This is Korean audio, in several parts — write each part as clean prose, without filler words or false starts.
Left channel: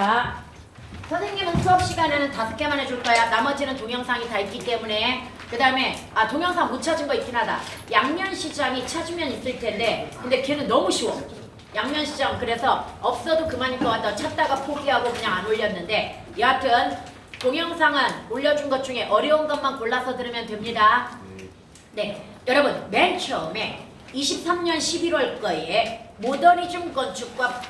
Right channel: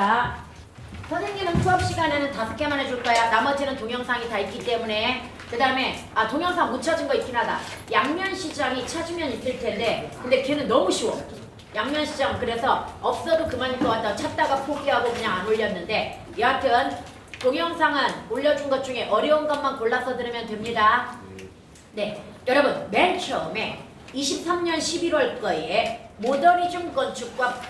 자, 선생님은 수업 시간에는 5개만 해줄 거야. 나머지는 동영상이 다 있기 때문에. 그 다음에 동영상 못 찾은 거 있긴 하다. 양면시장이 찾으면 있을 텐데 근데 걔는 너무 쉬워. 양면시장 그래서 없어도 그만일 것 같아. 찾다가 포기하고 그냥 안 올렸는데 여하튼 동영상은 올려준 것 중에 어려운 것만 골라서 들으면 됩니다. 네, 여러분 맨 처음에 23년 11월 거에 모더니즘 건축과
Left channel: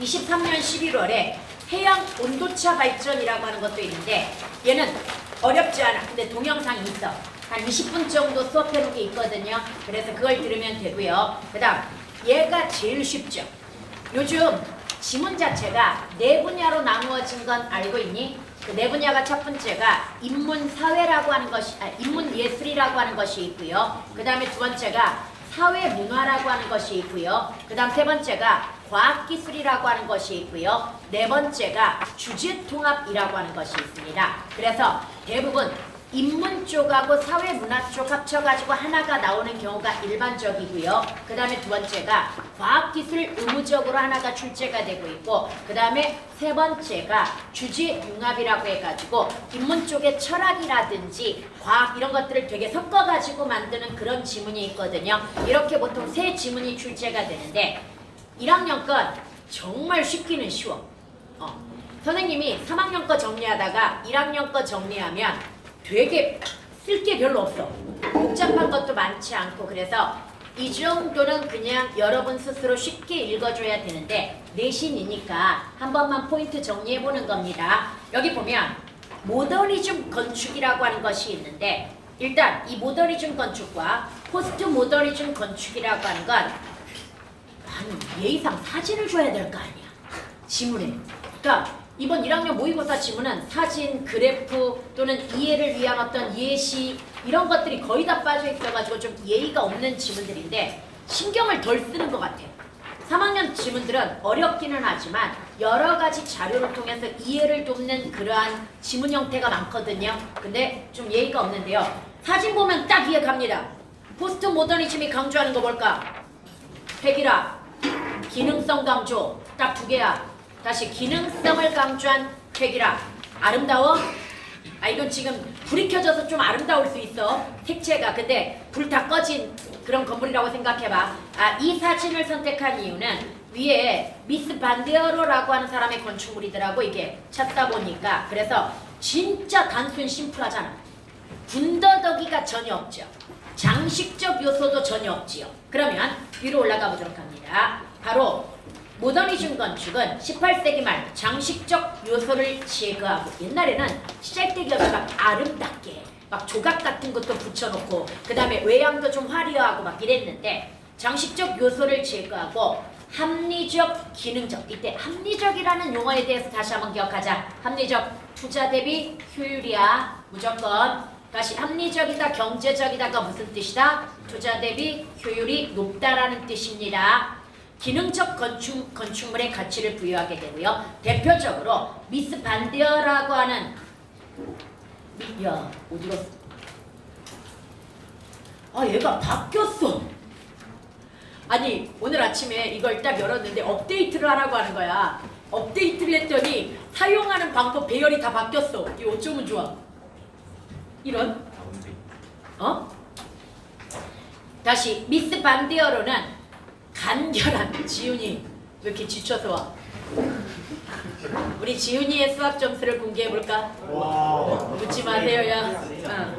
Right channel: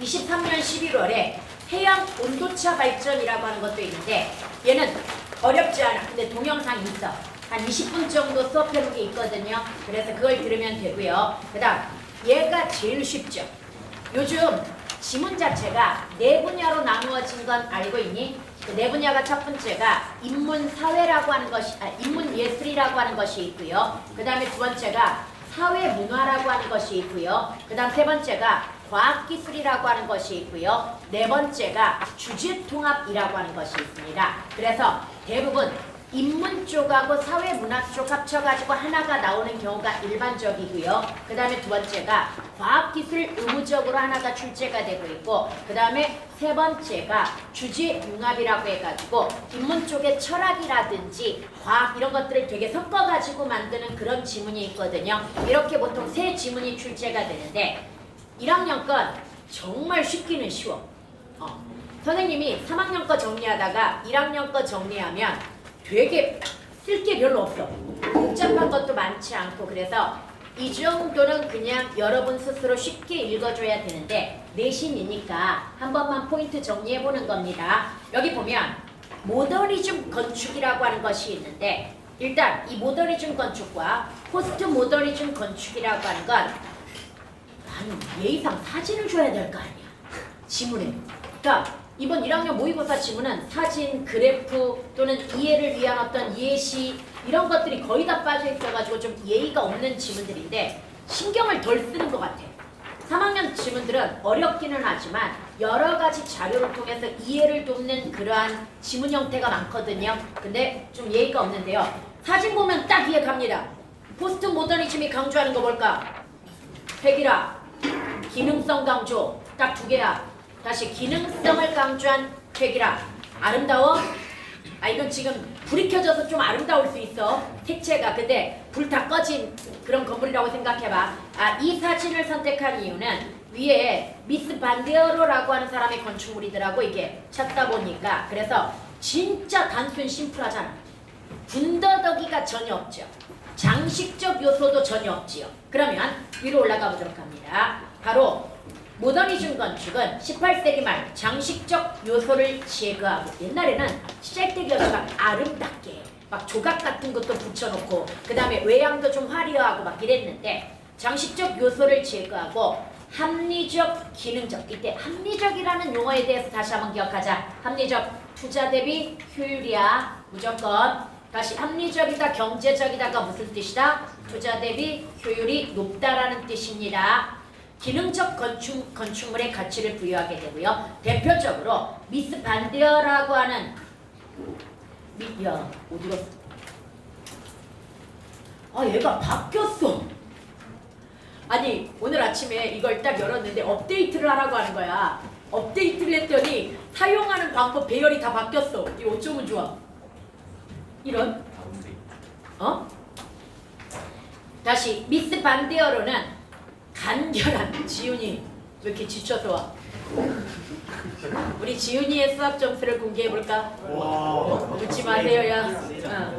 23년 11월에 해양 온도차 발전이라고 하는 것도 있는데 얘는 어렵지 않아. 근데 동영상이 있어. 한 20분 정도 수업해놓은 게 있거든요. 그래서 그걸 들으면 되고요. 그 다음 얘가 제일 쉽죠. 요즘 지문 자체가 네 분야로 나누어진 건 알고 있니? 그 네 분야가 첫 번째가 인문사회라고 하는 것이 인문예술이라고 하는 것이 있고요. 그 다음에 두 번째가 사회문화라고 하는 것이 있고요. 그 다음 세 번째가 과학기술이라고 하는 것이 있고요. 네 번째가 주제통합이라고 하는 것이 있습니다. 그래서 대부분 인문 쪽하고 사회문화 쪽 합쳐가지고 하나가 나오는 경우가 일반적이고요. 그 다음에 두 번째가 과학기술 의무적으로 하나가 출제가 되고 있고 그 다음에 세 번째가 주제융합이라고 해가지고 인문 쪽의 철학이라든지 과학 이런 것들을 되게 섞어가지고 만드는 그런 지문이 있거든요. 이렇게 보통 세 지문이 출제가 되는데 1학년 건 정말 쉽기는 쉬워. 선생님이 3학년 거 정리하다가 1학년 거 정리하면 되게 쓸 게 별로 없어. 복잡한 것도 많지 않고 그래서 이 정도는 그냥 여러분 스스로 쉽게 읽어줘야 되는데 내신이니까 한 번만 포인트 정리해보는 겁니다. 여기 보면 모더니즘 건축이라고 하는 것이 있는데 일단 이 모더니즘 건축과 포스트 모더니즘 건축이라고 하는 건 예의상 사진을 줘야 될 거 아니야. 지문에. 그러니까 이번 1학년 모의고사 지문은 사진, 그래프 또는 이해를 위한 어떤 예시 이런 것들이 거의 다 빠져 있어가지고 좀 예의가 없는 지문들인데 신경을 덜 쓰는 것 같아. 3학년 지문들은 어렵기는 하지만 여러 가지 자료를 통해서 이해를 돕는 그러한 지문 형태가 많거든요. 근데 좀 예의가 없는데요. 사진 보면 딱 이해 갑니다. 포스트 모더니즘이 강조하는 거 뭘까? 획일화, 기능성 강조 딱 두 개야. 다시 기능성을 강조한 획일화. 아름다워? 이건 지금 불이 켜져서 좀 아름다울 수 있어. 색채가. 근데 불 다 꺼진 그런 건물이라고 생각해봐. 이 사진을 선택한 이유는 위에 미스 반데어로라고 하는 사람의 건축물이더라고. 이게 찾다 보니까. 그래서 진짜 단순 심플하잖아. 군더더기가 전혀 없죠. 장식적 요소도 전혀 없지요. 그러면 위로 올라가 보도록 합니다. 바로 모더니즘 건축은 18세기 말 장식적 요소를 제거하고 옛날에는 시잘데기없이 막 아름답게 막 조각 같은 것도 붙여놓고 그 다음에 외양도 좀 화려하고 막 이랬는데 장식적 요소를 제거하고 합리적, 기능적. 이때 합리적이라는 용어에 대해서 다시 한번 기억하자. 합리적, 투자 대비 효율이야. 무조건. 다시 합리적이다, 경제적이다가 무슨 뜻이다? 투자 대비 효율이 높다라는 뜻입니다. 기능적 건축물의 가치를 부여하게 되고요. 대표적으로 미스 반데어라고 하는 어디로? 얘가 바뀌었어. 아니 오늘 아침에 이걸 딱 열었는데 업데이트를 하라고 하는 거야. 업데이트를 했더니 사용하는 방법 배열이 다 바뀌었어. 이거 어쩌면 좋아? 이런? 다시 미스 반데어로는 간결한 지훈이 왜 이렇게 지쳐서 와? 우리 지훈이의 수학 점수를 공개해볼까? 묻지 마세요 야.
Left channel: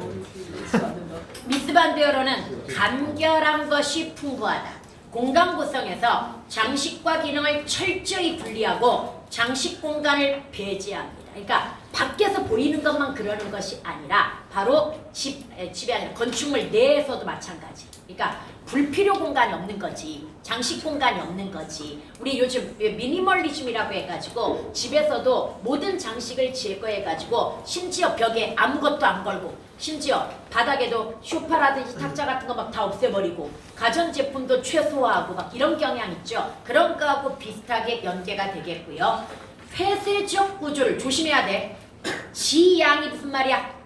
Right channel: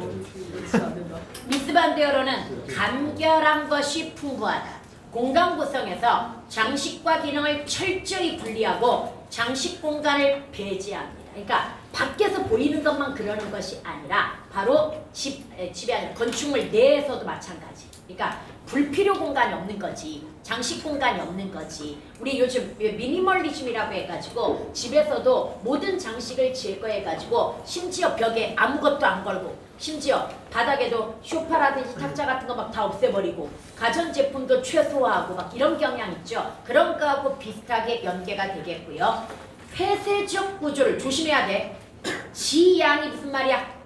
미스 반데어로는 간결한 것이 풍부하다. 공간 구성에서 장식과 기능을 철저히 분리하고 장식 공간을 배제합니다. 그러니까 밖에서 보이는 것만 그러는 것이 아니라 바로 집이 아니라 건축물 내에서도 마찬가지. 그러니까 불필요 공간이 없는 거지. 장식 공간이 없는 거지. 우리 요즘 미니멀리즘이라고 해가지고 집에서도 모든 장식을 제거해가지고 심지어 벽에 아무것도 안 걸고 심지어 바닥에도 소파라든지 탁자 같은 거 막 다 없애버리고 가전제품도 최소화하고 막 이런 경향 있죠. 그런 거하고 비슷하게 연계가 되겠고요. 폐쇄적 구조를 조심해야 돼. 지양이 무슨 말이야?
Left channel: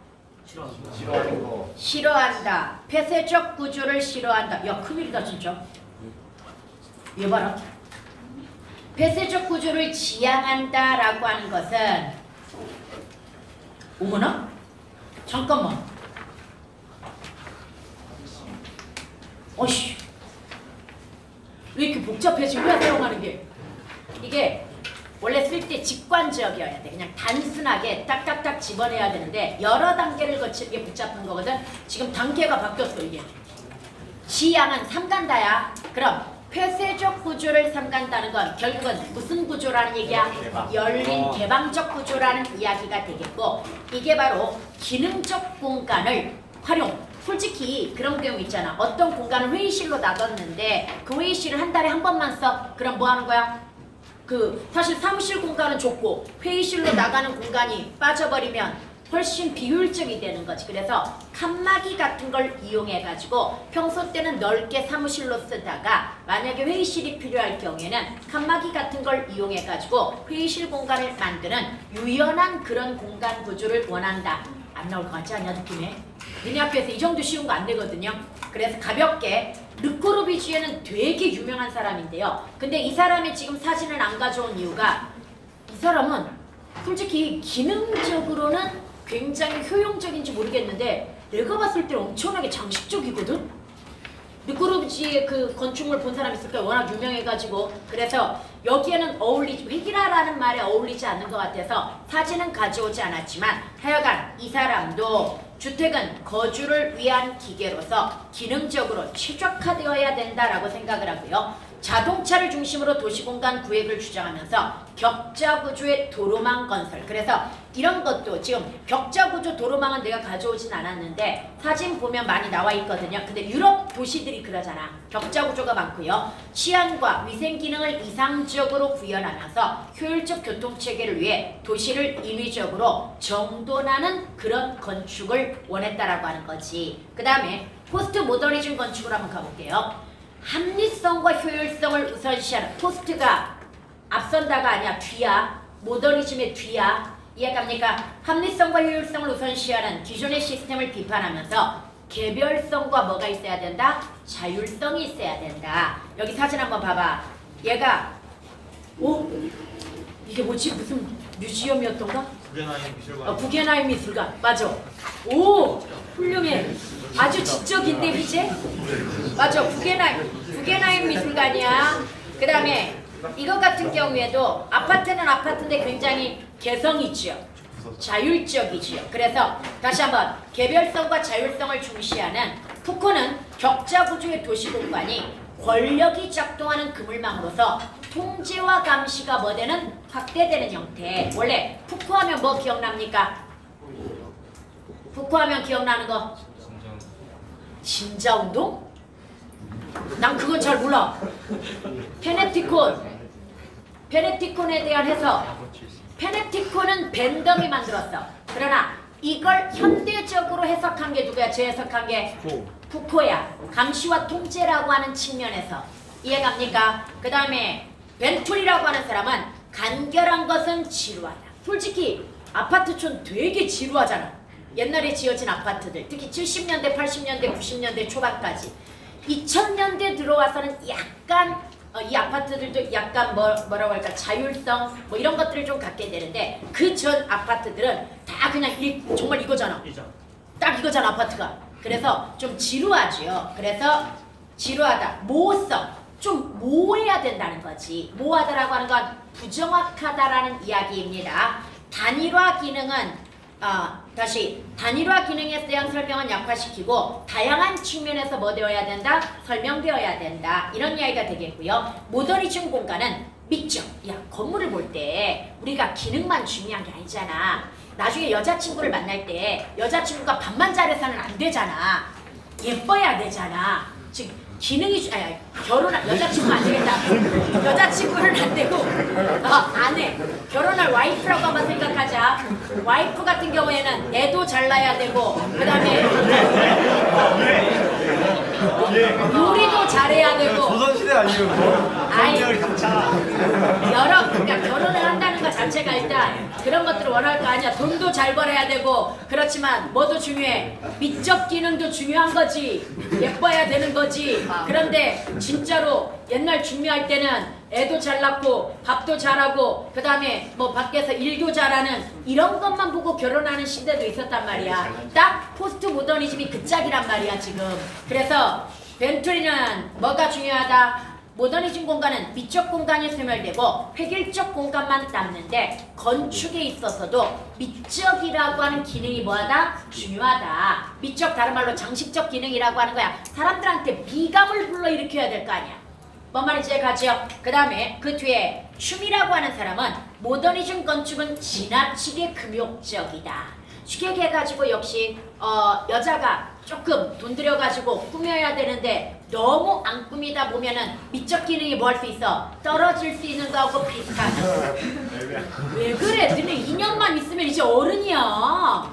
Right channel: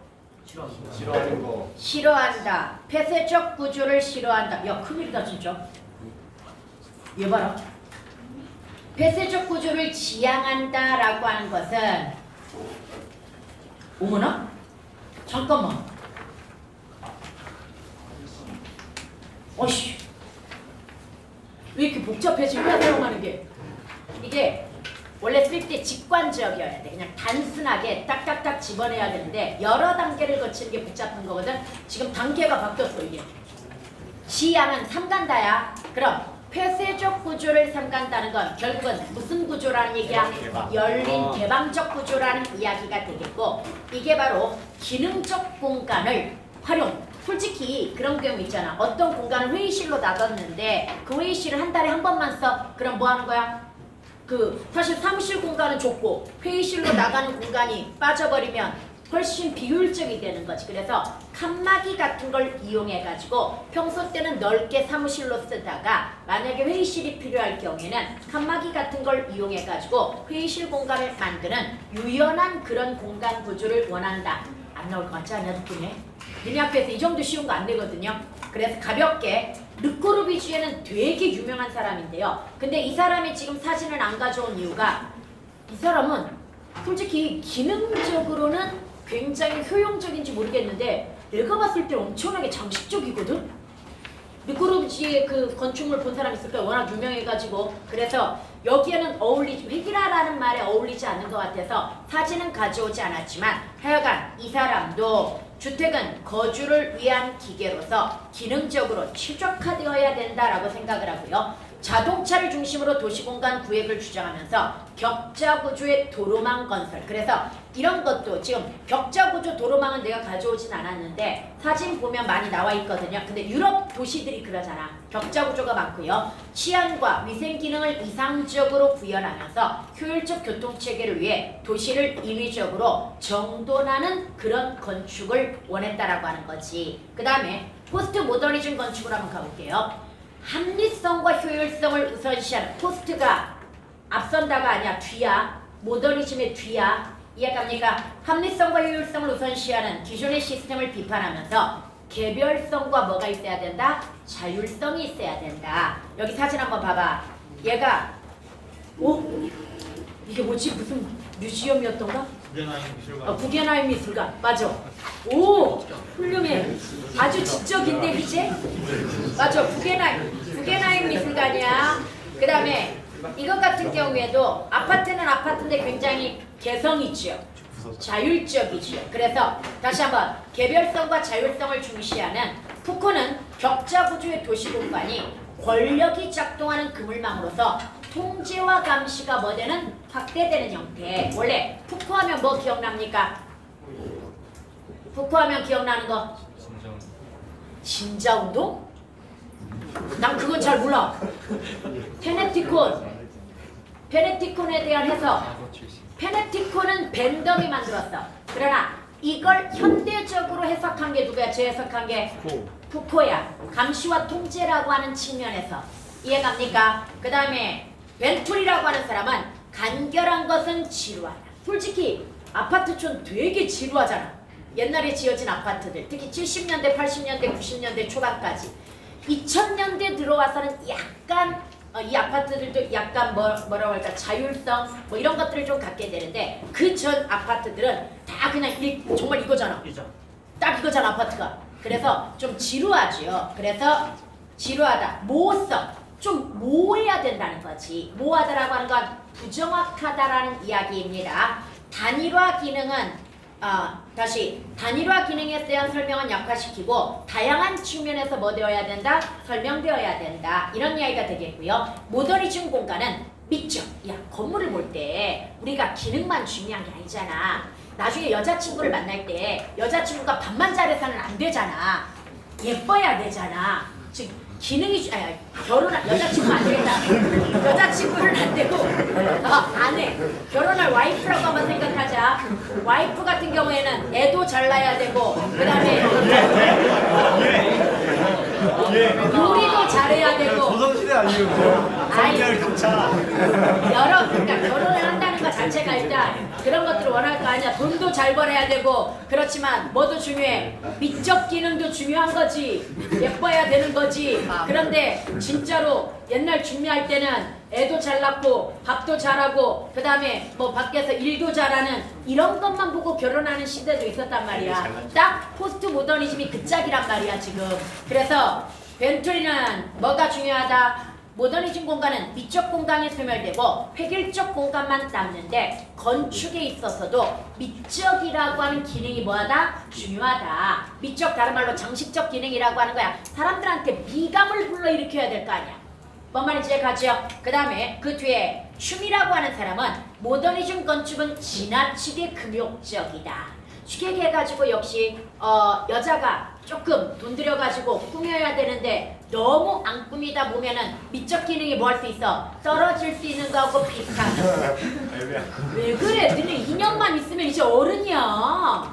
싫어한다. 폐쇄적 구조를 싫어한다. 야 큰일이다 진짜. 얘 봐라. 폐쇄적 구조를 지향한다라고 하는 것은 어머나? 잠깐만. 어이씨. 왜 이렇게 복잡해지? 왜 사용하는 게? 이게 원래 쓸 때 직관적이어야 돼. 그냥 단순하게 딱딱딱 집어내야 되는데 여러 단계를 거치는 게 복잡한 거거든. 지금 단계가 바뀌었어 이게. 지향은 삼간다야. 그럼 폐쇄적 구조를 삼간다는 건 결국은 무슨 구조라는 얘기야? 열린 개방적 구조라는 이야기가 되겠고 이게 바로 기능적 공간을 활용. 솔직히 그런 경우 있잖아. 어떤 공간을 회의실로 놔뒀는데 그 회의실을 한 달에 한 번만 써. 그럼 뭐 하는 거야? 사실 사무실 공간은 좁고 회의실로 나가는 공간이 빠져버리면 훨씬 비효율적이 되는 거지. 그래서 칸막이 같은 걸 이용해 가지고 평소 때는 넓게 사무실로 쓰다가 만약에 회의실이 필요할 경우에는 칸막이 같은 걸 이용해 가지고 회의실 공간을 만드는 유연한 그런 공간 구조를 원한다. 안 나올 것 같지 않냐 느낌에? 니네 학교에서 이 정도 쉬운 거 안 되거든요. 그래서 가볍게 르코르비지에는 되게 유명한 사람인데요. 근데 이 사람이 지금 사진을 안 가져온 이유가 이 사람은 솔직히 기능적으로는 굉장히 효용적인지 모르겠는데 내가 봤을 때 엄청나게 장식적이거든? 르코르비지의 그 건축물 본 사람 있을 거야. 워낙 유명해가지고. 그래서 여기에는 획일화라는 말에 어울리지 않는 것 같아서 사진은 가져오지 않았지만 하여간 이 사람도 주택은 거주를 위한 기계로서 기능적으로 최적화되어야 된다라고 생각을 하고요. 자동차를 중심으로 도시공간 구획을 주장하면서 격자구조의 도로망 건설. 그래서 이런 것도 지금 격자구조 도로망은 내가 가져오진 않았는데 사진 보면 많이 나와 있거든요. 근데 유럽 도시들이 그러잖아. 격자구조가 많고요. 치안과 위생 기능을 이상적으로 구현하면서 효율적 교통체계를 위해 도시를 인위적으로 정돈하는 그런 건축을 원했다라고 하는 거지. 그 다음에 포스트 모더니즘 건축으로 한번 가볼게요. 합리성과 효율성을 우선시하는 포스트가 앞선다가 아니야. 뒤야. 모더니즘의 뒤야. 이해갑니까? 합리성과 효율성을 우선시하는 기존의 시스템을 비판하면서 개별성과 뭐가 있어야 된다? 자율성이 있어야 된다. 여기 사진 한번 봐봐. 얘가 이게 뭐지? 무슨 뮤지엄이었던가? 구겐하임 미술관. 맞아. 오! 훌륭해. 아주 지적인데 그치? 맞아. 구겐하임 미술관이야. 그 다음에 이것 같은 경우에도 아파트는 아파트인데 굉장히 개성있죠. 자율적이죠. 그래서 다시 한번 개별성과 자율성을 중시하는 푸코는 격자구조의 도시공간이 권력이 작동하는 그물망으로서 통제와 감시가 뭐 되는 확대되는 형태. 원래 푸코하면 뭐 기억납니까? 푸코하면 기억나는 거? 진자운동? 난 그건 잘 몰라. 페네티콘에 대한 해석. 페네티콘은 벤덤이 만들었어. 그러나 이걸 현대적으로 해석한 게 누구야? 재해석한 게 푸코야. 감시와 통제라고 하는 측면에서. 이해갑니까? 그 다음에 벤툴이라고 하는 사람은 간결한 것은 지루하다. 솔직히 아파트촌 되게 지루하잖아. 옛날에 지어진 아파트들. 특히 70년대, 80년대, 90년대 초반까지. 2000년대 들어와서는 약간 이 아파트들도 약간 뭐라고 할까 자율성 뭐 이런 것들을 좀 갖게 되는데 그 전 아파트들은 다 그냥 정말 이거잖아. 딱 이거잖아 아파트가. 그래서 좀 지루하지요. 그래서 지루하다. 모호성. 좀 모호해야 된다는 거지. 모호하다라고 하는 건 부정확하다라는 이야기입니다. 단일화 기능은 다시 단일화 기능에 대한 설명은 약화시키고 다양한 측면에서 뭐 되어야 된다? 설명되어야 된다. 이런 이야기가 되겠고요. 모더니즘 공간은 믿죠. 야, 건물을 볼 때 우리가 기능만 중요한 게 아니잖아. 나중에 여자친구를 만날 때 여자친구가 밥만 잘해서는 안 되잖아. 예뻐야 되잖아. 즉 기능이 결혼할 여자친구 안 되겠다. 여자친구는 안 되고 아내 결혼할 와이프라고 한번 생각하자. 와이프 같은 경우에는 애도 잘 낳아야 되고 그 다음에 요리도 잘해야 되고 조선시대 아니에요? 그러니까 결혼을 한다는 거 자체가 자체가 일단 그런 것들을 원할 거 아니야. 돈도 잘 벌어야 되고 그렇지만 뭐도 중요해. 미적 기능도 중요한 거지. 예뻐야 되는 거지. 그런데 진짜로 옛날 준비할 때는 애도 잘 낳고 밥도 잘하고 그 다음에 뭐 밖에서 일도 잘하는 이런 것만 보고 결혼하는 시대도 있었단 말이야. 딱 포스트 모더니즘이 그 짝이란 말이야 지금. 그래서 벤투리는 뭐가 중요하다? 모더니즘 공간은 미적 공간이 소멸되고 획일적 공간만 남는데 건축에 있어서도 미적이라고 하는 기능이 뭐하다? 중요하다. 미적 다른 말로 장식적 기능이라고 하는 거야. 사람들한테 미감을 불러일으켜야 될 거 아니야. 뭔 말인지 이해가죠? 그 다음에 그 뒤에 춤이라고 하는 사람은 모더니즘 건축은 지나치게 금욕적이다. 쉽게 해가지고 역시 여자가 조금 돈 들여가지고 꾸며야 되는데 너무 안 꾸미다 보면은 미적 기능이 뭐 할 수 있어? 떨어질 수 있는 거하고 비슷하다. 왜 그래? 너네 2년만 있으면 이제 어른이야.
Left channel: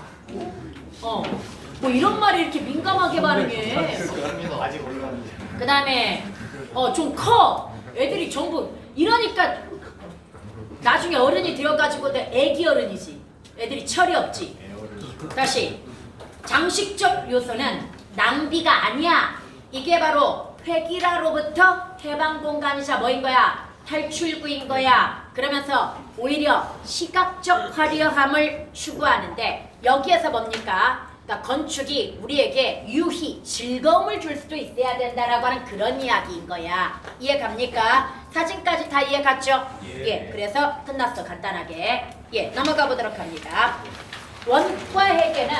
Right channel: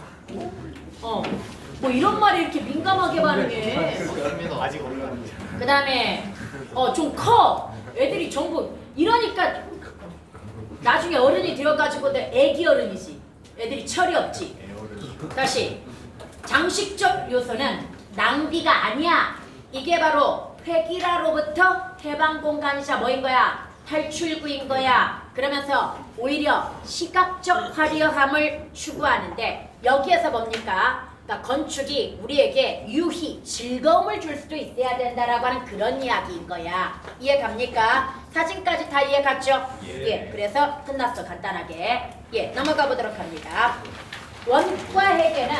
뭐 이런 말을 이렇게 민감하게 반응해. 아직 어린데. 그 다음에 좀 커. 애들이 전부 이러니까 나중에 어른이 되어가지고 애기 어른이지. 애들이 철이 없지. 다시 장식적 요소는 낭비가 아니야. 이게 바로 획일화로부터 해방 공간이자 뭐인 거야? 탈출구인 거야. 그러면서 오히려 시각적 화려함을 추구하는데 여기에서 뭡니까? 그러니까 건축이 우리에게 유희, 즐거움을 줄 수도 있어야 된다라고 하는 그런 이야기인 거야. 이해 갑니까? 사진까지 다 이해 갔죠? 예. 그래서 끝났어 간단하게. 예, 넘어가 보도록 합니다. 원과 해계는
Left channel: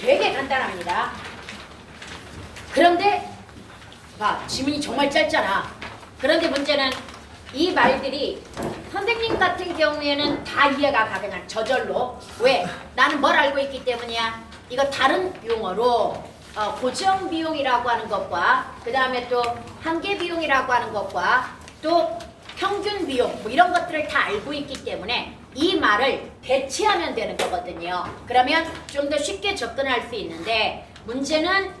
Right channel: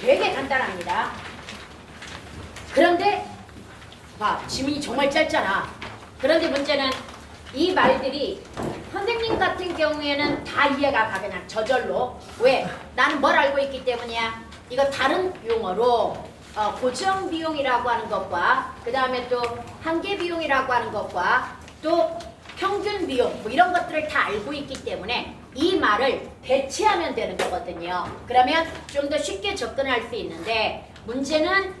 되게 간단합니다. 그런데 봐, 지문이 정말 짧잖아. 그런데 문제는 이 말들이 선생님 같은 경우에는 다 이해가 가 그냥 저절로. 왜? 나는 뭘 알고 있기 때문이야. 이거 다른 용어로 고정 비용이라고 하는 것과 그 다음에 또 한계 비용이라고 하는 것과 또 평균 비용 뭐 이런 것들을 다 알고 있기 때문에 이 말을 대체하면 되는 거거든요. 그러면 좀 더 쉽게 접근할 수 있는데 문제는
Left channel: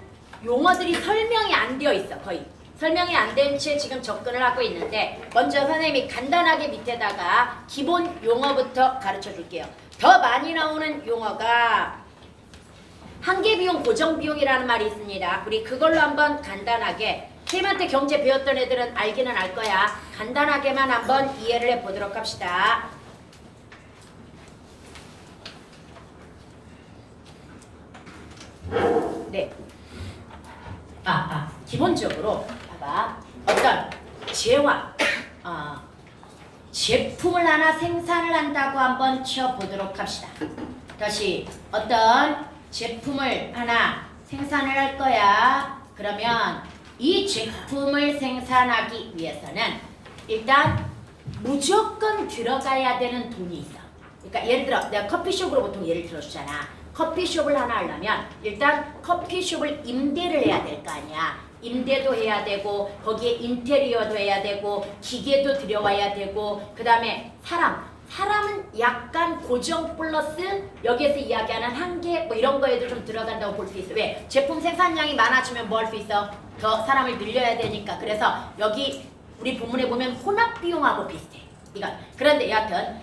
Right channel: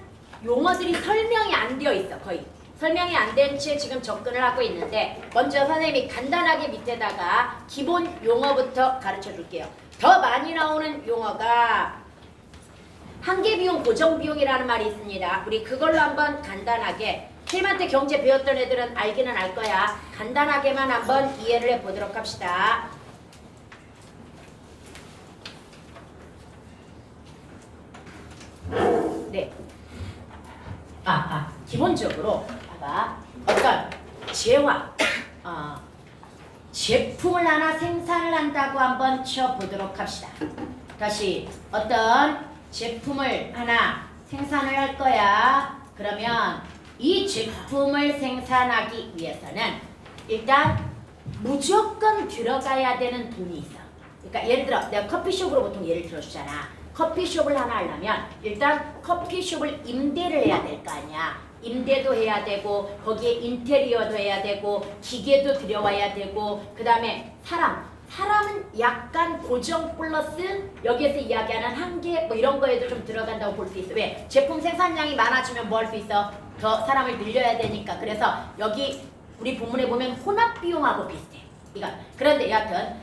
용어들이 설명이 안 되어 있어. 거의 설명이 안 된 채 지금 접근을 하고 있는데 먼저 선생님이 간단하게 밑에다가 기본 용어부터 가르쳐 줄게요. 더 많이 나오는 용어가 한계 비용, 고정 비용이라는 말이 있습니다. 우리 그걸로 한번 간단하게 선생님한테 경제 배웠던 애들은 알기는 알 거야. 간단하게만 한번 이해를 해보도록 합시다. 네. 기본적으로 봐봐. 어떤 제품을 하나 생산을 한다고 한번 치워보도록 합시다. 다시 어떤 제품을 하나 생산을 할 거야. 그러면 이 제품을 생산하기 위해서는 일단 무조건 들어가야 되는 돈이 있어. 그러니까 예를 들어 내가 커피숍으로 보통 예를 들어주잖아. 커피숍을 하나 하려면 일단 커피숍을 임대를 해야 될 거 아니야. 임대도 해야 되고 거기에 인테리어도 해야 되고 기계도 들여와야 되고 그 다음에 사람은 약간 고정 플러스 여기에서 이야기하는 한계 뭐 이런 거에도 좀 들어간다고 볼 수 있어. 왜? 제품 생산량이 많아지면 뭐 할 수 있어? 더 사람을 늘려야 되니까. 그래서 여기 우리 본문에 보면 혼합 비용하고 비슷해. 그런데 여하튼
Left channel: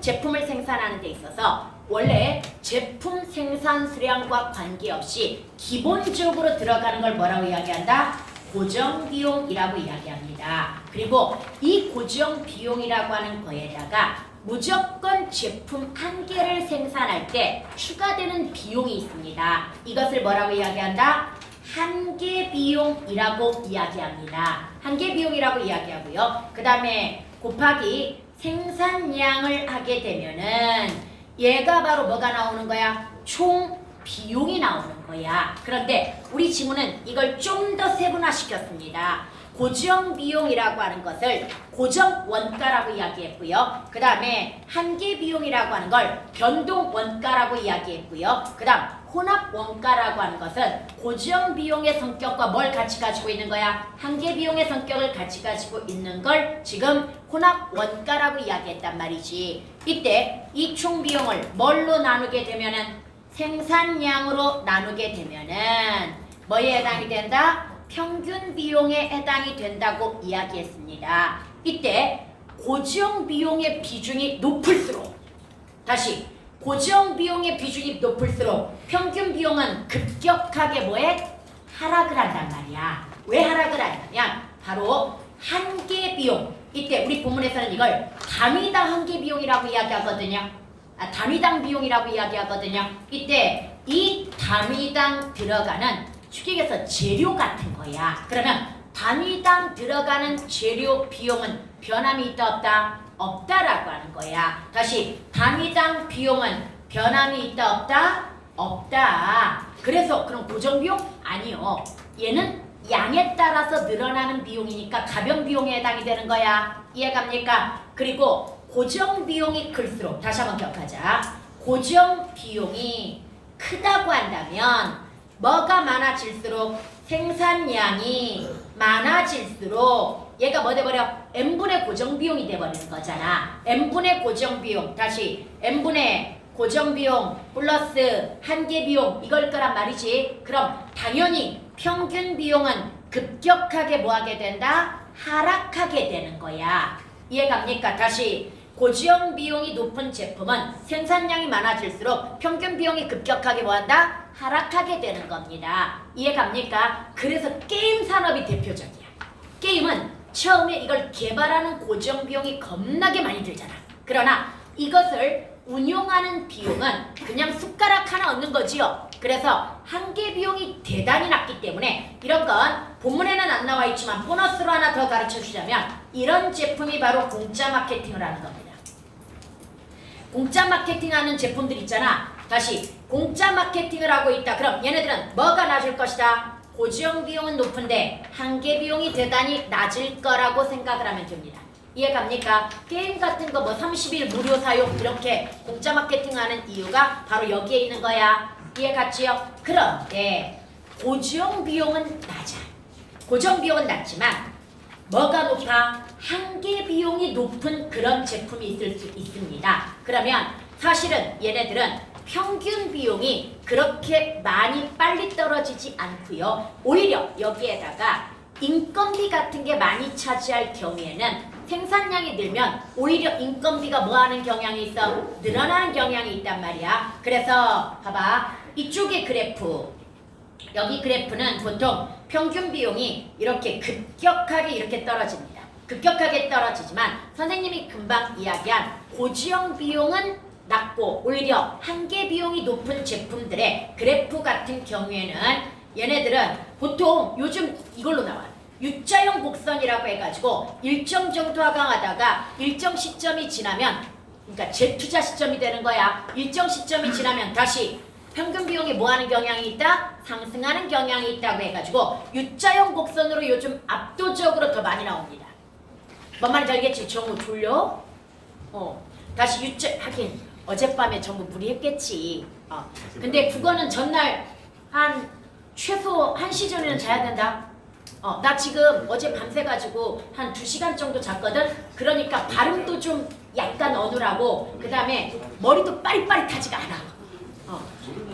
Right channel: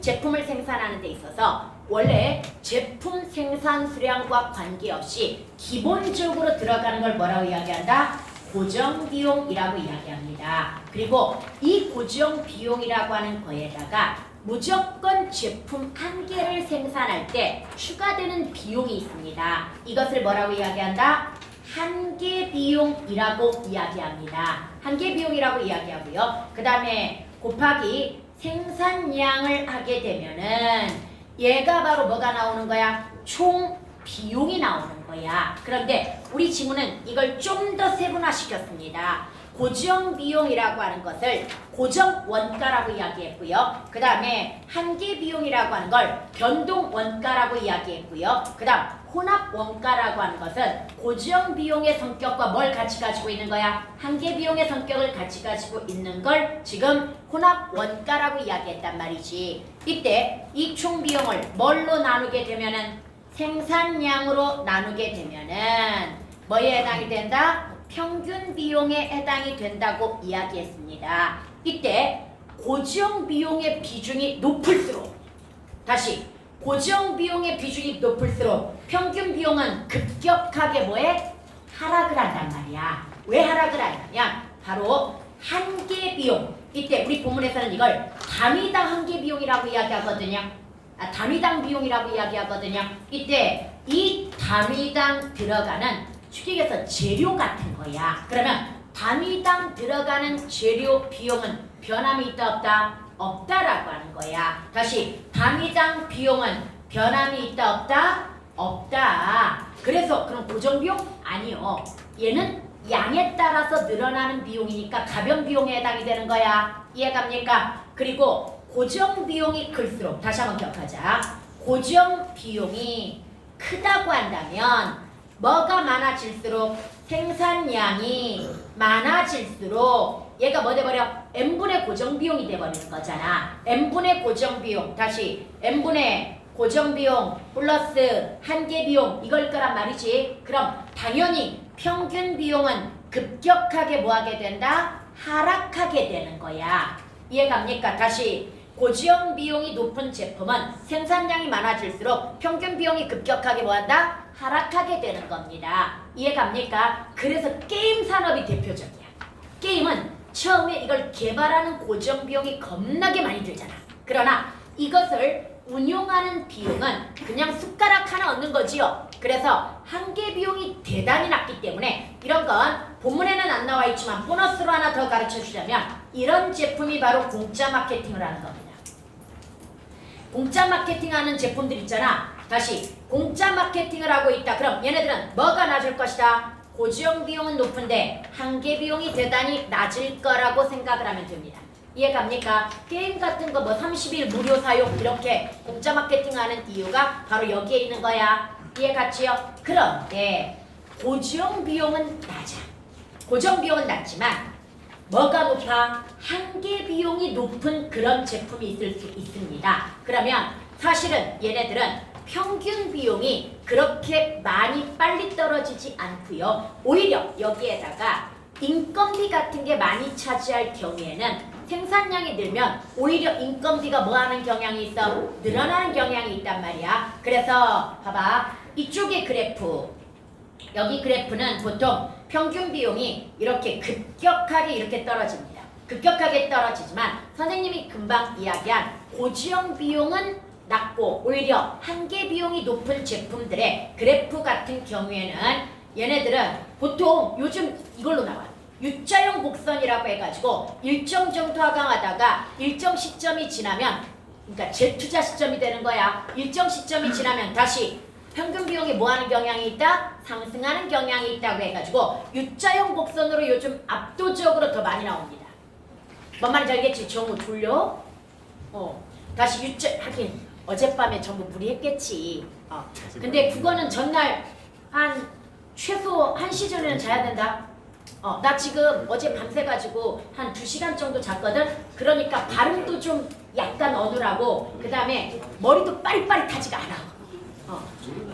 제품을 생산하는 데 있어서 원래 제품 생산 수량과 관계없이 기본적으로 들어가는 걸 뭐라고 이야기한다? 고정 비용이라고 이야기합니다. 그리고 이 고정 비용이라고 하는 거에다가 무조건 제품 한 개를 생산할 때 추가되는 비용이 있습니다. 이것을 뭐라고 이야기한다? 한계 비용이라고 이야기합니다. 한계 비용이라고 이야기하고요. 그 다음에 곱하기 생산량을 하게 되면은 얘가 바로 뭐가 나오는 거야? 총 비용이 나오는 거야. 그런데 우리 지문은 이걸 좀 더 세분화시켰습니다. 고정 비용이라고 하는 것을 고정 원가라고 이야기했고요. 그 다음에 한계 비용이라고 하는 걸 변동 원가라고 이야기했고요. 그 다음 혼합 원가라고 하는 것은 고정 비용의 성격과 뭘 같이 가지고 있는 거야? 한계 비용의 성격을 같이 가지고 있는 걸 지금 혼합 원가라고 이야기했단 말이지. 이때 이 총 비용을 뭘로 나누게 되면은 생산량으로 나누게 되면은 뭐에 해당이 된다? 평균 비용에 해당이 된다고 이야기했습니다. 이때 고정 비용의 비중이 높을수록 다시 고정 비용의 비중이 높을수록 평균 비용은 급격하게 뭐해? 하락을 한단 말이야. 왜 하락을 하냐면 바로 한계 비용. 이때 우리 본문에서는 이걸 단위당 한계 비용이라고 이야기하거든요. 단위당 비용이라고 이야기하거든요. 이때 이 단위당 들어가는 축액에서 재료 같은 거야. 그러면 단위당 들어가는 재료 비용은 변함이 있다 없다? 없다라고 하는 거야. 다시 단위당 비용은 변함이 있다 없다? 없다. 그래서 그럼 고정 비용? 아니요. 얘는 양에 따라서 늘어나는 비용이니까 가변 비용에 해당이 되는 거야. 이해갑니까? 그리고 고정 비용이 클수록 다시 한번 기억하자. 고정 비용이 크다고 한다면 뭐가 많아질수록 생산량이 많아질수록 얘가 뭐 돼버려? n분의 고정 비용이 돼버리는 거잖아. n분의 고정 비용 다시 n분의 고정 비용 플러스 한계 비용 이걸 거란 말이지. 그럼 당연히 평균 비용은 급격하게 뭐하게 된다? 하락하게 되는 거야. 이해갑니까? 다시 고정 비용이 높은 제품은 생산량이 많아질수록 평균 비용이 급격하게 뭐한다? 하락하게 되는 겁니다. 이해갑니까? 그래서 게임 산업이 대표적이야. 게임은 처음에 이걸 개발하는 고정 비용이 겁나게 많이 들잖아. 그러나 이것을 운용하는 비용은 그냥 숟가락 하나 얻는 거지요. 그래서 한계 비용이 대단히 낮기 때문에 이런 건 본문에는 안 나와 있지만 보너스로 하나 더 가르쳐 주자면 이런 제품이 바로 공짜 마케팅을 하는 겁니다. 공짜 마케팅하는 제품들 있잖아. 다시 공짜 마케팅을 하고 있다. 그럼 얘네들은 뭐가 낮을 것이다? 고정 비용은 높은데 한계 비용이 대단히 낮을 거라고 생각을 하면 됩니다. 이해갑니까? 게임 같은 거 뭐 30일 무료 사용 이렇게 공짜 마케팅하는 이유가 바로 여기에 있는 거야. 이해갔지요? 그런데 고정 비용은 낮아. 고정 비용은 낮지만 뭐가 높아? 한계 비용이 높은 그런 제품이 있을 수 있습니다. 그러면 사실은 얘네들은 평균 비용이 그렇게 많이 빨리 떨어지지 않고요. 오히려 여기에다가 인건비 같은 게 많이 차지할 경우에는 생산량이 늘면 오히려 인건비가 뭐하는 경향이 있어? 늘어나는 경향이 있단 말이야. 그래서 봐봐. 이쪽의 그래프 여기 그래프는 보통 평균 비용이 이렇게 급격하게 이렇게 떨어집니다. 급격하게 떨어지지만 선생님이 금방 이야기한 고지형 비용은 낮고 오히려 한계 비용이 높은 제품들의 그래프 같은 경우에는 얘네들은 보통 요즘 이걸로 나와요. U자형 곡선이라고 해가지고 일정 정도 하강하다가 일정 시점이 지나면 그러니까 재투자 시점이 되는 거야. 일정 시점이 지나면 다시 평균 비용이 뭐하는 경향이 있다? 상승하는 경향이 있다고 해가지고 U자형 곡선으로 요즘 압도적으로 더 많이 나옵니다. 뭔 말인지 알겠지? 정우 졸려? 다시 U자 하긴 어젯밤에 전부 무리했겠지. 근데 그거는 전날 한 최소 1시 전에는 자야 된다. 나 지금 어제 밤새가지고 한 2시간 정도 잤거든? 그러니까 발음도 좀 약간 어눌하고 그 다음에 머리도 빠릿빠릿하지가 않아.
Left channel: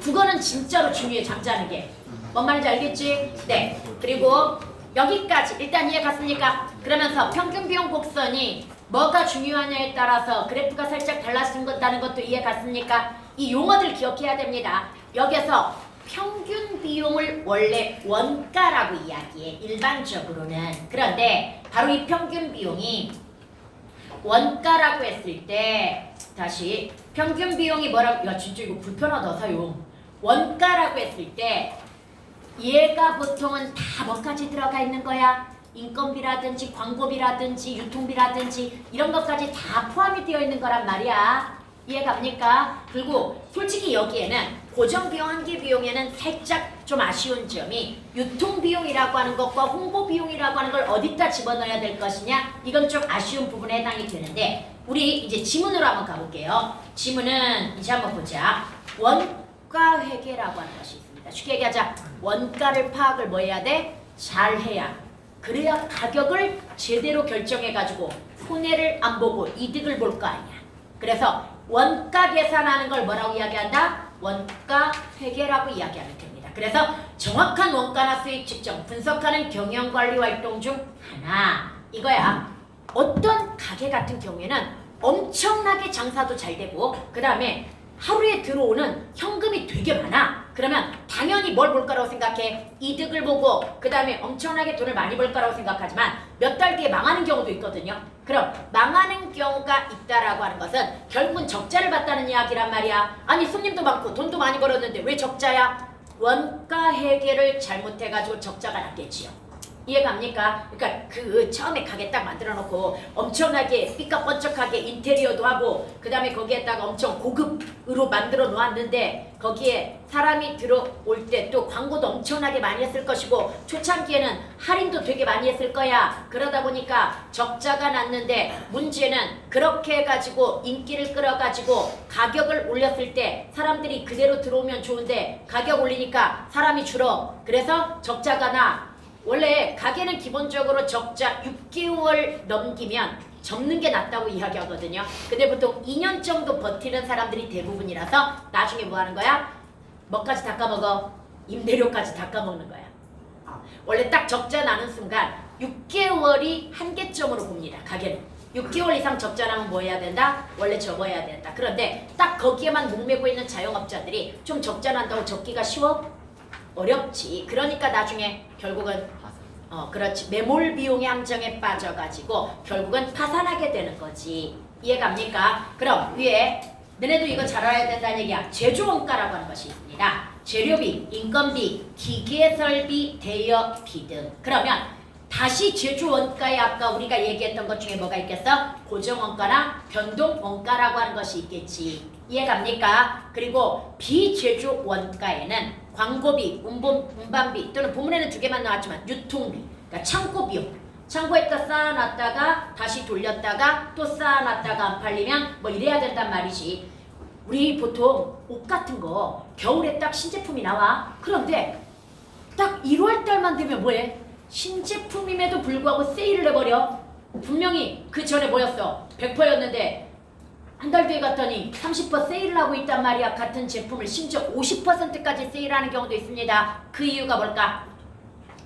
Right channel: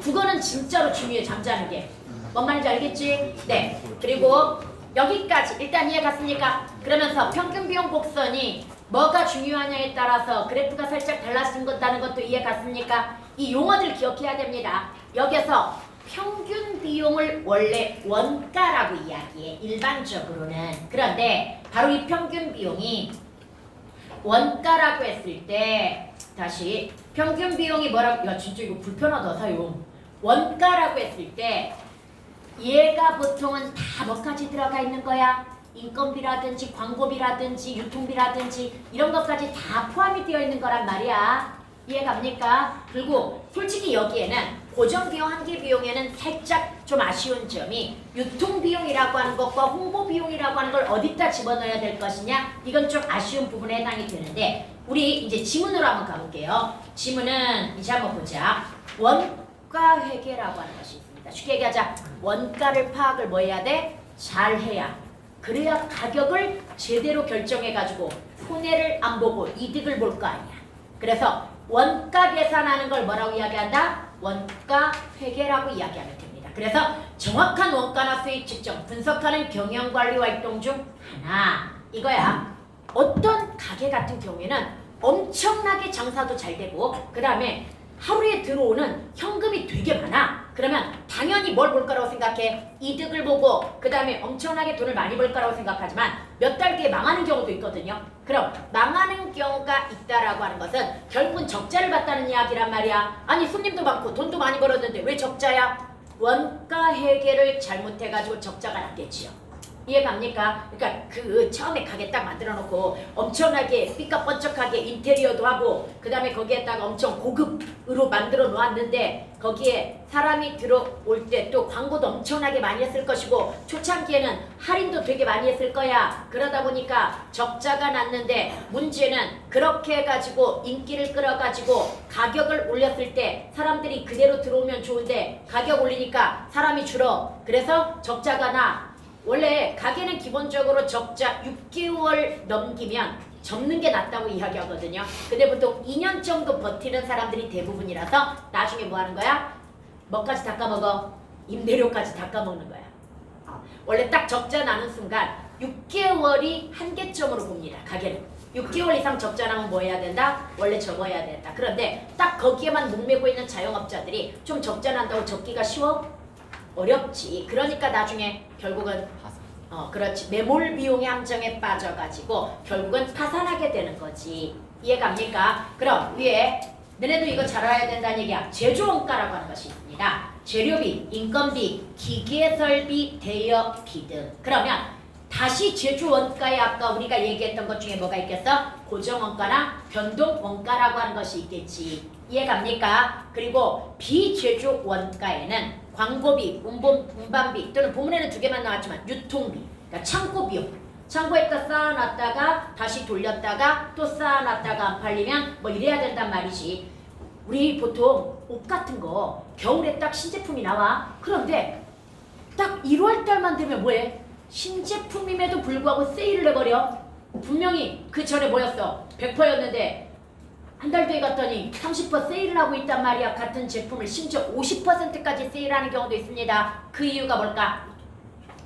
그거는 진짜로 중요해, 잠자는 게. 뭔 말인지 알겠지? 네. 그리고 여기까지 일단 이해 갔습니까? 그러면서 평균 비용 곡선이 뭐가 중요하냐에 따라서 그래프가 살짝 달라진다는 것도 이해 갔습니까? 이 용어들 기억해야 됩니다. 여기서 평균 비용을 원래 원가라고 이야기해, 일반적으로는. 그런데 바로 이 평균 비용이 원가라고 했을 때 다시 평균 비용이 뭐라고, 야 진짜 이거 불편하다 사용. 원가라고 했을 때 얘가 보통은 다 뭐까지 들어가 있는 거야? 인건비라든지 광고비라든지 유통비라든지 이런 것까지 다 포함이 되어 있는 거란 말이야. 이해갑니까? 그리고 솔직히 여기에는 고정비용, 한계비용에는 살짝 좀 아쉬운 점이 유통비용이라고 하는 것과 홍보비용이라고 하는 걸 어디다 집어넣어야 될 것이냐? 이건 좀 아쉬운 부분에 해당이 되는데 우리 이제 지문으로 한번 가볼게요. 지문은 이제 한번 보자. 원가회계라고 하는 것이 있습니다. 쉽게 얘기하자. 원가를 파악을 뭐 해야 돼? 잘 해야. 그래야 가격을 제대로 결정해가지고 손해를 안 보고 이득을 볼 거 아니야. 그래서 원가 계산하는 걸 뭐라고 이야기한다? 원가 회계라고 이야기하면 됩니다. 그래서 정확한 원가나 수익 측정, 분석하는 경영관리 활동 중 하나 이거야. 어떤 가게 같은 경우에는 엄청나게 장사도 잘 되고 그 다음에 하루에 들어오는 현금이 되게 많아. 그러면 당연히 뭘 볼 거라고 생각해? 이득을 보고 그 다음에 엄청나게 돈을 많이 벌 거라고 생각하지만 몇 달 뒤에 망하는 경우도 있거든요. 그럼 망하는 경우가 있다라고 하는 것은 결국은 적자를 봤다는 이야기란 말이야. 아니 손님도 많고 돈도 많이 벌었는데 왜 적자야? 원가 회계를 잘못해가지고 적자가 났겠지요. 이해갑니까? 그러니까 그 처음에 가게 딱 만들어 놓고 엄청나게 삐까뻔쩍하게 인테리어도 하고 그 다음에 거기에다가 엄청 고급으로 만들어 놓았는데 거기에 사람이 들어올 때 또 광고도 엄청나게 많이 했을 것이고 초창기에는 할인도 되게 많이 했을 거야. 그러다 보니까 적자가 났는데 문제는 그렇게 해가지고 인기를 끌어가지고 가격을 올렸을 때 사람들이 그대로 들어오면 좋은데 가격 올리니까 사람이 줄어. 그래서 적자가 나. 원래 가게는 기본적으로 적자 6개월 넘기면 접는 게 낫다고 이야기하거든요. 근데 보통 2년 정도 버티는 사람들이 대부분이라서 나중에 뭐 하는 거야? 뭐까지 다 까먹어? 임대료까지 다 까먹는 거야. 원래 딱 적자 나는 순간 6개월이 한계점으로 봅니다. 가게는. 6개월 이상 적자 나면 뭐 해야 된다? 원래 접어야 된다. 그런데 딱 거기에만 목매고 있는 자영업자들이 좀 적자 난다고 접기가 쉬워? 어렵지. 그러니까 나중에 결국은 그렇지. 매몰 비용의 함정에 빠져가지고 결국은 파산하게 되는 거지. 이해갑니까? 그럼 위에 너네도 이거 잘 알아야 된다는 얘기야. 제조원가라고 하는 것이 있습니다. 재료비, 인건비, 기계설비, 대여비 등. 그러면 다시 제조원가에 아까 우리가 얘기했던 것 중에 뭐가 있겠어? 고정원가나 변동원가라고 하는 것이 있겠지. 이해갑니까? 그리고 비제조원가에는 광고비, 운반비 또는 본문에는 두 개만 나왔지만 유통비, 그러니까 창고비용. 창고에다 쌓아놨다가 다시 돌렸다가 또 쌓아놨다가 안 팔리면 뭐 이래야 된단 말이지. 우리 보통 옷 같은 거 겨울에 딱 신제품이 나와. 그런데 딱 1월 달만 되면 뭐해? 신제품임에도 불구하고 세일을 해버려. 분명히 그 전에 뭐였어? 100%였는데 한 달 뒤에 갔더니 30% 세일을 하고 있단 말이야. 같은 제품을 심지어 50%까지 세일하는 경우도 있습니다. 그 이유가 뭘까?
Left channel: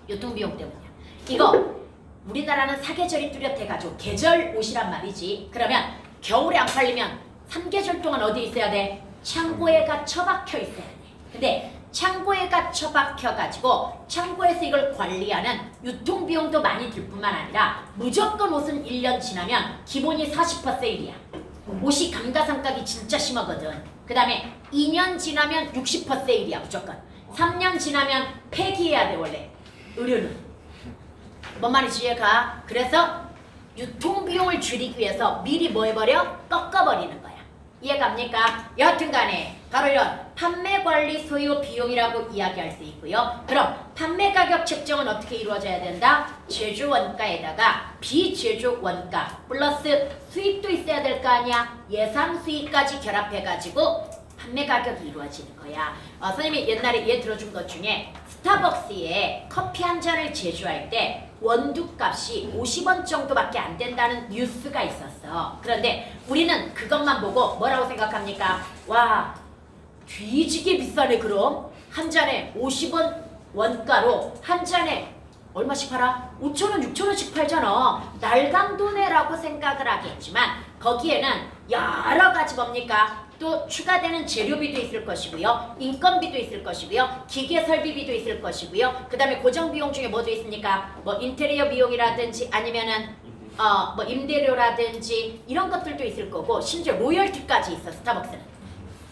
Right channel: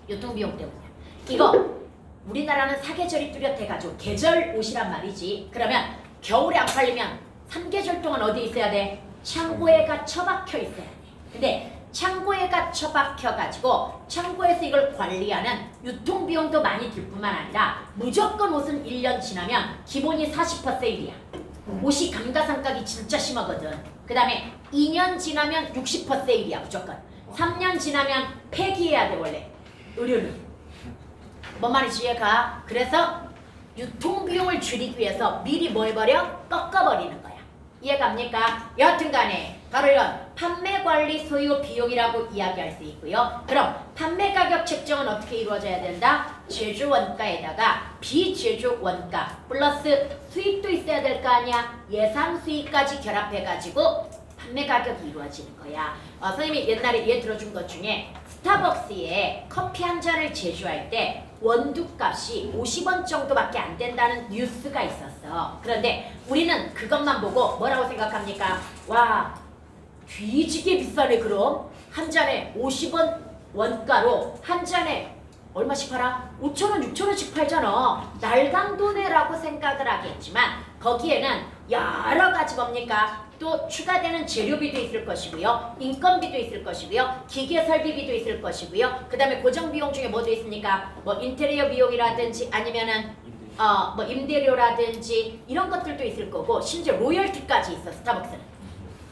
유통비용 때문이야. 이거 우리나라는 사계절이 뚜렷해가지고 계절 옷이란 말이지. 그러면 겨울에 안 팔리면 3계절 동안 어디 있어야 돼? 창고에가 처박혀 있어야 돼. 근데 창고에가 처박혀가지고 창고에서 이걸 관리하는 유통비용도 많이 들 뿐만 아니라 무조건 옷은 1년 지나면 기본이 40% 세일이야. 옷이 감가상각이 진짜 심하거든. 그 다음에 2년 지나면 60% 세일이야 무조건. 3년 지나면 폐기해야 돼 원래. 의류는. 뭔 말인지 이해가? 그래서 유통비용을 줄이기 위해서 미리 뭐 해버려? 꺾어버리는 거야. 이해갑니까? 여하튼간에 바로 이런 판매관리 소요 비용이라고 이야기할 수 있고요. 그럼 판매 가격 책정은 어떻게 이루어져야 된다? 제조원가에다가 비제조원가 플러스 수익도 있어야 될 거 아니야. 예상 수익까지 결합해가지고 판매 가격이 이루어지는 거야. 선생님이 옛날에 얘 들어준 것 중에 스타벅스에 커피 한 잔을 제조할 때 원두값이 50원 정도밖에 안 된다는 뉴스가 있었어. 그런데 우리는 그것만 보고 뭐라고 생각합니까? 와, 뒤지게 비싸네. 그럼 한 잔에 50원 원가로 한 잔에 얼마씩 팔아? 5,000원, 6,000원씩 팔잖아. 날강도네라고 생각을 하겠지만 거기에는 여러 가지 뭡니까? 또 추가되는 재료비도 있을 것이고요. 인건비도 있을 것이고요. 기계 설비비도 있을 것이고요. 그 다음에 고정 비용 중에 뭐도 있습니까? 뭐 인테리어 비용이라든지 아니면은 뭐 임대료라든지 이런 것들도 있을 거고 심지어 로열티까지 있어. 스타벅스는.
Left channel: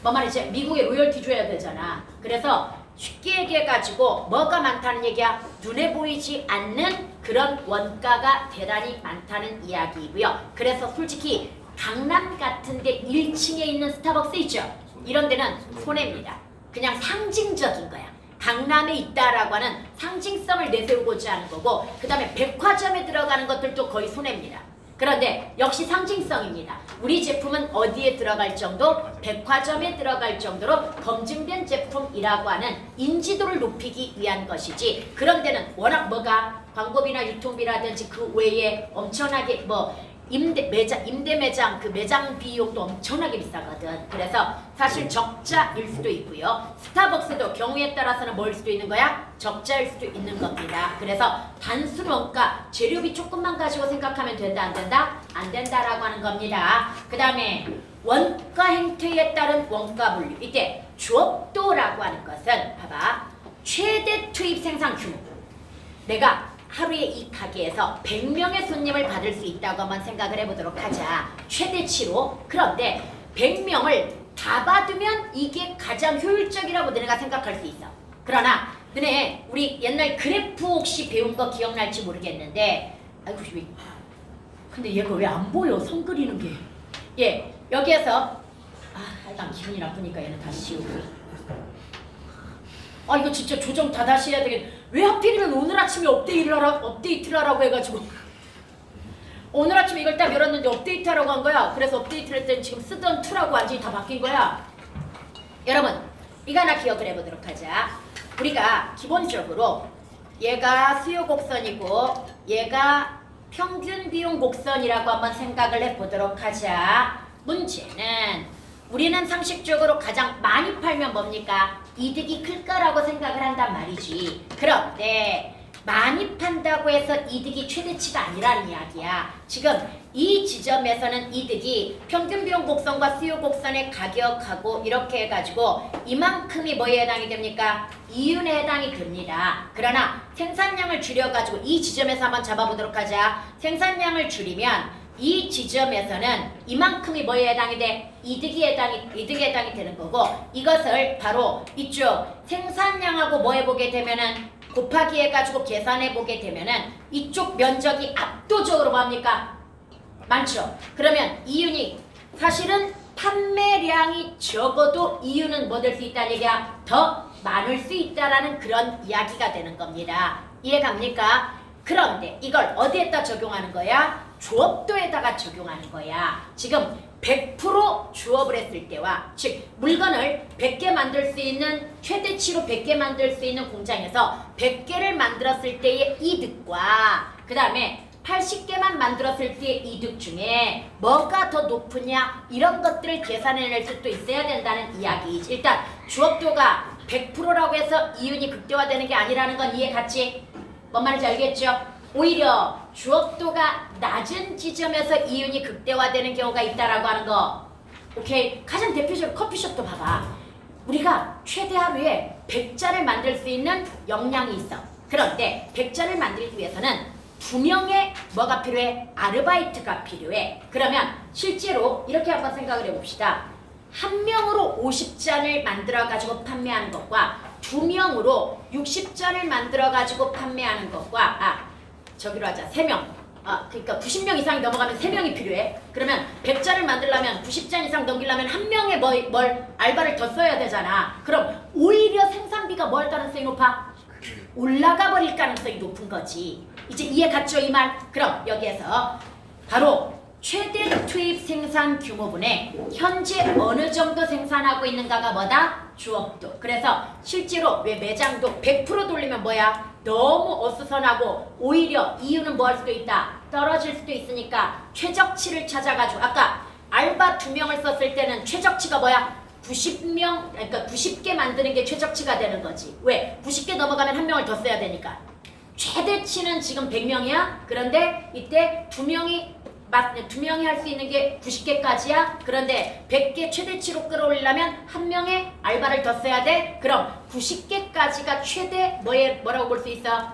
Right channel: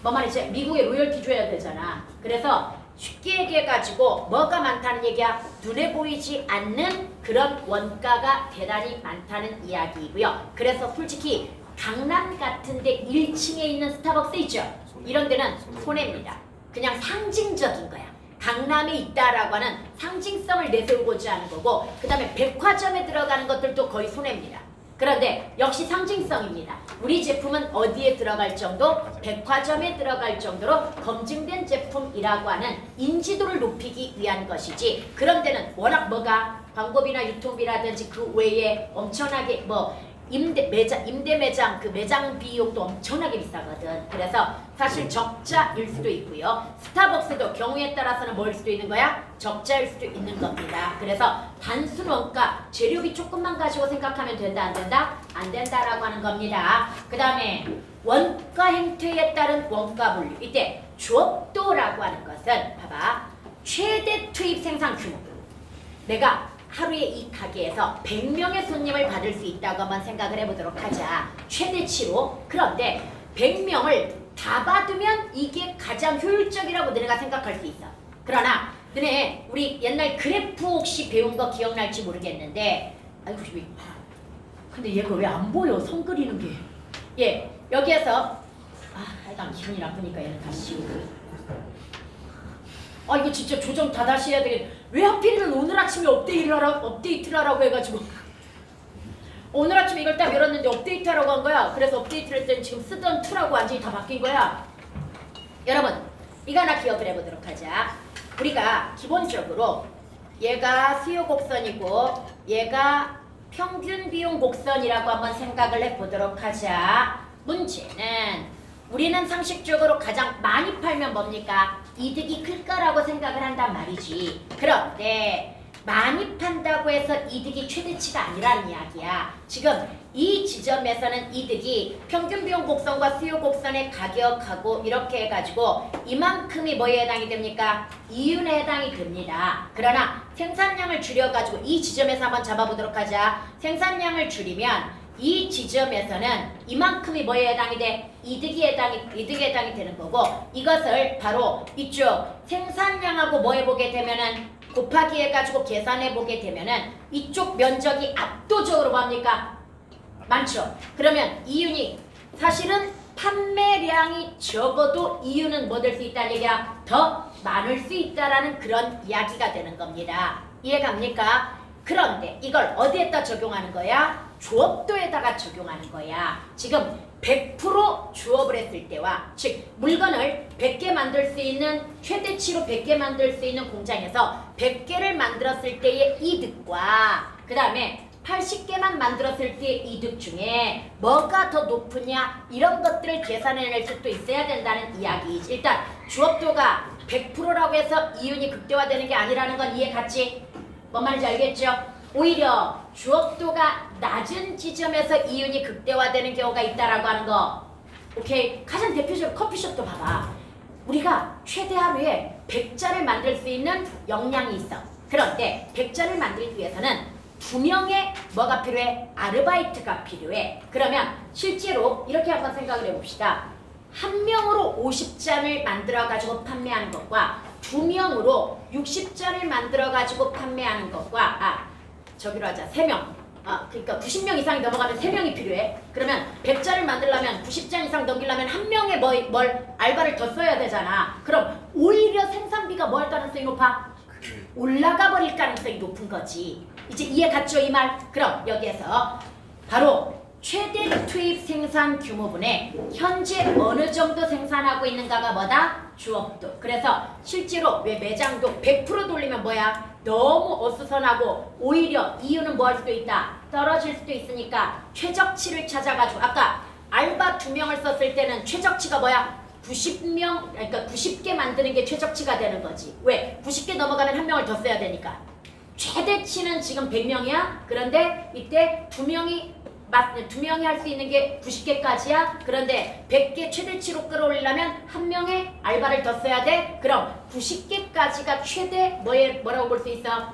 뭐 말이지? 미국에 로열티 줘야 되잖아. 그래서 쉽게 얘기해가지고 뭐가 많다는 얘기야? 눈에 보이지 않는 그런 원가가 대단히 많다는 이야기이고요. 그래서 솔직히 강남 같은데 1층에 있는 스타벅스 있죠? 이런 데는 손해입니다. 그냥 상징적인 거야. 강남에 있다라고 하는 상징성을 내세우고자 하는 거고 그 다음에 백화점에 들어가는 것들도 거의 손해입니다. 그런데 역시 상징성입니다. 우리 제품은 어디에 들어갈 정도? 백화점에 들어갈 정도로 검증된 제품이라고 하는 인지도를 높이기 위한 것이지 그런 데는 워낙 뭐가 광고비나 유통비라든지 그 외에 엄청나게 뭐 임대 매장 그 매장 비용도 엄청나게 비싸거든. 그래서 사실 적자일 수도 있고요. 스타벅스도 경우에 따라서는 뭐일 수도 있는 거야? 적자일 수도 있는 겁니다. 그래서 단순 원가 재료비 조금만 가지고 생각하면 된다 안 된다? 안 된다라고 하는 겁니다. 그 다음에 원가 행태에 따른 원가 분류. 이때 주업도라고 하는 것은 봐봐. 최대 투입 생산 규모. 내가 하루에 이 가게에서 100명의 손님을 받을 수 있다고 한번 생각을 해보도록 하자. 최대치로. 그런데 100명을 다 받으면 이게 가장 효율적이라고 너네가 생각할 수 있어. 그러나 너네 우리 옛날 그래프 혹시 배운 거 기억날지 모르겠는데 아이고 근데 얘가 왜 안 보여? 선 그리는 게. 예, 여기에서 하여간 기분이 나쁘니까 얘는 다시 지우고. 이거 진짜 조정 다 다시 해야 되겠. 왜 하필이면 오늘 아침에 업데이트를 하라고 해가지고 오늘 아침에 이걸 딱 열었는데 업데이트 하라고 한 거야. 그래서 업데이트를 했더니 지금 쓰던 2라고 완전히 다 바뀐 거야. 여러분 이거 하나 기억을 해보도록 하자. 우리가 기본적으로 얘가 수요 곡선이고 얘가 평균 비용 곡선이라고 한번 생각을 해보도록 하자. 문제는 우리는 상식적으로 가장 많이 팔면 뭡니까? 이득이 클 거라고 생각을 한단 말이지. 그런데 많이 판다고 해서 이득이 최대치가 아니라는 이야기야. 지금 이 지점에서는 이득이 평균 비용 곡선과 수요 곡선의 가격하고 이렇게 해가지고 이만큼이 뭐에 해당이 됩니까? 이윤에 해당이 됩니다. 그러나 생산량을 줄여가지고 이 지점에서 한번 잡아보도록 하자. 생산량을 줄이면 이 지점에서는 이만큼이 뭐에 해당이 돼? 이득에 해당이 되는 거고 이것을 바로 이쪽 생산량하고 뭐 해보게 되면은 곱하기 해가지고 계산해 보게 되면은 이쪽 면적이 압도적으로 뭡니까? 많죠. 그러면 이윤이 사실은 판매량이 적어도 이윤은 뭐 될 수 있다는 얘기야? 더 많을 수 있다라는 그런 이야기가 되는 겁니다. 이해갑니까? 그런데 이걸 어디에다 적용하는 거야? 주업도에다가 적용하는 거야. 지금 100% 주업을 했을 때와 즉 물건을 100개 만들 수 있는 최대치로 100개 만들 수 있는 공장에서 100개를 만들었을 때의 이득과 그 다음에 80개만 만들었을 때의 이득 중에 뭐가 더 높으냐 이런 것들을 계산해낼 수도 있어야 된다는 이야기이지. 일단 주업도가 100%라고 해서 이윤이 극대화되는 게 아니라는 건 이해 갔지? 뭔 말인지 알겠죠? 오히려 주업도가 낮은 지점에서 이윤이 극대화되는 경우가 있다라고 하는 거. 오케이? 가장 대표적으로 커피숍도 봐봐. 우리가 최대 하루에 100잔을 만들 수 있는 역량이 있어. 그런데 100잔을 만들기 위해서는 2명의 뭐가 필요해? 아르바이트가 필요해. 그러면 실제로 이렇게 한번 생각을 해봅시다. 한 명으로 50잔을 만들어가지고 판매하는 것과 2명으로 60잔을 만들어가지고 판매하는 것과 저기로 하자. 3명. 그러니까 90명 이상이 넘어가면 3명이 필요해. 그러면 100잔을 만들려면 90잔 이상 넘기려면 한 명의 뭘 알바를 더 써야 되잖아. 그럼 오히려 생산비가 뭐 할 가능성이 높아? 올라가 버릴 가능성이 높은 거지. 이제 이해 갔죠 이 말? 그럼 여기에서 바로 최대 투입 생산 규모분에 현재 어느 정도 생산하고 있는가가 뭐다? 주업도. 그래서 실제로 왜 매장도 100% 돌리면 뭐야? 너무 어수선하고 오히려 이유는 뭐 할 수도 있다? 떨어질 수도 있으니까 최적치를 찾아가지고 아까 알바 2명을 썼을 때는 최적치가 뭐야? 90명, 그러니까 90개 만드는 게 최적치가 되는 거지. 왜? 90개 넘어가면 한 명을 더 써야 되니까. 최대치는 지금 100명이야. 그런데 이때 2명이 할 수 있는 게 90개까지야. 그런데 100개 최대치로 끌어올리려면 한 명의 알바를 더 써야 돼. 그럼 90개까지가 최대 뭐라고 볼 수 있어?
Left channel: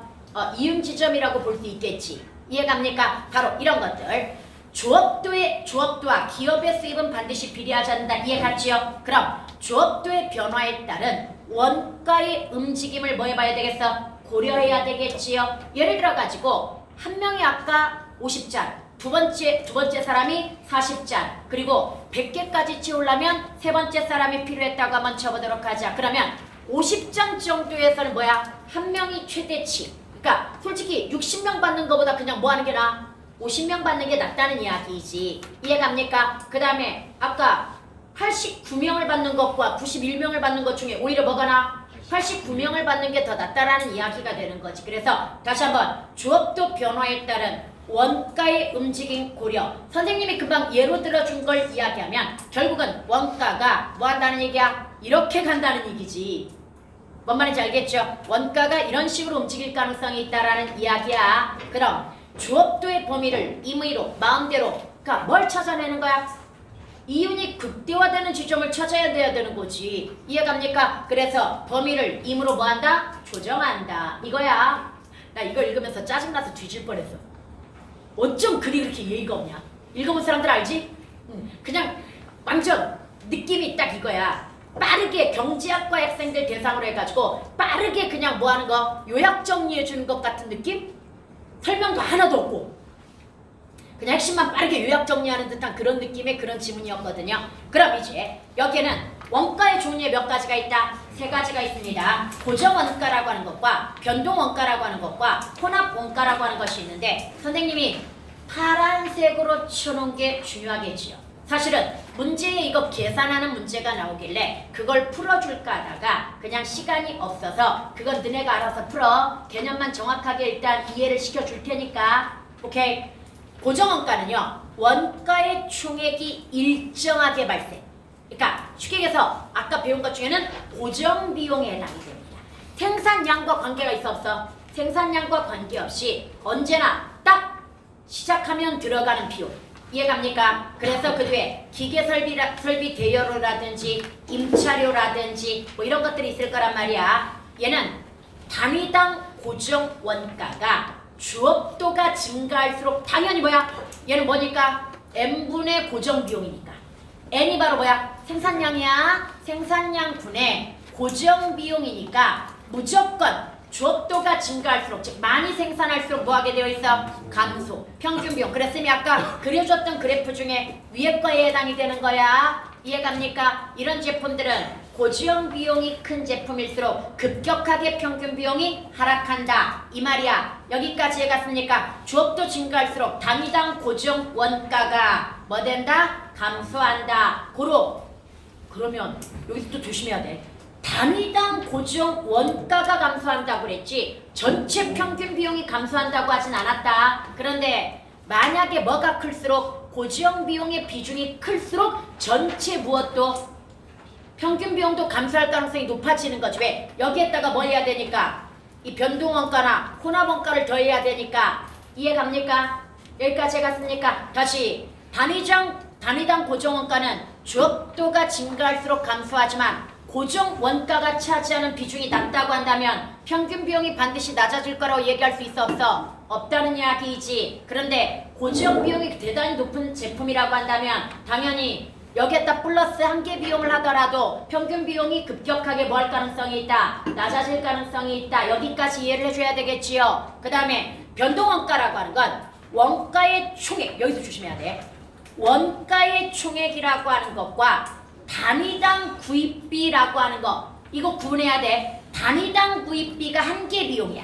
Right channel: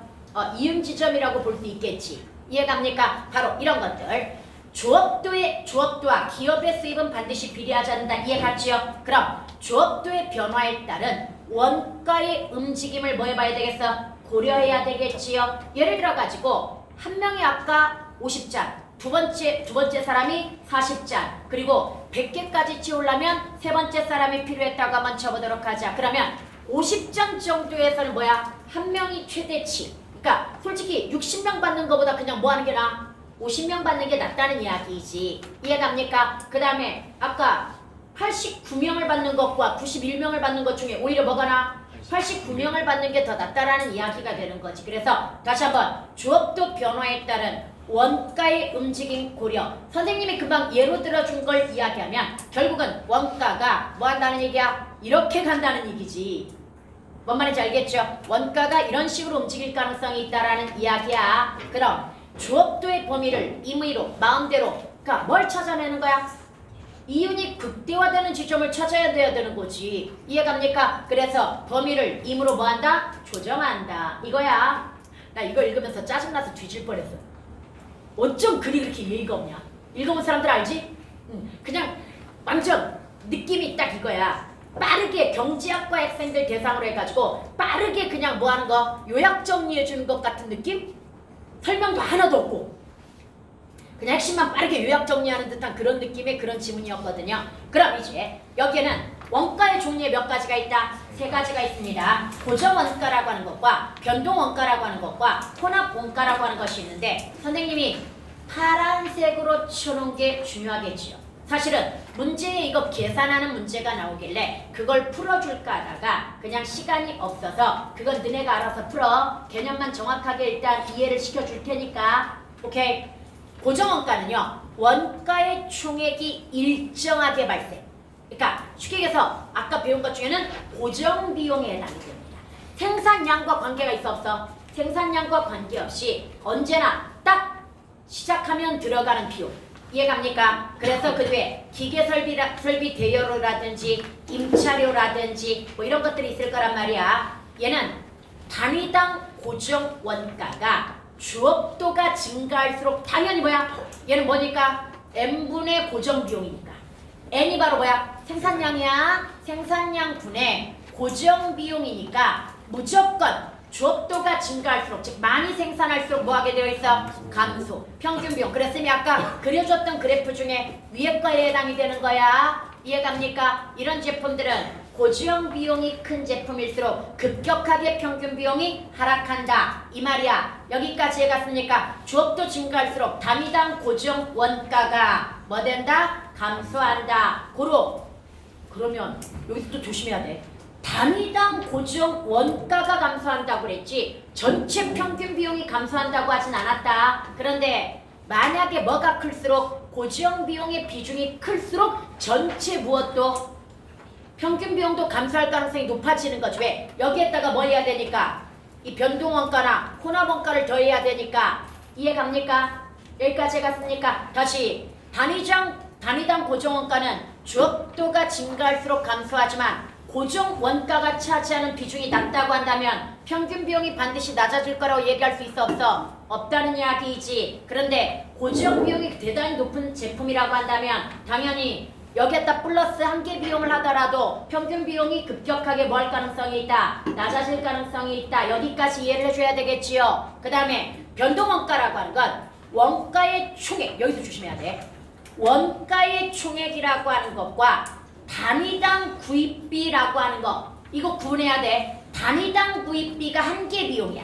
이윤 지점이라고 볼 수 있겠지. 이해갑니까? 바로 이런 것들. 주업도와 기업의 수입은 반드시 비례하지 않는다. 이해갔지요? 그럼 주업도의 변화에 따른 원가의 움직임을 뭐 해봐야 되겠어? 고려해야 되겠지요. 예를 들어 가지고 한 명이 아까 50잔, 두 번째 사람이 40잔, 그리고 100개까지 채우려면 세 번째 사람이 필요했다고 한번 쳐보도록 하자. 그러면 50잔 정도에서는 뭐야? 한 명이 최대치. 그러니까 솔직히 60명 받는 것보다 그냥 뭐 하는 게 나아? 50명 받는 게 낫다는 이야기이지. 이해갑니까? 그 다음에 아까 89명을 받는 것과 91명을 받는 것 중에 오히려 뭐가 나? 89명을 받는 게 더 낫다라는 이야기가 되는 거지. 그래서 다시 한번 주업도 변화에 따른 원가의 움직임 고려. 선생님이 금방 예로 들어준 걸 이야기하면 결국은 원가가 뭐 한다는 얘기야? 이렇게 간다는 얘기지. 뭔 말인지 알겠죠? 원가가 이런 식으로 움직일 가능성이 있다라는 이야기야. 그럼 주업도의 범위를 임의로 마음대로 그러니까 뭘 찾아내는 거야? 이윤이 극대화되는 지점을 찾아야 돼야 되는 거지. 이해갑니까? 그래서 범위를 임으로 뭐한다? 조정한다. 이거야. 나 이걸 읽으면서 짜증나서 뒤질 뻔했어. 어쩜 글이 그렇게 예의가 없냐? 읽어본 사람들 알지? 그냥 완전 느낌이 딱 이거야. 빠르게 경제학과 학생들 대상으로 해가지고 빠르게 그냥 뭐 하는 거? 요약 정리해주는 것 같은 느낌? 설명도 하나도 없고 그냥 핵심만 빠르게 요약 정리하는 듯한 그런 느낌의 그런 지문이었거든요. 그럼 이제 여기에는 원가의 종류에 몇 가지가 있다? 세 가지가 있습니다. 고정원가라고 하는 것과 변동원가라고 하는 것과 혼합원가라고 하는 것이 있는데 선생님이 파란색으로 쳐놓은 게 중요하겠지요. 사실은 문제에 이거 계산하는 문제가 나오길래 그걸 풀어줄까 하다가 그냥 시간이 없어서 그건 너네가 알아서 풀어. 개념만 정확하게 일단 이해를 시켜줄 테니까. 오케이. 고정원가는요. 원가의 총액이 일정하게 발생. 그러니까 쉽게 아까 배운 것 중에는 고정비용에 해당이 됩니다. 생산량과 관계가 있어 없어? 생산량과 관계없이 언제나 딱 시작하면 들어가는 비용. 이해갑니까? 그래서 그 뒤에 기계설비 대여료라든지 임차료라든지 뭐 이런 것들이 있을 거란 말이야. 얘는 단위당 고정 원가가 주업도가 증가할수록 당연히 뭐야? 얘는 뭐니까? n분의 고정 비용이니까. n이 바로 뭐야? 생산량이야. 생산량 분의 고정 비용이니까 무조건 주업도가 증가할수록 즉 많이 생산할수록 뭐 하게 되어 있어? 감소. 평균 비용. 그랬으니 아까 그려줬던 그래프 중에 위에 거에 해당이 되는 거야. 이해갑니까? 이런 제품들은 고지형 비용이 큰 제품일수록 급격하게 평균 비용이 하락한다. 이 말이야. 여기까지 해갔으니까 주업도 증가할수록 단위당 고정 원가가 뭐 된다? 감소한다. 그러면 여기서 또 조심해야 돼. 단위당 고정 원가가 감소한다고 그랬지 전체 평균 비용이 감소한다고 하진 않았다. 그런데 만약에 뭐가 클수록 고정 비용의 비중이 클수록 전체 무엇도 평균 비용도 감소할 가능성이 높아지는 거지. 왜? 여기에다가 뭐 해야 되니까 이 변동원가나 혼합원가를 더해야 되니까. 이해갑니까? 여기까지 해갔으니까 다시 단위당 고정원가는 주업도가 증가할수록 감소하지만 고정 원가가 차지하는 비중이 낮다고 한다면 평균 비용이 반드시 낮아질 거라고 얘기할 수 있어 없어? 없다는 이야기이지. 그런데 고정 비용이 대단히 높은 제품이라고 한다면 당연히 여기에다 플러스 한계 비용을 하더라도 평균 비용이 급격하게 뭐 할 가능성이 있다? 낮아질 가능성이 있다. 여기까지 이해를 해줘야 되겠지요. 그 다음에 변동원가라고 하는 건 원가의 총액. 여기서 조심해야 돼. 원가의 총액이라고 하는 것과 단위당 구입비라고 하는 거 이거 구분해야 돼. 단위당 구입비가 한계 비용이야.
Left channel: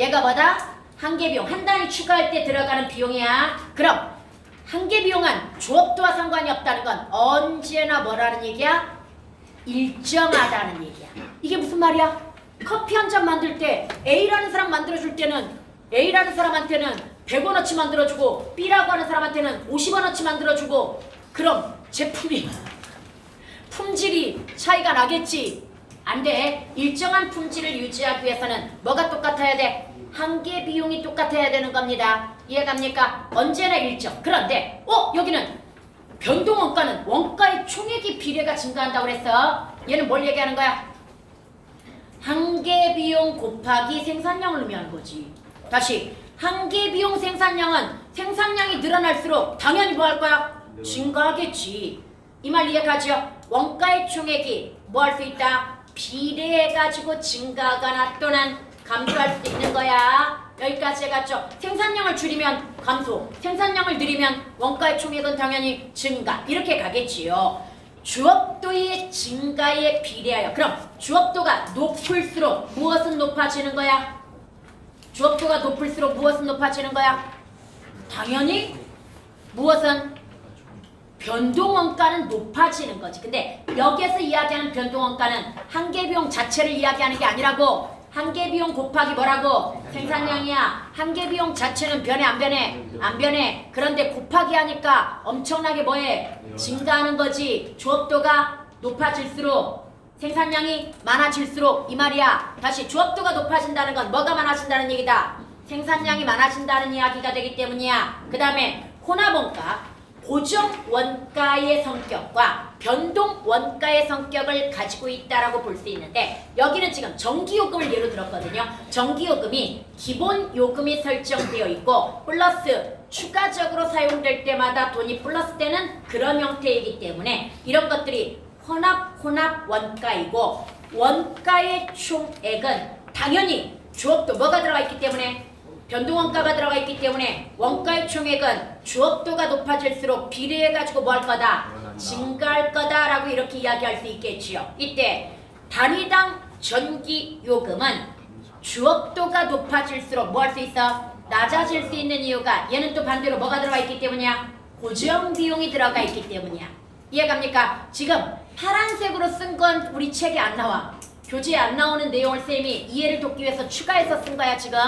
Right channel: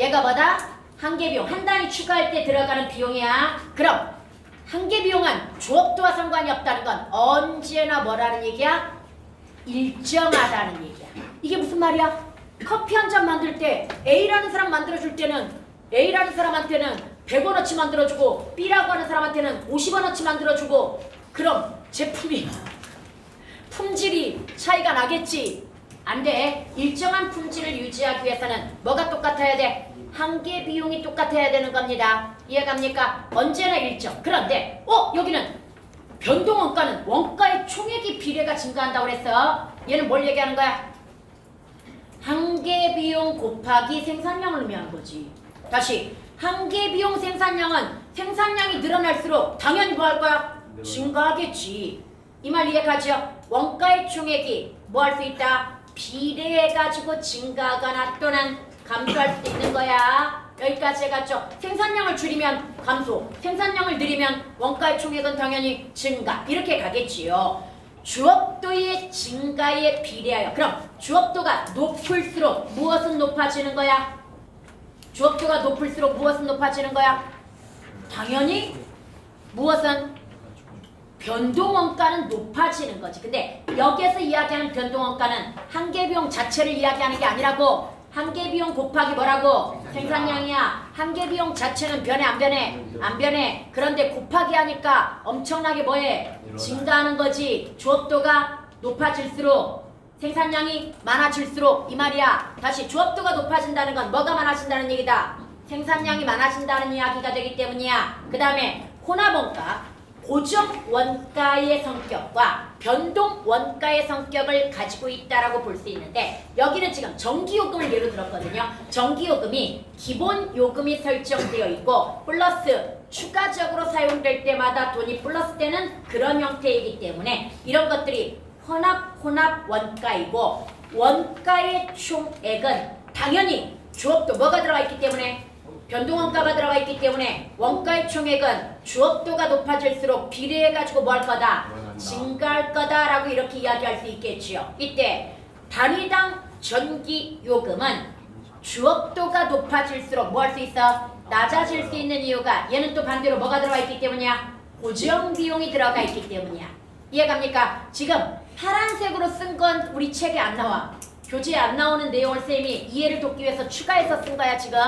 얘가 뭐다? 한계 비용. 한 단위 추가할 때 들어가는 비용이야. 그럼 한계 비용은 주업도와 상관이 없다는 건 언제나 뭐라는 얘기야? 일정하다는 얘기야. 이게 무슨 말이야? 커피 한 잔 만들 때 A라는 사람 만들어줄 때는 A라는 사람한테는 100원어치 만들어주고 B라고 하는 사람한테는 50원어치 만들어주고 그럼 제품이 품질이 차이가 나겠지? 안 돼. 일정한 품질을 유지하기 위해서는 뭐가 똑같아야 돼? 한계 비용이 똑같아야 되는 겁니다. 이해갑니까? 언제나 일정. 그런데 여기는 변동원가는 원가의 총액이 비례가 증가한다고 그랬어. 얘는 뭘 얘기하는 거야? 한계 비용 곱하기 생산량을 의미하는 거지. 다시 한계 비용 생산량은 생산량이 늘어날수록 당연히 뭐 할 거야? 증가하겠지. 이 말 이해가죠? 원가의 총액이 뭐 할 수 있다? 비례해가지고 증가하거나 또는 감소할 수 있는 거야. 여기까지 해갔죠? 생산량을 줄이면 감소, 생산량을 늘리면 원가의 총액은 당연히 증가. 이렇게 가겠지요. 주업도의 증가에 비례하여. 그럼 주업도가 높을수록 무엇은 높아지는 거야? 주업도가 높을수록 무엇은 높아지는 거야? 당연히 무엇은? 변동원가는 높아지는 거지. 근데 여기에서 이야기하는 변동원가는 한계비용 자체를 이야기하는 게 아니라고. 한계비용 곱하기 뭐라고? 생산량이야. 한계비용 자체는 변해 안 변해? 안 변해. 그런데 곱하기 하니까 엄청나게 뭐해? 증가하는 거지. 주업도가 높아질수록 생산량이 많아질수록 이 말이야. 다시 주업도가 높아진다는 건 뭐가 많아진다는 얘기다. 생산량이 많아진다는 이야기가 되기 때문이야. 그 다음에 혼합원가. 고정 원가의 성격과 변동 원가의 성격을 가지고 있다라고 볼 수 있는데 여기는 지금 전기요금을 예로 들었거든요. 전기요금이 기본 요금이 설정되어 있고 플러스 추가적으로 사용될 때마다 돈이 플러스 되는 그런 형태이기 때문에 이런 것들이 혼합 원가이고 원가의 총액은 당연히 주업도 뭐가 들어가 있기 때문에 변동원가가 들어가 있기 때문에 원가의 총액은 주업도가 높아질수록 비례해가지고 뭐 할 거다? 증가할 거다라고 이렇게 이야기할 수 있겠지요. 이때 단위당 전기요금은 주업도가 높아질수록 뭐 할 수 있어? 낮아질 수 있는 이유가 얘는 또 반대로 뭐가 들어가 있기 때문이야? 고정비용이 들어가 있기 때문이야. 이해갑니까? 지금 파란색으로 쓴 건 우리 책에 안 나와. 교재에 안 나오는 내용을 쌤이 이해를 돕기 위해서 추가해서 쓴 거야 지금.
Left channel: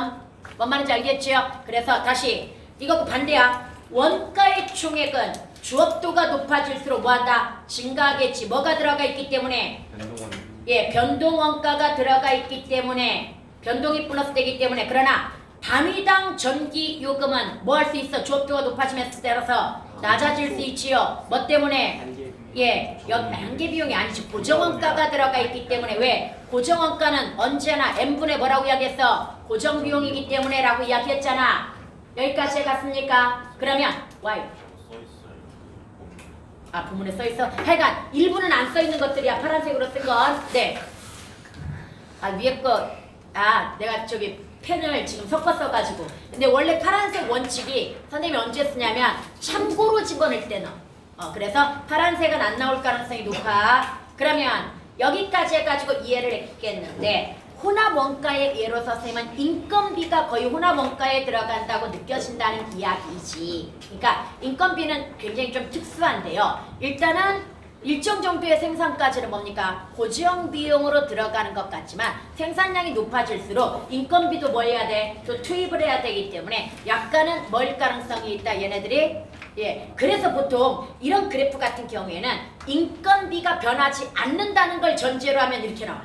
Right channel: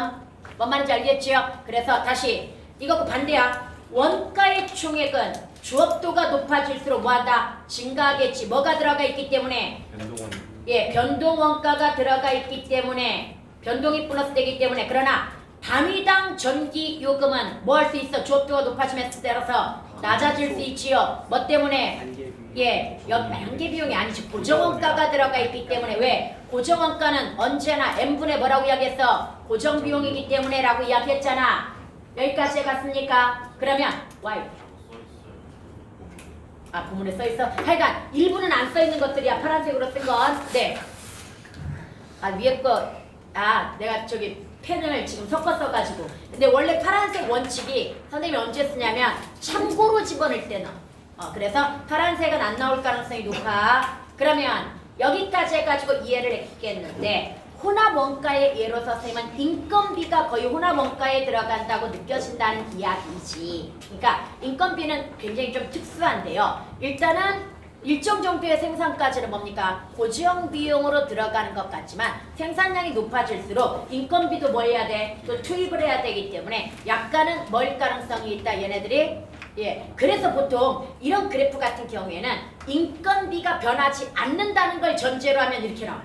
뭔 말인지 알겠지요? 그래서 다시 이거 반대야. 원가의 총액은 주업도가 높아질수록 뭐한다? 증가하겠지. 뭐가 들어가 있기 때문에? 예, 변동원가가 들어가 있기 때문에 변동이 플러스 되기 때문에 그러나 단위당 전기요금은 뭐 할 수 있어? 주업도가 높아지면 따라서 낮아질 수 있지요. 뭐 때문에? 예, 여기 한계비용이 아니지. 고정원가가 들어가 있기 때문에 왜? 고정원가는 언제나 n분의 뭐라고 이야기했어? 고정비용이기 때문에 라고 이야기했잖아. 여기까지 갔습니까? 그러면 y 부문에 써있어? 하여간 일부는 안 써있는 것들이야. 파란색으로 쓴 건. 네. 위에 거 내가 저기 펜을 지금 섞어 써가지고 근데 원래 파란색 원칙이 선생님이 언제 쓰냐면 참고로 집어넣을 때 넣어. 그래서 파란색은 안 나올 가능성이 높아. 그러면 여기까지 해가지고 이해를 했겠는데 혼합원가의 예로서 선생님은 인건비가 거의 혼합원가에 들어간다고 느껴진다는 이야기지. 그러니까 인건비는 굉장히 좀 특수한데요. 일단은 일정 정도의 생산까지는 뭡니까? 고정 비용으로 들어가는 것 같지만 생산량이 높아질수록 인건비도 뭐 해야 돼? 또 투입을 해야 되기 때문에 약간은 뭐일 가능성이 있다 얘네들이. 예, 그래서 보통 이런 그래프 같은 경우에는 인건비가 변하지 않는다는 걸 전제로 하면 이렇게 나와.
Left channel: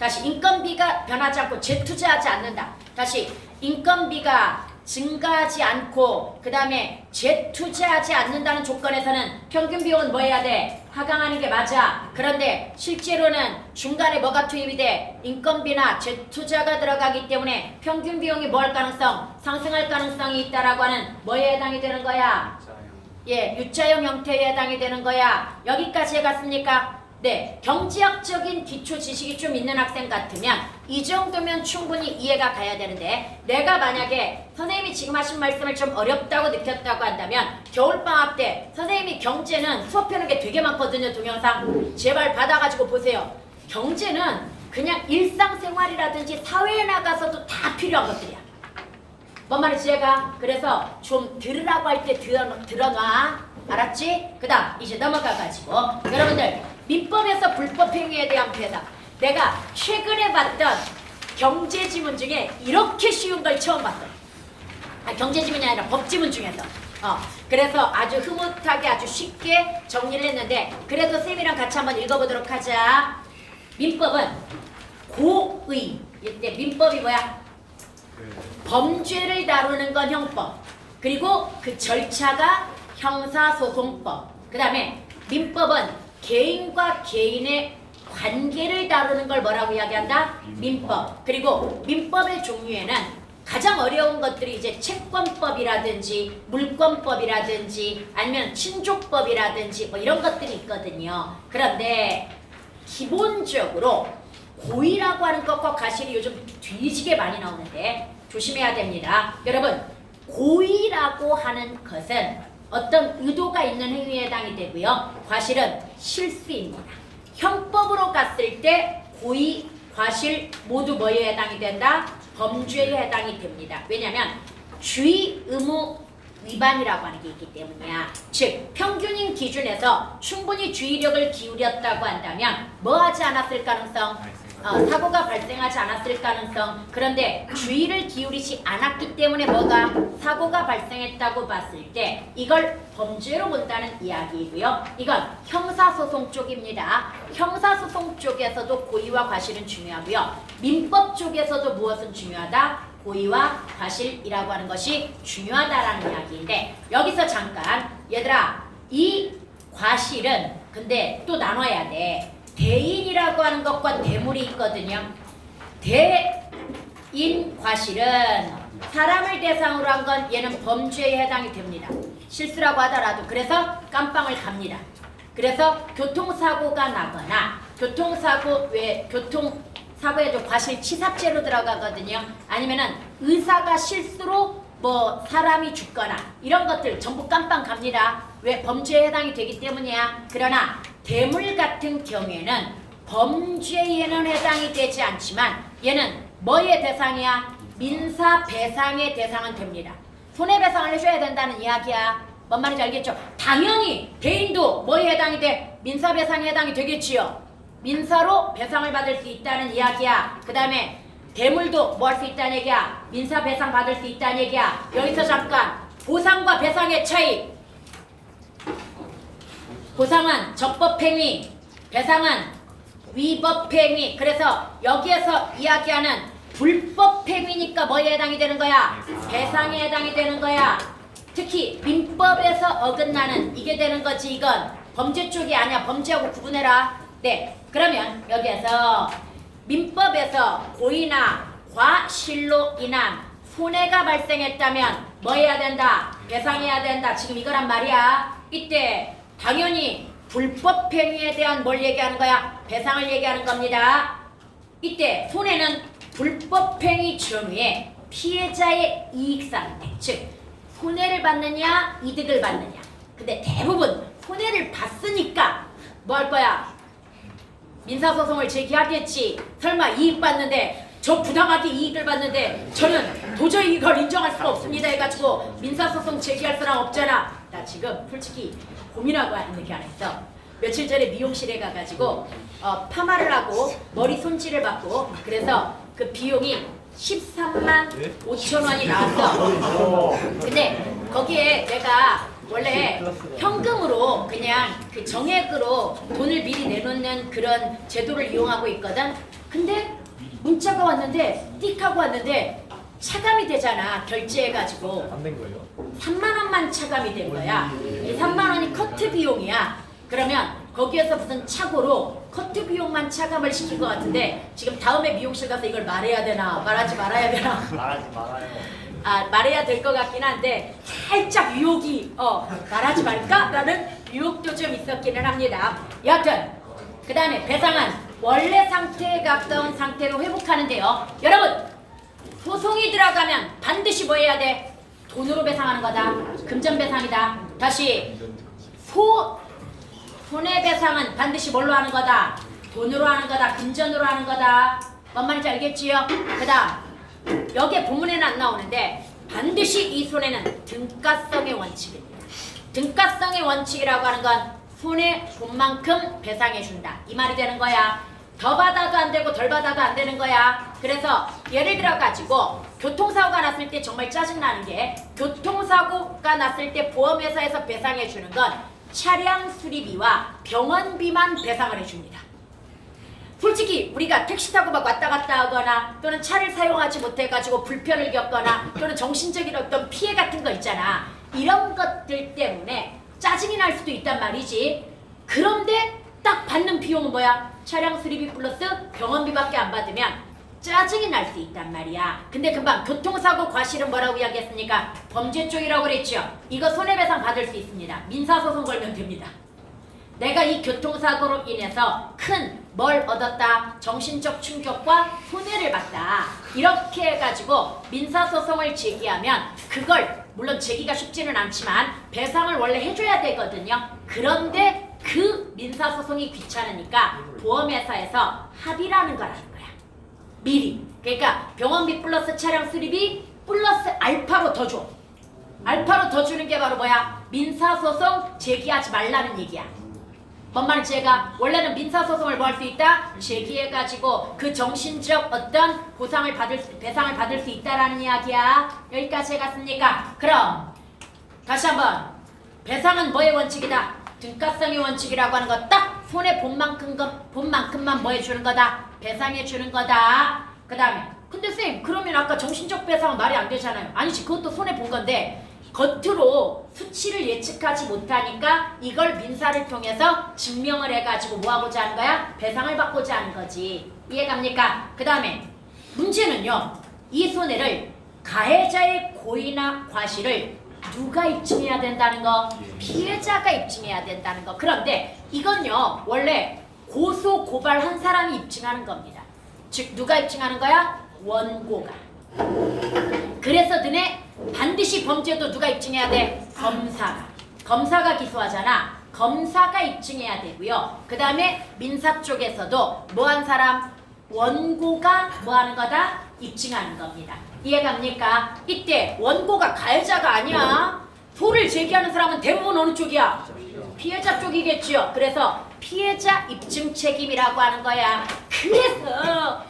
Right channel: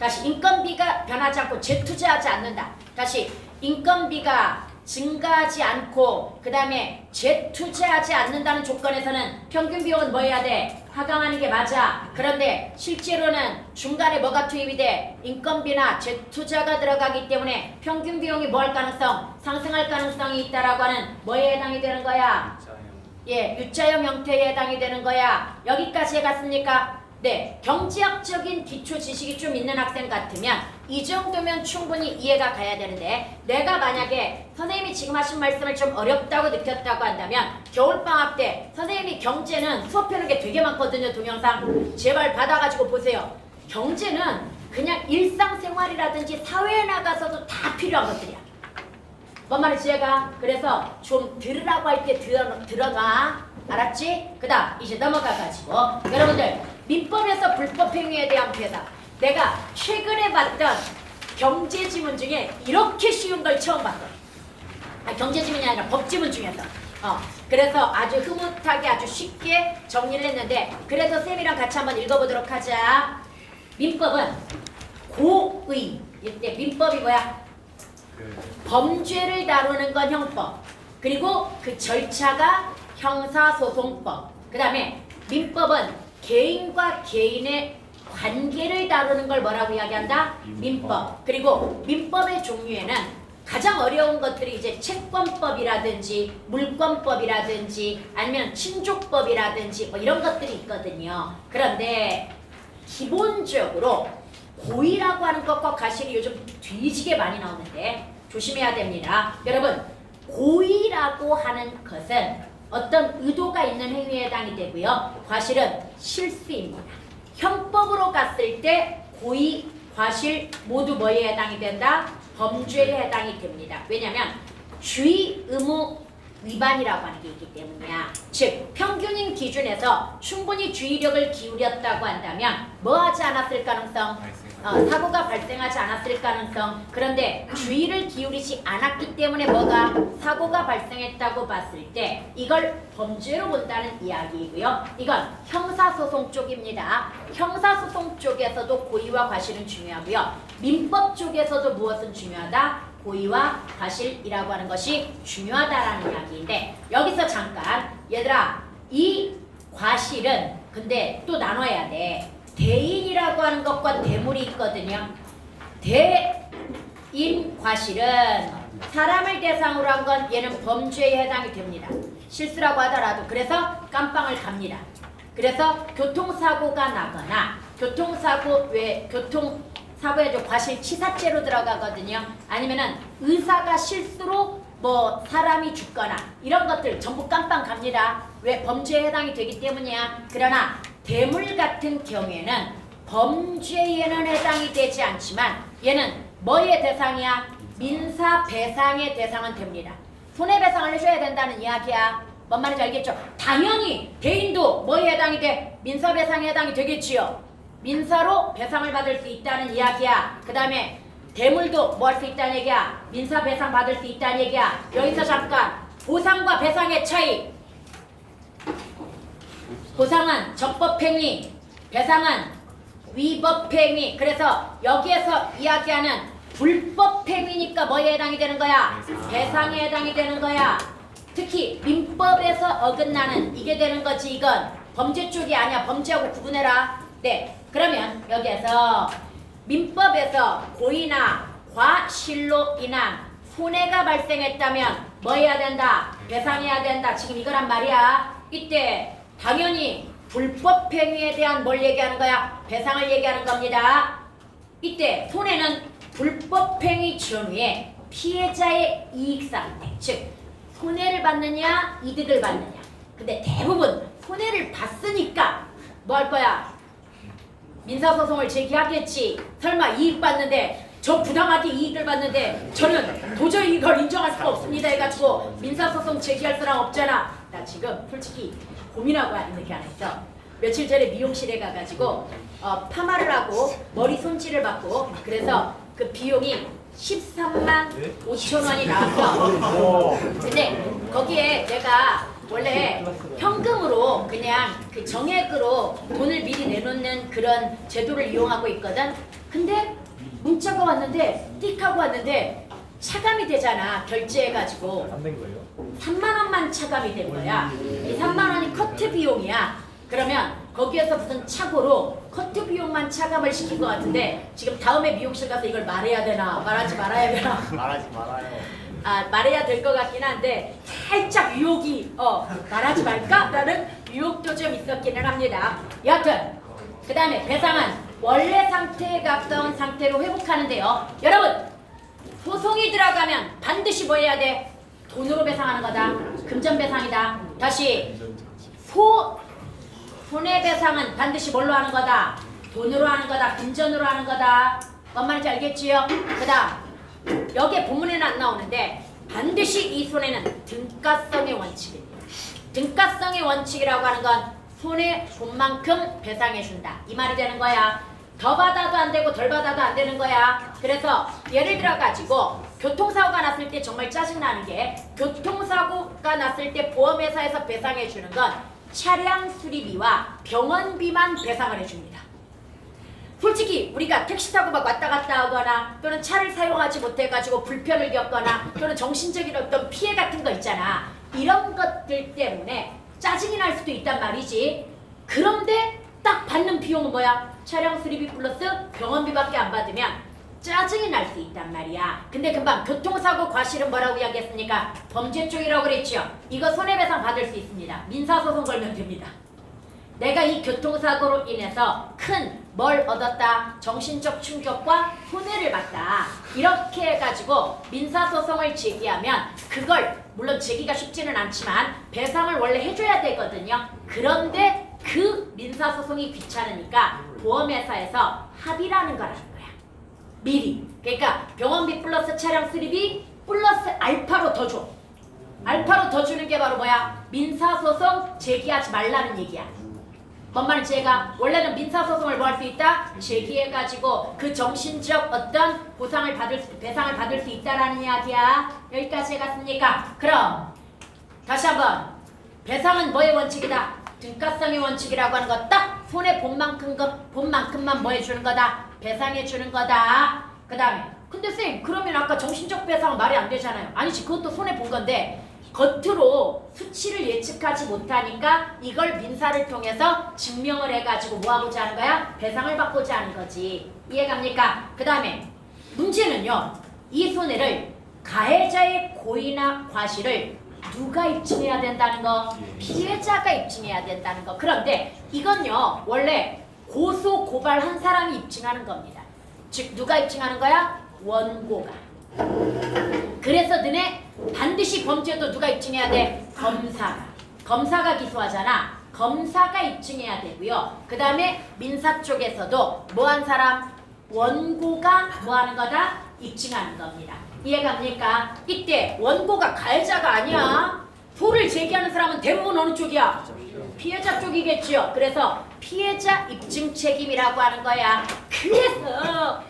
다시 인건비가 변하지 않고 재투자하지 않는다. 다시 인건비가 증가하지 않고 그 다음에 재투자하지 않는다는 조건에서는 평균 비용은 뭐 해야 돼? 하강하는 게 맞아. 그런데 실제로는 중간에 뭐가 투입이 돼? 인건비나 재투자가 들어가기 때문에 평균 비용이 뭐 할 가능성? 상승할 가능성이 있다라고 하는 뭐에 해당이 되는 거야? 예, U자형 형태에 해당이 되는 거야. 여기까지 해갔습니까? 네, 경제학적인 기초 지식이 좀 있는 학생 같으면 이 정도면 충분히 이해가 가야 되는데 내가 만약에 선생님이 지금 하신 말씀을 좀 어렵다고 느꼈다고 한다면 겨울방학 때 선생님이 경제는 수업해놓은 게 되게 많거든요. 동영상 제발 받아가지고 보세요. 경제는 그냥 일상생활이라든지 사회에 나가서도 다 필요한 것들이야. 뭔 말인지 얘가 그래서 좀 들으라고 할 때 들어놔. 알았지? 그 다음 이제 넘어가가지고 여러분들 민법에서 불법행위에 대한 배당. 내가 최근에 봤던 경제지문 중에 이렇게 쉬운 걸 처음 봤어. 경제지문이 아니라 법지문 중에서. 그래서 아주 흐뭇하게 아주 쉽게 정리를 했는데 그래도 쌤이랑 같이 한번 읽어보도록 하자. 민법은 고의. 이때 민법이 뭐야? 범죄를 다루는 건 형법. 그리고 그 절차가 형사소송법. 그 다음에 민법은 개인과 개인의 관계를 다루는 걸 뭐라고 이야기한다? 민법. 그리고 민법의 종류에는 가장 어려운 것들이 이제 채권법이라든지 물권법이라든지 아니면 친족법이라든지 뭐 이런 것들이 있거든요. 그런데 기본적으로 고의라고 하는 것과 과실이 요즘 뒤지게 많이 나오는데 조심해야 됩니다. 여러분, 고의라고 하는 것은 어떤 의도가 있는 행위에 해당이 되고요. 과실은 실수입니다. 형법으로 갔을 때 고의, 과실 모두 뭐에 해당이 된다? 범죄에 해당이 됩니다. 왜냐하면 주의, 의무, 위반이라고 하는 게 있기 때문이야. 즉 평균인 기준에서 충분히 주의력을 기울였다고 한다면 뭐 하지 않았을 가능성? 사고가 발생하지 않았을 가능성. 그런데 주의를 기울이지 않았기 때문에 뭐가 사고가 발생했다고 봤을 때 이걸 범죄로 본다는 이야기이고요. 이건 형사소송 쪽입니다. 형사소송 쪽에서도 고의와 과실은 중요하고요. 민법 쪽에서도 무엇은 중요하다? 고의와 과실이라고 하는 것이 중요하다라는 이야기인데 대해서 잠깐 얘들아 이 과실은 근데 또 나눠야 돼. 대인이라고 하는 것과 대물이 있거든요. 대인 과실은 사람을 대상으로 한 건 얘는 범죄에 해당이 됩니다. 실수라고 하더라도 그래서 깜빵을 갑니다. 그래서 교통사고가 나거나 교통사고에도 과실치사죄로 들어가거든요. 아니면은 의사가 실수로 뭐 사람이 죽거나 이런 것들 전부 깜빵 갑니다. 왜? 범죄에 해당이 되기 때문이야. 그러나 대물 같은 경우에는 범죄에는 해당이 되지 않지만 얘는 뭐의 대상이야? 민사배상의 대상은 됩니다. 손해배상을 해줘야 된다는 이야기야. 뭔 말인지 알겠죠? 당연히 대인도 뭐에 해당이 돼? 민사배상에 해당이 되겠지요. 민사로 배상을 받을 수 있다는 이야기야. 그 다음에 대물도 뭐 할 수 있다는 얘기야. 민사배상 받을 수 있다는 얘기야. 여기서 잠깐 보상과 배상의 차이. 보상은 적법행위, 배상은 위법행위. 그래서 여기에서 이야기하는 불법행위니까 뭐에 해당이 되는 거야? 배상에 해당이 되는 거야. 특히 민법에서 어긋나는 이게 되는 거지. 이건 범죄 쪽이 아니야. 범죄하고 구분해라. 네, 그러면 여기에서 민법에서 고의나 과실로 인한 손해가 발생했다면 뭐 해야 된다? 배상해야 된다. 지금 이거란 말이야. 이때 당연히 불법행위에 대한 뭘 얘기하는 거야? 배상을 얘기하는 겁니다. 이때 손해는 불법행위 전후에 피해자의 이익상태, 즉 손해를 받느냐 이득을 받느냐. 근데 대부분 손해를 봤으니까 뭐 할 거야? 민사소송을 제기하겠지. 설마 이익 받는데 저 부당하게 이익을 받는데 저는 도저히 이걸 인정할 수가 없습니다 해가지고 민사소송 제기할 사람 없잖아. 나 지금 솔직히 고민하고 하는 게 안 했어. 며칠 전에 미용실에 가가지고 파마를 하고 머리 손질을 받고 그래서 그 비용이 13만 5천 원이 나왔어. 근데 거기에 내가 원래 현금으로 그냥 그 정액으로 돈을 미리 내놓는 그런 제도를 이용하고 있거든. 근데 문자가 왔는데 띡 하고 왔는데 차감이 되잖아. 결제해가지고 안 된 거예요? 3만 원만 차감이 된 거야. 3만 원이 커트 비용이야. 그러면 거기에서 무슨 착오로 커트 비용만 차감을 시킨 것 같은데 지금 다음에 미용실 가서 이걸 말해야 되나 말하지 말아야 되나 말하지 말아요. 말해야 될 것 같긴 한데 살짝 유혹이 말하지 말까라는 유혹도 좀 있었기는 합니다. 여하튼 그 다음에 배상은 원래 상태에 가까운 상태로 회복하는데요. 여러분 소송이 들어가면 반드시 뭐 해야 돼? 돈으로 배상하는 거다. 금전배상이다. 다시 손해배상은 반드시 뭘로 하는 거다? 돈으로 하는 거다. 금전으로 하는 거다. 뭔 말인지 알겠지요? 그 다음 여기에 본문에는 안 나오는데 반드시 이 손해는 등가성의 원칙입니다. 등가성의 원칙이라고 하는 건 손해 본 만큼 배상해준다. 이 말이 되는 거야. 더 받아도 안 되고 덜 받아도 안 되는 거야. 그래서 예를 들어 가지고 교통사고가 났을 때 정말 짜증나는 게 교통사고가 났을 때 보험회사에서 배상해주는 건 차량 수리비와 병원비만 배상을 해줍니다. 솔직히 우리가 택시 타고 막 왔다 갔다 하거나 또는 차를 사용하지 못해가지고 불편을 겪거나 또는 정신적인 어떤 피해 같은 거 있잖아. 이런 것들 때문에 짜증이 날 수도 있단 말이지. 그런데 딱 받는 비용은 뭐야? 차량 수리비 플러스 병원비밖에 안 받으면 짜증이 날 수 있단 말이야. 근데 금방 교통사고 과실은 뭐라고 이야기했습니까? 범죄 쪽이라고 그랬죠. 이거 손해배상 받을 수 있습니다. 민사소송 걸면 됩니다. 내가 이 교통사고로 인해서 큰 뭘 얻었다? 정신적 충격과 손해를 봤다. 이렇게 해가지고 민사소송을 제기하면 그걸 물론 제기가 쉽지는 않지만 배상을 원래 해줘야 되거든요. 그런데 그 민사소송이 귀찮으니까 보험회사에서 합의라는 거라는 거야. 미리. 그러니까 병원비 플러스 차량 수리비 플러스 알파로 더 줘. 알파로 더 주는 게 바로 뭐야? 민사소송 제기하지 말라는 얘기야. 뭔 말인지 얘가 원래는 민사소송을 뭐 할 수 있다? 제기해가지고 그 정신적 어떤 배상을 받을 수 있다라는 이야기야. 여기까지 해갔습니까? 그럼 다시 한번 배상은 뭐의 원칙이다? 등가성의 원칙이라고 하는 거 딱 손해 본 만큼만 뭐 해주는 거다? 배상해 주는 거다. 그 다음에 근데 쌤 그러면 아까 정신적 배상은 말이 안 되잖아요. 아니지 그것도 손해 본 건데 겉으로 수치를 예측하지 못하니까 이걸 민사를 통해서 증명을 해가지고 뭐 하고자 하는 거야? 배상을 받고자 하는 거지. 이해갑니까? 그 다음에 문제는요. 이 손해를 가해자의 고의나 과실을 누가 입증해야 된다는 거? 피해자가 입증해야 된다는 거. 그런데 이건요. 원래 고소 고발한 사람이 입증하는 겁니다. 즉 누가 입증하는 거야? 원고가. 그래서 너네 반드시 범죄도 누가 입증해야 돼? 검사가. 검사가 기소하잖아. 검사가 입증해야 되고요. 그 다음에 민사 쪽에서도 뭐한 사람? 원고가 뭐하는 거다? 입증하는 겁니다. 이해갑니까? 이때 원고가 가해자가 아니야. 소를 제기하는 사람은 대부분 어느 쪽이야? 피해자 쪽이겠지요. 그래서 피해자 입증 책임이라고 하는 거야. 그래서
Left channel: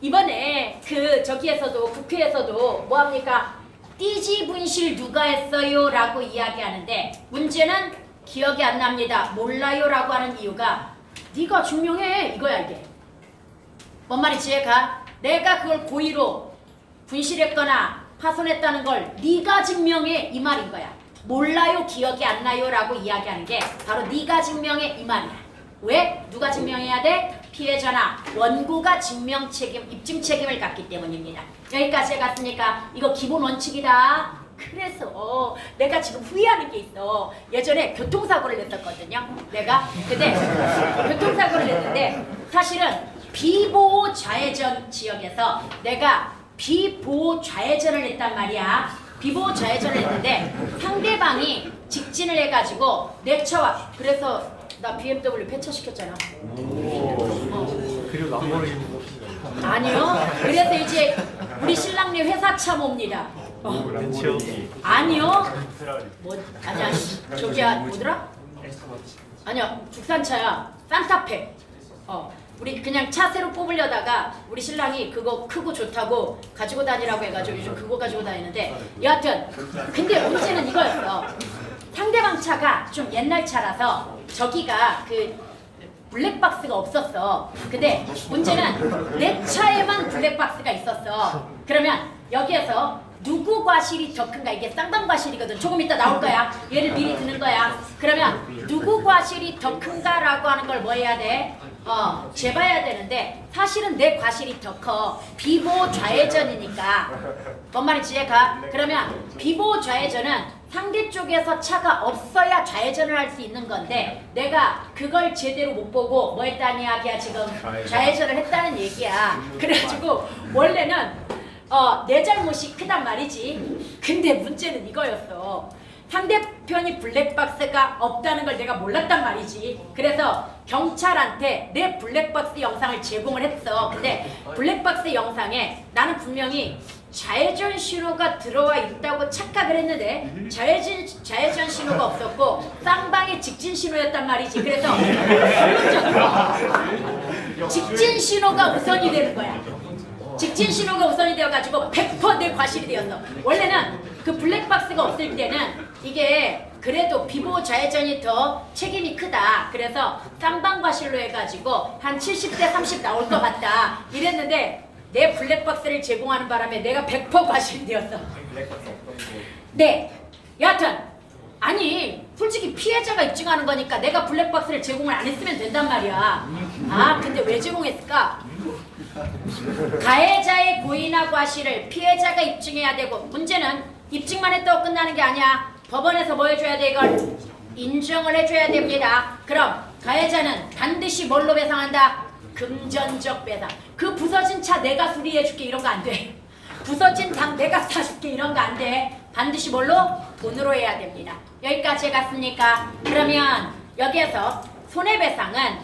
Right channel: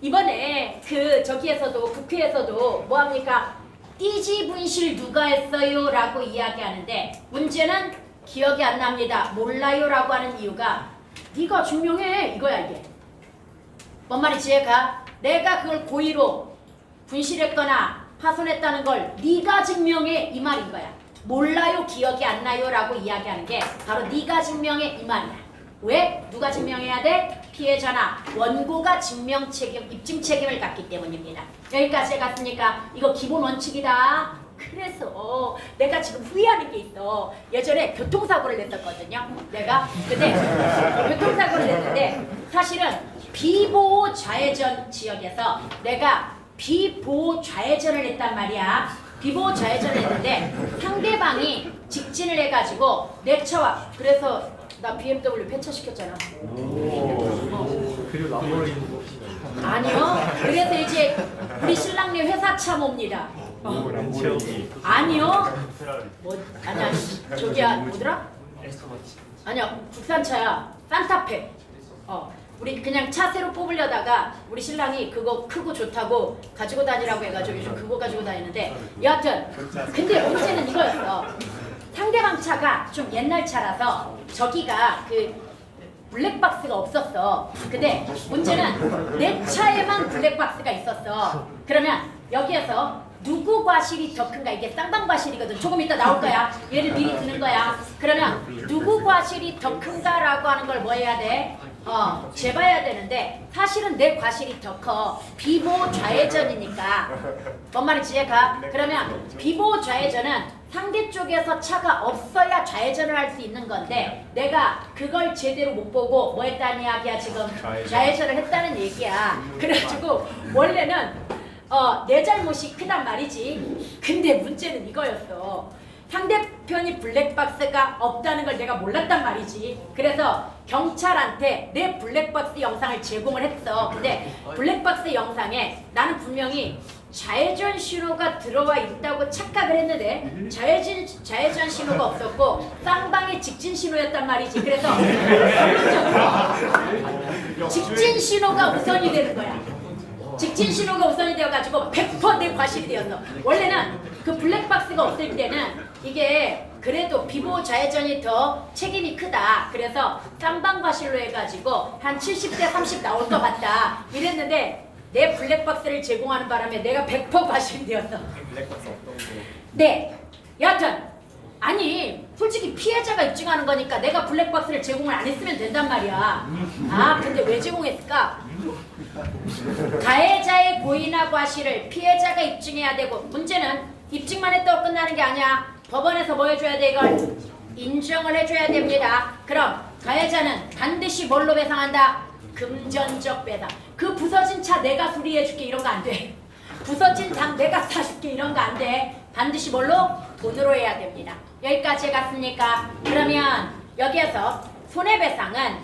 이번에 저기에서도 국회에서도 뭐합니까? 띠지 분실 누가 했어요? 라고 이야기하는데 문제는 기억이 안 납니다. 몰라요 라고 하는 이유가 네가 증명해 이거야 이게. 뭔 말인지 얘가 내가 그걸 고의로 분실했거나 파손했다는 걸 네가 증명해 이 말인 거야. 몰라요 기억이 안 나요 라고 이야기하는 게 바로 네가 증명해 이 말이야. 왜? 누가 증명해야 돼? 피해자나 원고가 증명 책임, 입증 책임을 갖기 때문입니다. 여기까지 해갔으니까 이거 기본 원칙이다. 그래서 내가 지금 후회하는 게 있어. 예전에 교통사고를 냈었거든요. 내가 근데 교통사고를 냈는데 사실은 비보호 좌회전 지역에서 내가 비보호 좌회전을 했단 말이야. 비보호 좌회전을 했는데 상대방이 직진을 해가지고 내 차와 그래서 나 BMW 폐차시켰잖아. 그리고 람보르기니 아니요. 그래서 이제 우리 신랑네 회사차 몹니다. 아니요. 뭐 아니야. 저기야 뭐더라? 아니야. 국산차야. 산타페. 우리 그냥 차 새로 뽑으려다가 우리 신랑이 그거 크고 좋다고 가지고 다니라고 해가지고 요즘 그거 가지고 다니는데 여하튼 근데 문제는 이거였어. 상대방 차가 좀 옛날 차라서 저기가 블랙박스가 없었어. 근데 문제는 내 차에만 블랙박스가 있었어. 그러면 여기에서 누구 과실이 더 큰가? 이게 쌍방 과실이거든. 조금 이따 나올 거야. 얘를 미리 드는 거야. 그러면 누구 과실이 더 큰가라고 하는 걸 뭐 해야 돼? 재봐야 되는데 사실은 내 과실이 더 커. 비보호 좌회전이니까. 뭔 말인지 이해가? 그러면 비보호 좌회전은 상대 쪽에서 차가 없어야 좌회전을 할 수 있는 건데 내가 그걸 제대로 못 보고 뭐 했다는 이야기야 지금? 좌회전을 했다는 얘기야. 그래가지고 원래는 내 잘못이 크단 말이지. 근데 문제는 이거였어. 상대편이 블랙박스가 없다는 걸 내가 몰랐단 말이지. 그래서 경찰한테 내 블랙박스 영상을 제공을 했어. 근데 블랙박스 영상에 나는 분명히 좌회전 신호가 들어와 있다고 착각을 했는데 좌회전 신호가 없었고 쌍방의 직진 신호였단 말이지. 그래서 직진 신호가 우선이 되는 거야. 직진 신호가 우선이 되어가지고 100% 내 과실이 되었어. 원래는 그 블랙박스가 없을 때는 이게 그래도 비보호 좌회전이 더 책임이 크다. 그래서 쌍방 과실로 해가지고 한 70대 30 나올 것 같다. 이랬는데 내 블랙박스를 제공하는 바람에 내가 100% 과실이 되었어. 네. 여하튼 아니 솔직히 피해자가 입증하는 거니까 내가 블랙박스를 제공을 안 했으면 된단 말이야. 근데 왜 제공했을까? 가해자의 고의나 과실을 피해자가 입증해야 되고 문제는 입증만 했다고 끝나는 게 아니야. 법원에서 뭐 해줘야 돼? 이걸 인정을 해줘야 됩니다. 그럼 가해자는 반드시 뭘로 배상한다? 금전적 배상. 그 부서진 차 내가 수리해줄게 이런 거 안 돼. 부서진 장 내가 사줄게 이런 거 안 돼. 반드시 뭘로? 돈으로 해야 됩니다. 여기까지 갔습니까? 그러면 여기에서 손해배상은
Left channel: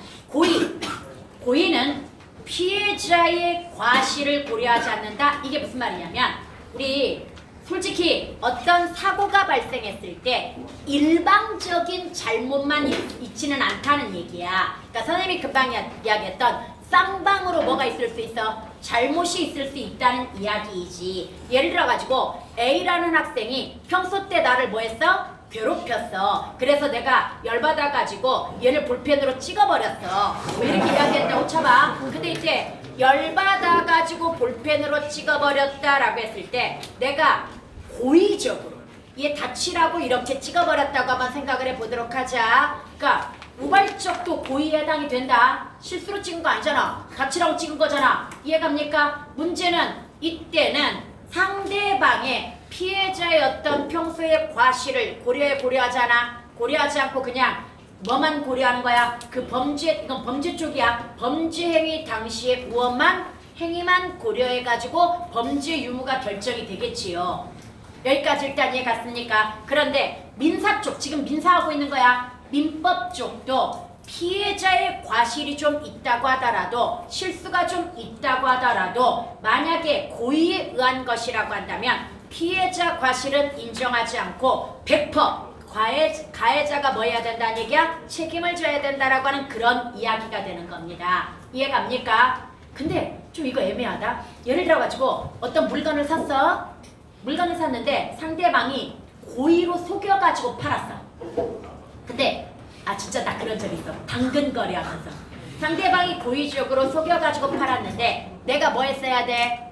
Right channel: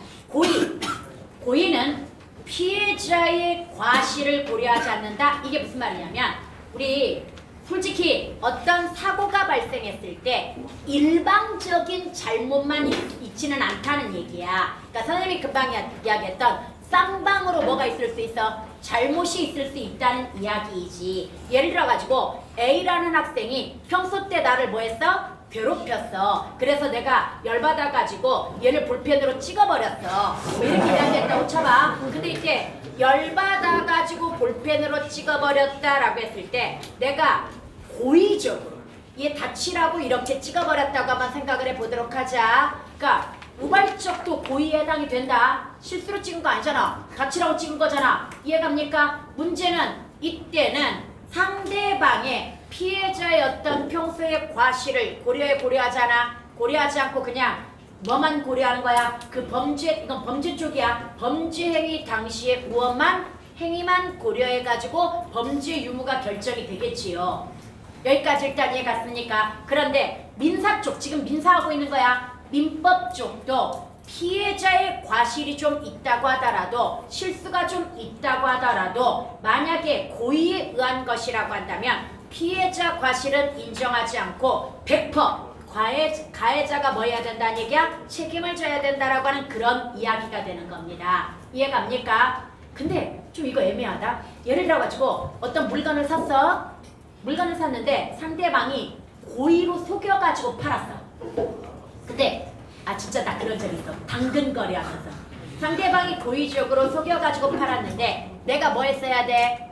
고의는 피해자의 과실을 고려하지 않는다. 이게 무슨 말이냐면 우리 솔직히 어떤 사고가 발생했을 때 일방적인 잘못만 있지는 않다는 얘기야. 그러니까 선생님이 금방 이야기했던 쌍방으로 뭐가 있을 수 있어? 잘못이 있을 수 있다는 이야기이지. 예를 들어가지고 A라는 학생이 평소 때 나를 뭐 했어? 괴롭혔어. 그래서 내가 열받아가지고 얘를 볼펜으로 찍어버렸어. 왜 이렇게 이야기했냐고 쳐봐. 근데 이제 열받아가지고 볼펜으로 찍어버렸다라고 했을 때 내가 고의적으로 얘 다치라고 이렇게 찍어버렸다고 한번 생각을 해보도록 하자. 그러니까 우발적도 고의에 해당이 된다. 실수로 찍은 거 아니잖아. 다치라고 찍은 거잖아. 이해갑니까? 문제는 이때는 상대방의 피해자의 어떤 평소의 과실을 고려하잖아. 고려하지 않고 그냥 뭐만 고려하는 거야? 그 범죄, 이건 범죄 쪽이야. 범죄 행위 당시의 무엇만 행위만 고려해가지고 범죄 유무가 결정이 되겠지요. 여기까지 일단 이해 갔습니까? 그런데 민사 쪽, 지금 민사하고 있는 거야. 민법 쪽도 피해자의 과실이 좀 있다고 하더라도 실수가 좀 있다고 하더라도 만약에 고의에 의한 것이라고 한다면 피해자 과실은 인정하지 않고 100% 가해자가 뭐 해야 된다는 얘기야? 책임을 져야 된다라고 하는 그런 이야기가 되는 겁니다. 이해갑니까? 근데 좀 이거 애매하다. 예를 들어가지고 어떤 물건을 샀어. 물건을 샀는데 상대방이 고의로 속여가지고 팔았어. 근데 진짜 나 그런 적 있어. 당근거리 하면서 상대방이 고의적으로 속여가지고 팔았는데 내가 뭐 했어야 돼?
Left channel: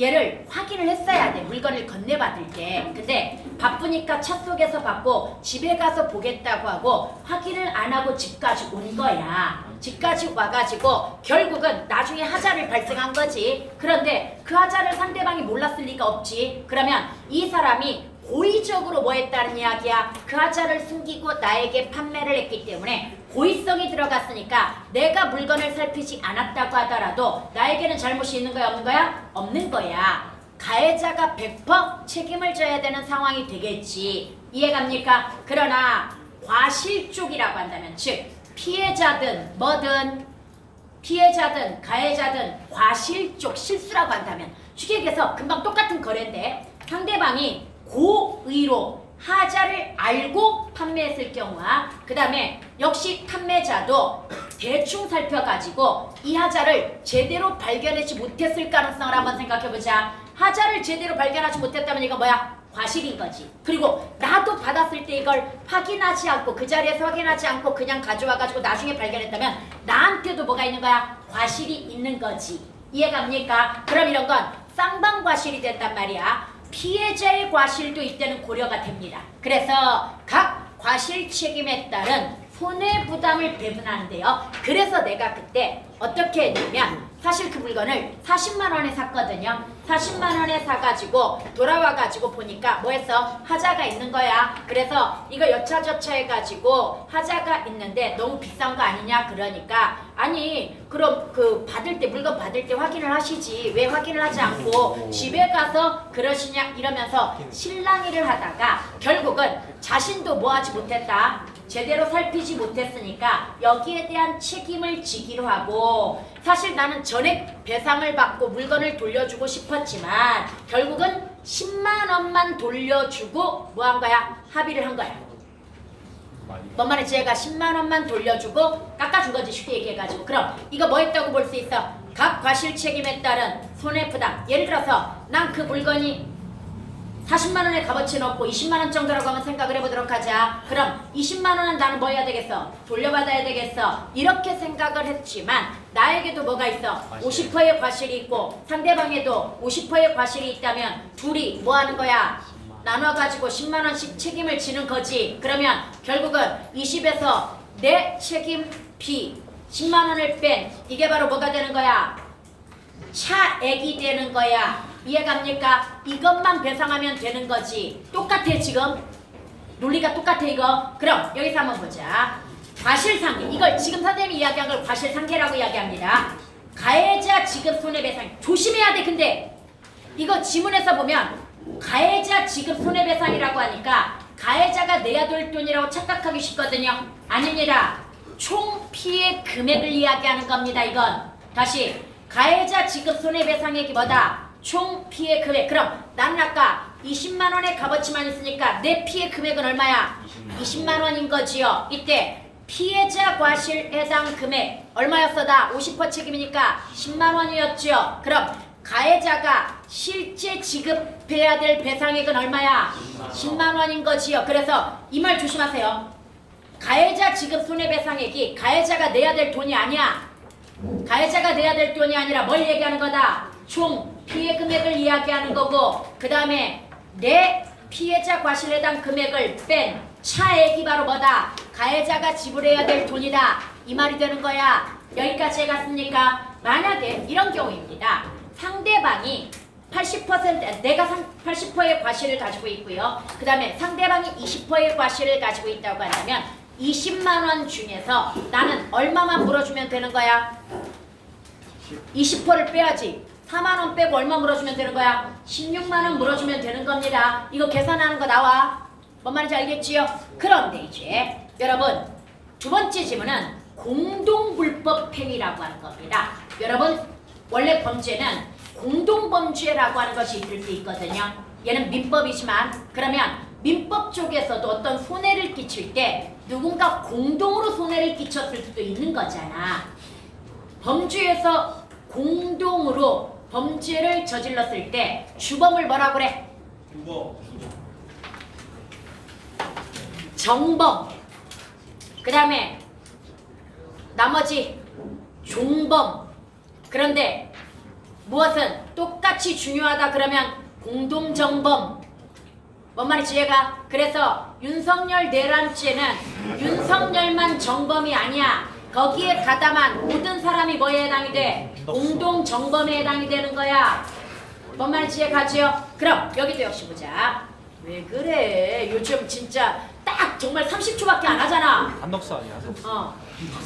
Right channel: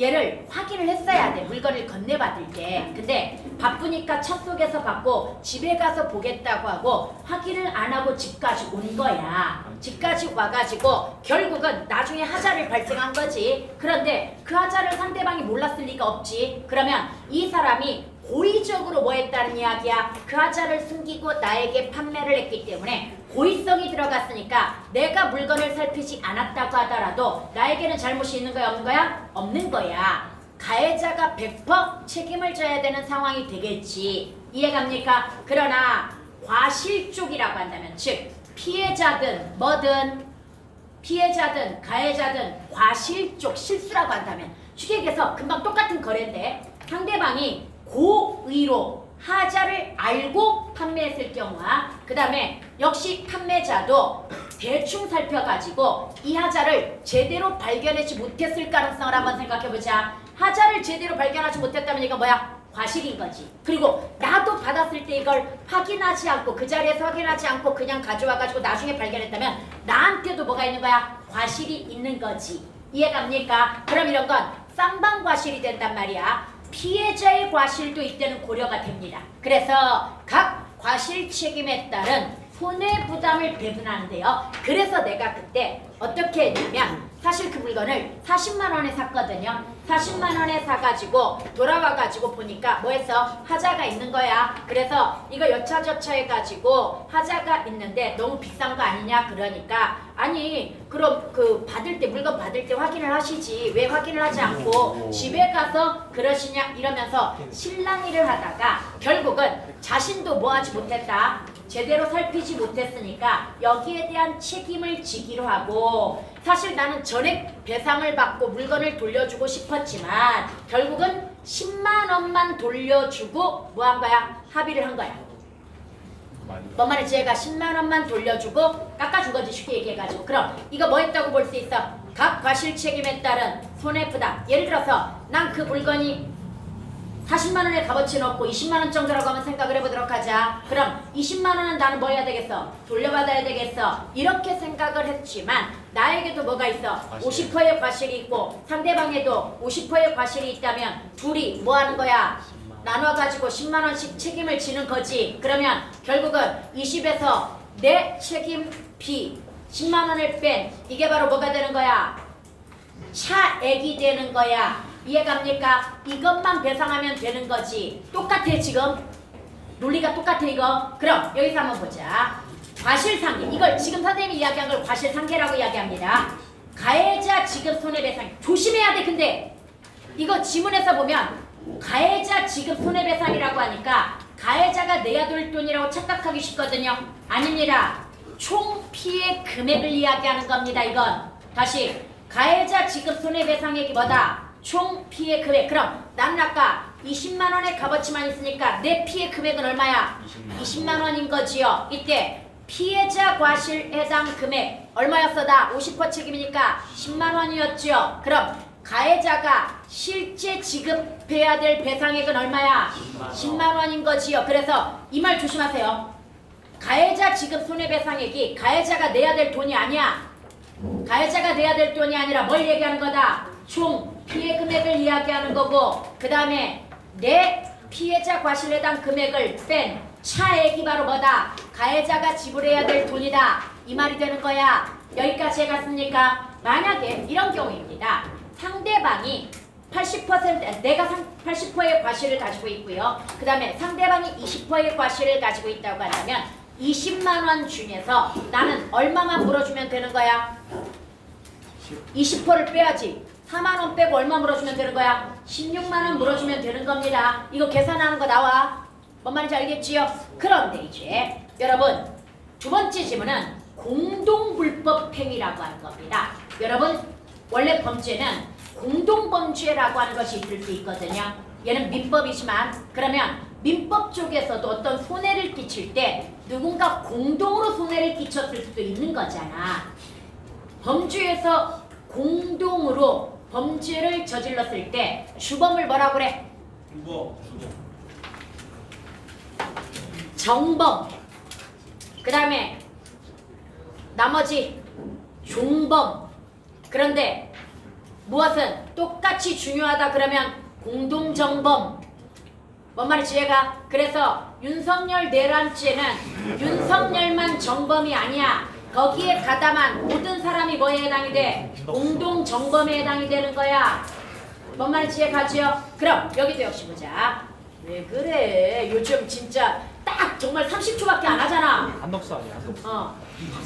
얘를 확인을 했어야 돼. 물건을 건네받을 때. 근데 바쁘니까 차 속에서 받고 집에 가서 보겠다고 하고 확인을 안 하고 집까지 온 거야. 집까지 와가지고 결국은 나중에 하자를 발생한 거지. 그런데 그 하자를 상대방이 몰랐을 리가 없지. 그러면 이 사람이 고의적으로 뭐 했다는 이야기야? 그 하자를 숨기고 나에게 판매를 했기 때문에 고의성이 들어갔으니까 내가 물건을 살피지 않았다고 하더라도 나에게는 잘못이 있는 거야? 없는 거야? 없는 거야. 가해자가 100% 책임을 져야 되는 상황이 되겠지. 이해갑니까? 그러나 과실 쪽이라고 한다면 즉 피해자든 뭐든 피해자든 가해자든 과실 쪽 실수라고 한다면 주객에서 금방 똑같은 거래인데 상대방이 고의로 하자를 알고 판매했을 경우와 그 다음에 역시 판매자도 대충 살펴가지고 이 하자를 제대로 발견하지 못했을 가능성을 한번 생각해보자. 하자를 제대로 발견하지 못했다면 이거 뭐야? 과실인 거지. 그리고 나도 받았을 때 이걸 확인하지 않고 그 자리에서 확인하지 않고 그냥 가져와가지고 나중에 발견했다면 나한테도 뭐가 있는 거야? 과실이 있는 거지. 이해갑니까? 그럼 이런 건 쌍방 과실이 된단 말이야. 피해자의 과실도 이때는 고려가 됩니다. 그래서 각 과실 책임에 따른 손해부담을 배분하는데요. 그래서 내가 그때 어떻게 했냐면 사실 그 물건을 40만 원에 샀거든요. 40만 원에 사가지고 돌아와가지고 보니까 뭐 했어? 하자가 있는 거야. 그래서 이거 여차저차 해가지고 하자가 있는데 너무 비싼 거 아니냐? 그러니까 아니 그럼 그 받을 때 물건 받을 때 확인을 하시지 왜 확인을 하지 않고 집에 가서 그러시냐? 이러면서 실랑이를 하다가 결국은 자신도 뭐 하지 못했다. 제대로 살피지 못했으니까 여기에 대한 책임을 지기로 하고 사실 나는 전액 배상을 받고 물건을 돌려주고 싶었지만 결국은 10만 원만 돌려주고 뭐 한 거야? 합의를 한 거야. 뭔 말인지 얘가 10만 원만 돌려주고 깎아준 거지 쉽게 얘기해가지고. 그럼 이거 뭐 했다고 볼 수 있어? 각 과실 책임에 따른 손해부담. 예를 들어서 난 그 물건이 40만 원의 값어치는 없고 20만 원 정도라고 한번 생각을 해보도록 하자. 그럼 20만 원은 나는 뭐 해야 되겠어? 돌려받아야 되겠어. 이렇게 생각을 했지만 나에게도 뭐가 있어? 50%의 과실이 있고 상대방에도 50%의 과실이 있다면 둘이 뭐 하는 거야? 나눠가지고 10만 원씩 책임을 지는 거지. 그러면 결국은 20에서 내 책임 B 10만 원을 뺀 이게 바로 뭐가 되는 거야? 차액이 되는 거야. 이해갑니까? 이것만 배상하면 되는 거지. 똑같아 지금. 논리가 똑같아 이거. 그럼 여기서 한번 보자. 과실상계. 이걸 지금 선생님이 이야기한 걸 과실상계라고 이야기합니다. 가해자 지급 손해배상. 조심해야 돼. 근데 이거 지문에서 보면 가해자 지급 손해배상이라고 하니까 가해자가 내야 될 돈이라고 착각하기 쉽거든요. 아닙니다. 총 피해 금액을 이야기하는 겁니다. 이건 다시 가해자 지급 손해배상액이 뭐다? 총 피해 금액. 그럼 나는 아까 20만 원의 값어치만 있으니까 내 피해 금액은 얼마야? 20만 원인 거지요. 이때 피해자 과실 해당 금액 얼마였어? 다 50% 책임이니까 10만 원이었죠. 그럼 가해자가 실제 지급해야 될 배상액은 얼마야? 10만 원인 거지요. 그래서 이 말 조심하세요. 가해자 지급 손해배상액이 가해자가 내야 될 돈이 아니야. 가해자가 내야 될 돈이 아니라 뭘 얘기하는 거다? 총 피해 금액을 이야기하는 거고, 그 다음에 내 피해자 과실 해당 금액을 뺀 차액이 바로 뭐다? 가해자가 지불해야 될 돈이다. 이 말이 되는 거야. 여기까지 해갔습니까? 만약에 이런 경우입니다. 상대방이 80% 내가 80%의 과실을 가지고 있고요. 그 다음에 상대방이 20%의 과실을 가지고 있다고 한다면 20만 원 중에서 나는 얼마만 물어주면 되는 거야? 20%를 빼야지. 4만 원 빼고 얼마 물어주면 되는 거야? 16만 원 물어주면 되는 겁니다. 이거 계산하는 거 나와. 뭔 말인지 알겠지요? 그런데 이제 여러분 두 번째 질문은 공동불법 행위라고 하는 겁니다. 여러분 원래 범죄는 공동범죄라고 하는 것이 있을 수 있거든요. 얘는 민법이지만 그러면 민법 쪽에서도 어떤 손해를 끼칠 때 누군가 공동으로 손해를 끼쳤을 수도 있는 거잖아. 범죄에서 공동으로 범죄를 저질렀을 때 주범을 뭐라 그래? 정범. 그 다음에 나머지 종범. 그런데 무엇은 똑같이 중요하다 그러면 공동정범. 뭔 말인지 이해가? 그래서 윤석열 내란죄는 윤석열만 정범이 아니야. 거기에 가담한 모든 사람이 뭐에 해당이 돼? 공동정범에 해당이 되는 거야. 뭔 말인지 이해가지요? 그럼 여기도 역시 보자. 왜 그래? 요즘 진짜 딱 정말 30초밖에 안 하잖아. 한덕수 아니야?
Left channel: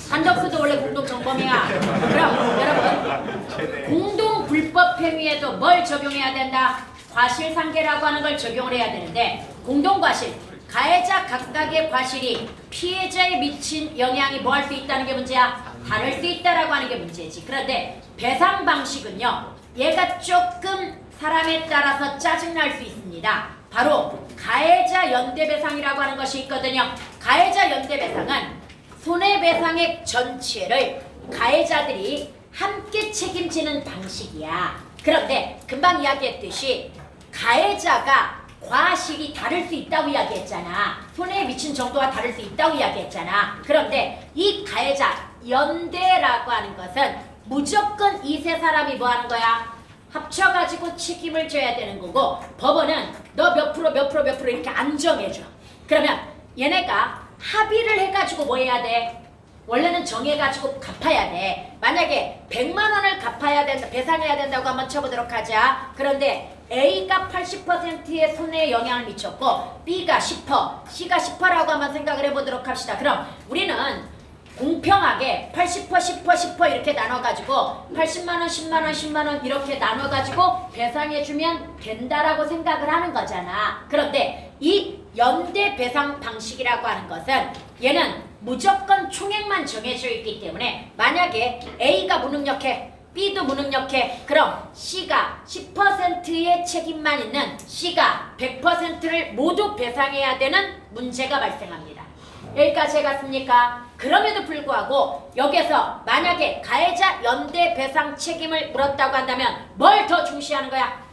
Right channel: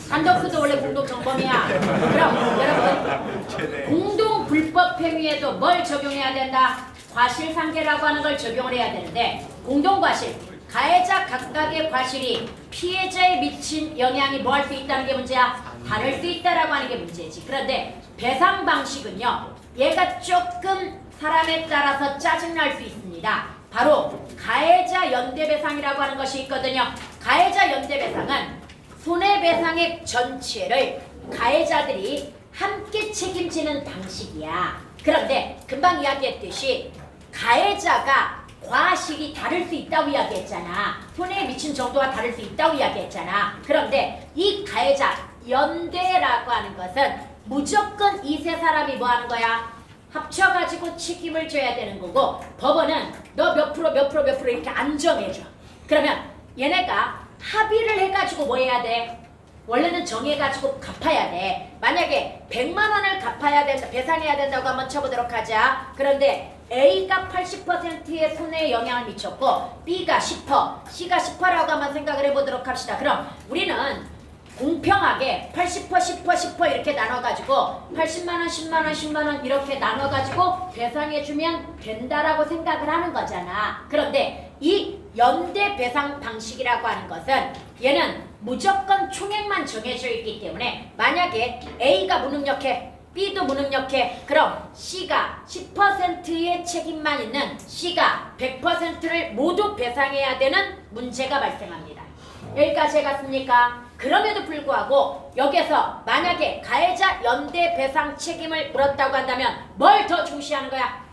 한덕수도 원래 공동정범이야. 그럼 여러분 공동 불법 행위에도 뭘 적용해야 된다? 과실상계라고 하는 걸 적용을 해야 되는데 공동과실, 가해자 각각의 과실이 피해자에 미친 영향이 뭐 할 수 있다는 게 문제야? 다를 수 있다라고 하는 게 문제지. 그런데 배상 방식은요. 얘가 조금 사람에 따라서 짜증날 수 있습니다. 바로 가해자 연대배상이라고 하는 것이 있거든요. 가해자 연대배상은 손해배상액 전체를 가해자들이 함께 책임지는 방식이야. 그런데 금방 이야기했듯이 가해자가 과실이 다를 수 있다고 이야기했잖아. 손해에 미친 정도가 다를 수 있다고 이야기했잖아. 그런데 이 가해자 연대라고 하는 것은 무조건 이 세 사람이 뭐 하는 거야? 합쳐가지고 책임을 져야 되는 거고 법원은 너 몇 프로 몇 프로 몇 프로 이렇게 안 정해줘. 그러면 얘네가 합의를 해가지고 뭐 해야 돼? 원래는 정해가지고 갚아야 돼. 만약에 100만 원을 갚아야 된다, 배상해야 된다고 한번 쳐보도록 하자. 그런데 A가 80%의 손해에 영향을 미쳤고 B가 10%, C가 10%라고 한번 생각을 해보도록 합시다. 그럼 우리는 공평하게 80%, 10%, 10% 이렇게 나눠가지고 80만 원, 10만 원, 10만 원 이렇게 나눠가지고 배상해주면 된다라고 생각을 하는 거잖아. 그런데 이 연대 배상 방식이라고 하는 것은 얘는 무조건 총액만 정해져 있기 때문에 만약에 A가 무능력해, B도 무능력해, 그럼 C가 10%의 책임만 있는 C가 100%를 모두 배상해야 되는 문제가 발생합니다. 여기까지 해갔습니까? 그럼에도 불구하고 여기서 만약에 가해자 연대 배상 책임을 물었다고 한다면 뭘 더 중시하는 거야?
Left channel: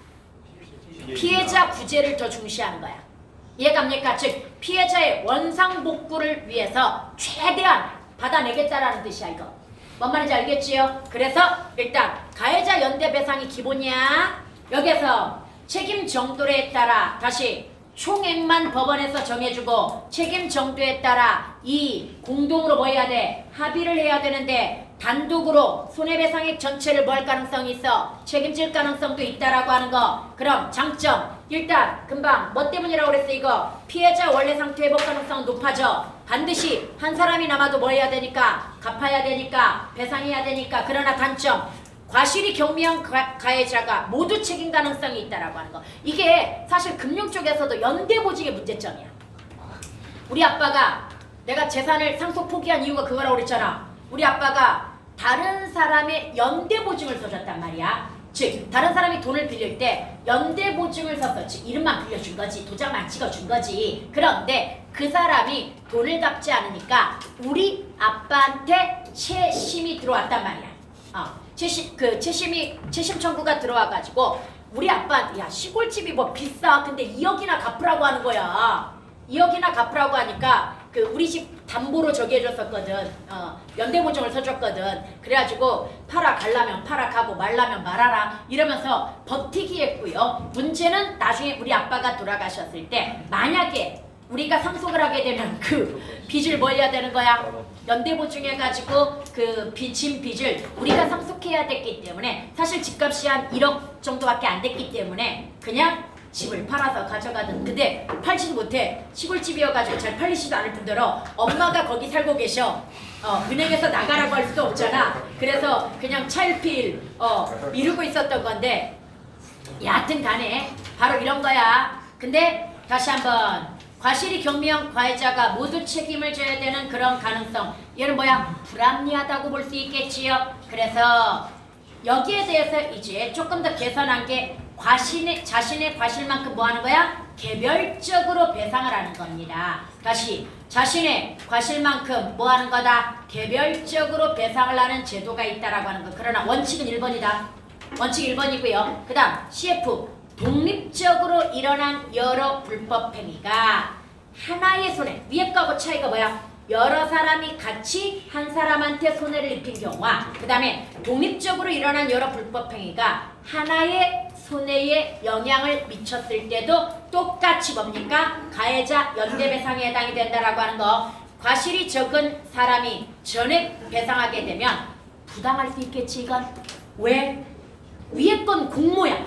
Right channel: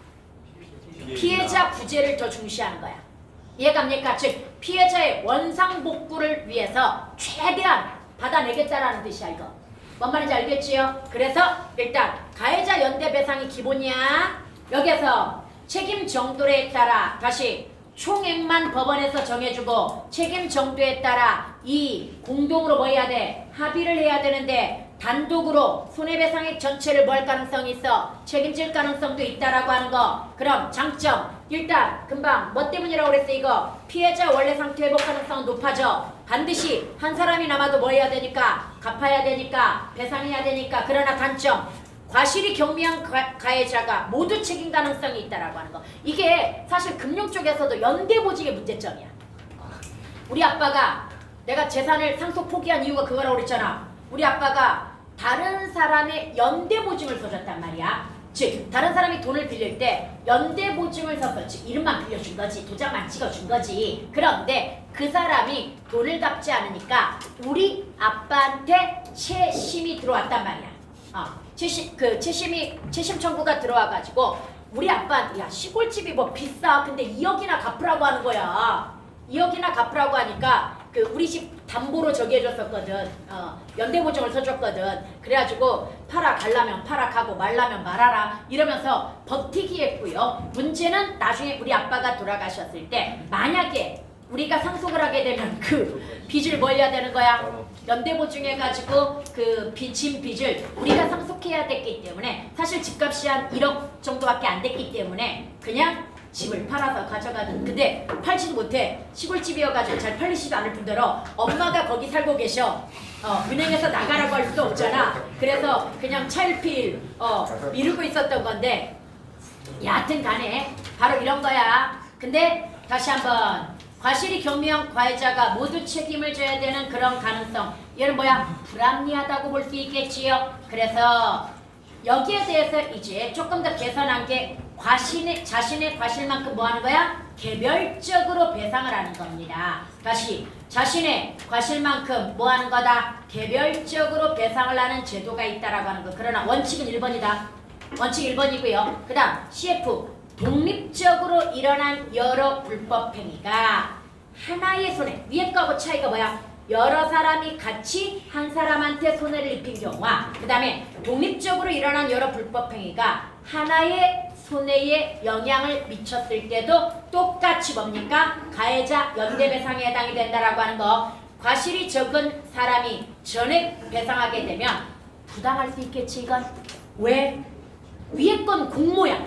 피해자 구제를 더 중시하는 거야. 이해갑니까? 즉 피해자의 원상복구를 위해서 최대한 받아내겠다라는 뜻이야. 이거 뭔 말인지 알겠지요? 그래서 일단 가해자 연대 배상이 기본이야. 여기서 책임 정도에 따라 다시 총액만 법원에서 정해주고 책임 정도에 따라 이 공동으로 뭐 해야 돼? 합의를 해야 되는데 단독으로 손해배상액 전체를 뭐 할 가능성이 있어? 책임질 가능성도 있다라고 하는 거. 그럼 장점 일단 금방 뭐 때문이라고 그랬어? 이거 피해자 원래 상태 회복 가능성은 높아져. 반드시 한 사람이 남아도 뭐 해야 되니까? 갚아야 되니까 배상해야 되니까. 그러나 단점 과실이 경미한 가해자가 모두 책임 가능성이 있다라고 하는 거. 이게 사실 금융 쪽에서도 연대보증의 문제점이야. 우리 아빠가 내가 재산을 상속 포기한 이유가 그거라고 그랬잖아. 우리 아빠가 다른 사람의 연대보증을 써줬단 말이야. 즉 다른 사람이 돈을 빌릴 때 연대보증을 서서 즉 이름만 빌려준 거지 도장만 찍어준 거지. 그런데 그 사람이 돈을 갚지 않으니까 우리 아빠한테 채심이 들어왔단 말이야. 채심 청구가 들어와가지고 우리 아빠한테 야 시골집이 뭐 비싸 근데 2억이나 갚으라고 하는 거야. 2억이나 갚으라고 하니까 그 우리 집 담보로 저기 해줬었거든. 연대보증을 서줬거든. 그래가지고 팔아 갈라면 팔아 가고 말라면 말아라 이러면서 버티기 했고요. 문제는 나중에 우리 아빠가 돌아가셨을 때 만약에 우리가 상속을 하게 되면 그 빚을 뭐 해야 되는 거야? 연대보증해가지고 그 빚을 우리가 상속해야 됐기 때문에 사실 집값이 한 1억 정도밖에 안 됐기 때문에 그냥 집을 팔아서 가져가든. 근데 팔지도 못해. 시골집이어가지고 잘 팔리지도 않을 뿐더러 엄마가 거기 살고 계셔. 은행에서 나가라고 할 수도 없잖아. 그래서 그냥 차일피일 미루고 있었던 건데 여하튼 간에 바로 이런 거야. 근데 다시 한번 과실이 경미한 과외자가 모두 책임을 져야 되는 그런 가능성. 얘는 뭐야? 불합리하다고 볼 수 있겠지요. 그래서 여기에 대해서 이제 조금 더 개선한 게 자신의 과실만큼 뭐 하는 거야? 개별적으로 배상을 하는 겁니다. 다시 자신의 과실만큼 뭐 하는 거다? 개별적으로 배상을 하는 제도가 있다라고 하는 거. 그러나 원칙은 1번이다. 원칙 1번이고요. 그 다음 CF 독립적으로 일어난 여러 불법 행위가 하나의 손해. 위에 거하고 차이가 뭐야? 여러 사람이 같이 한 사람한테 손해를 입힌 경우와 그 다음에 독립적으로 일어난 여러 불법 행위가 하나의 손해에 영향을 미쳤을 때도 똑같이 뭡니까? 가해자 연대배상에 해당이 된다라고 하는 거. 과실이 적은 사람이 전액 배상하게 되면 부당할 수 있겠지 이건. 왜? 위에 건 공모야.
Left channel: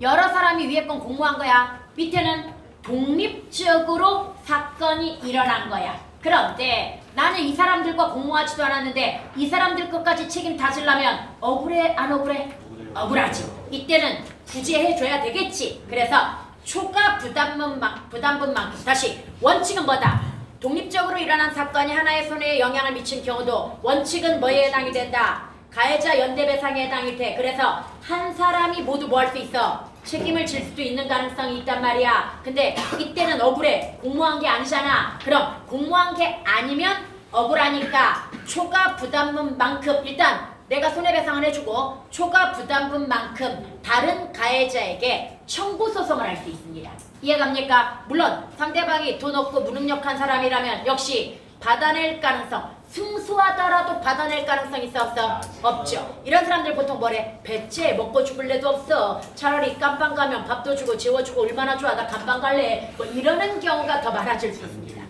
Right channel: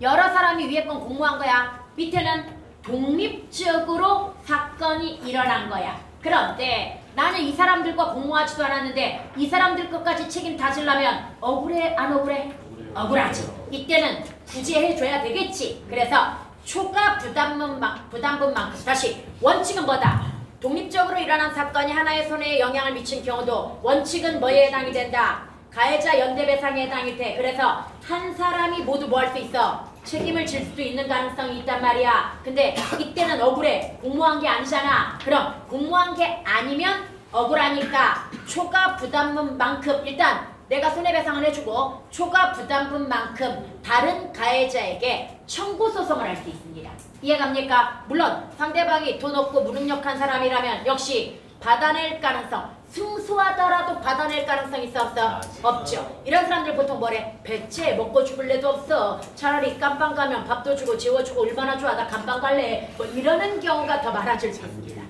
여러 사람이 위에 건 공모한 거야. 밑에는 독립적으로 사건이 일어난 거야. 그런데 나는 이 사람들과 공모하지도 않았는데 이 사람들 것까지 책임 다지려면 억울해 안 억울해? 억울하지. 이때는 구제해줘야 되겠지. 그래서 초과 부담분만큼 다시 원칙은 뭐다? 독립적으로 일어난 사건이 하나의 손해에 영향을 미친 경우도 원칙은 뭐에 해당이 된다? 가해자 연대배상에 해당이 돼. 그래서 한 사람이 모두 뭐 할 수 있어? 책임을 질 수도 있는 가능성이 있단 말이야. 근데 이때는 억울해. 공모한 게 아니잖아. 그럼 공모한 게 아니면 억울하니까 초과 부담분만큼 일단 내가 손해배상을 해주고 초과 부담분만큼 다른 가해자에게 청구 소송을 할 수 있습니다. 이해갑니까? 물론 상대방이 돈 없고 무능력한 사람이라면 역시 받아낼 가능성, 승소하더라도 받아낼 가능성이 있어 없어? 없죠. 이런 사람들 보통 뭐래? 배째 먹고 죽을래도 없어. 차라리 깜빵 가면 밥도 주고 재워주고 얼마나 좋아. 나 감방 갈래. 뭐 이러는 경우가 더 많아질 수 있습니다.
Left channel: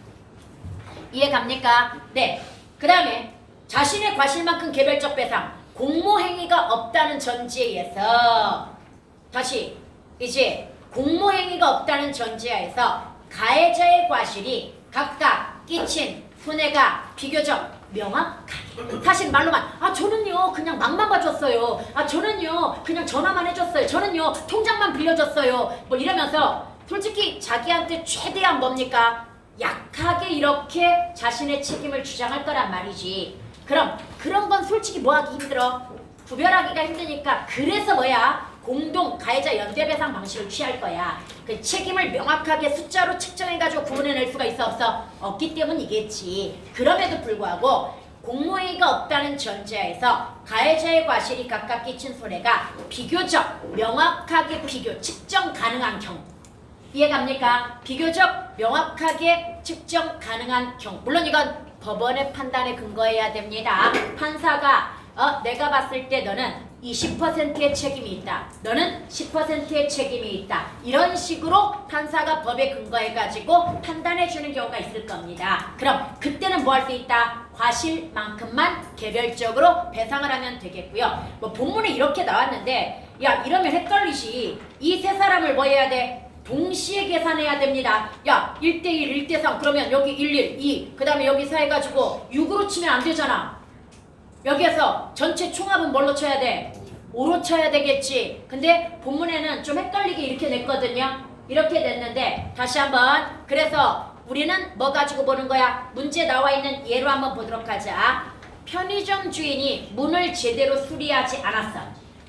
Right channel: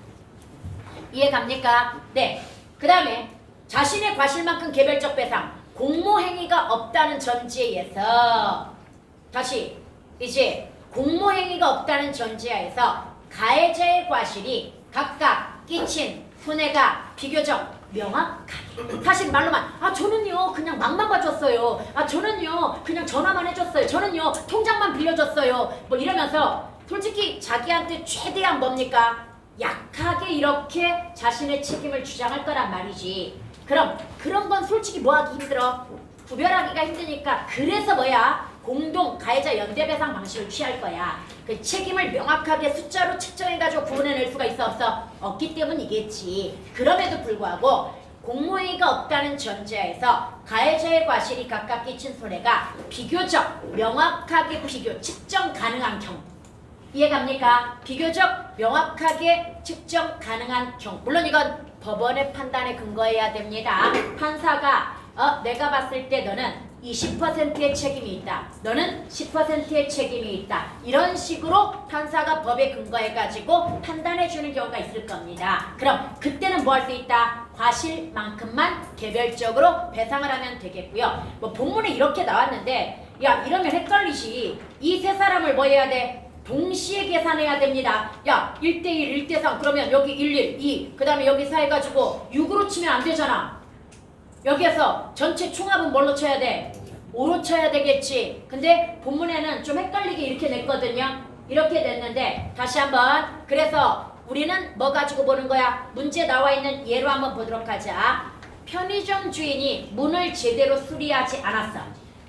이해갑니까? 네. 그 다음에 자신의 과실만큼 개별적 배상. 공모행위가 없다는 전제에서 다시 이제 공모행위가 없다는 전제하에서 가해자의 과실이 각각 끼친 손해가 비교적 명확하게. 사실 말로만 저는요 그냥 맘만 봐줬어요. 저는요 그냥 전화만 해줬어요. 저는요 통장만 빌려줬어요. 뭐 이러면서 솔직히 자기한테 최대한 뭡니까? 약하게 이렇게 자신의 책임을 주장할 거란 말이지. 그럼 그런 건 솔직히 뭐하기 힘들어? 구별하기가 힘드니까 그래서 뭐야? 공동 가해자 연대배상 방식을 취할 거야. 그 책임을 명확하게 숫자로 측정해가지고 구분해낼 수가 있어 없어? 없기 때문이겠지. 그럼에도 불구하고 공모행위가 없다는 전제하에서 가해자의 과실이 각각 끼친 손해가 비교적 명확하게 측정 가능한 경우. 이해갑니까? 비교적 명확하게 측정 가능한 경우. 물론 이건 법원의 판단에 근거해야 됩니다. 판사가 내가 봤을 때 너는 20%의 책임이 있다. 너는 10%의 책임이 있다. 이런 식으로 판사가 법에 근거해가지고 판단해주는 경우가 있을 겁니다. 그럼 그때는 뭐 할 수 있다? 과실만큼만 개별적으로 배상을 하면 되겠고요. 뭐 본문에 이렇게 나왔는데 야 이러면 헷갈리지. 이 세 사람을 뭐 해야 돼? 동시에 계산해야 됩니다. 야 1대1, 1대3 그러면 여기 1, 2 그 다음에 여기 4 해가지고 6으로 치면 안 되잖아. 여기에서 전체 총합은 뭘로 쳐야 돼? 5로 쳐야 되겠지. 근데 본문에는 좀 헷갈리게 이렇게 냈거든요. 이렇게 냈는데 다시 한번 그래서 우리는 뭐 가지고 보는 거야? 문제 나와 있는 예로 한번 보도록 하자. 편의점 주인이 문을 제대로 수리하지 않았어.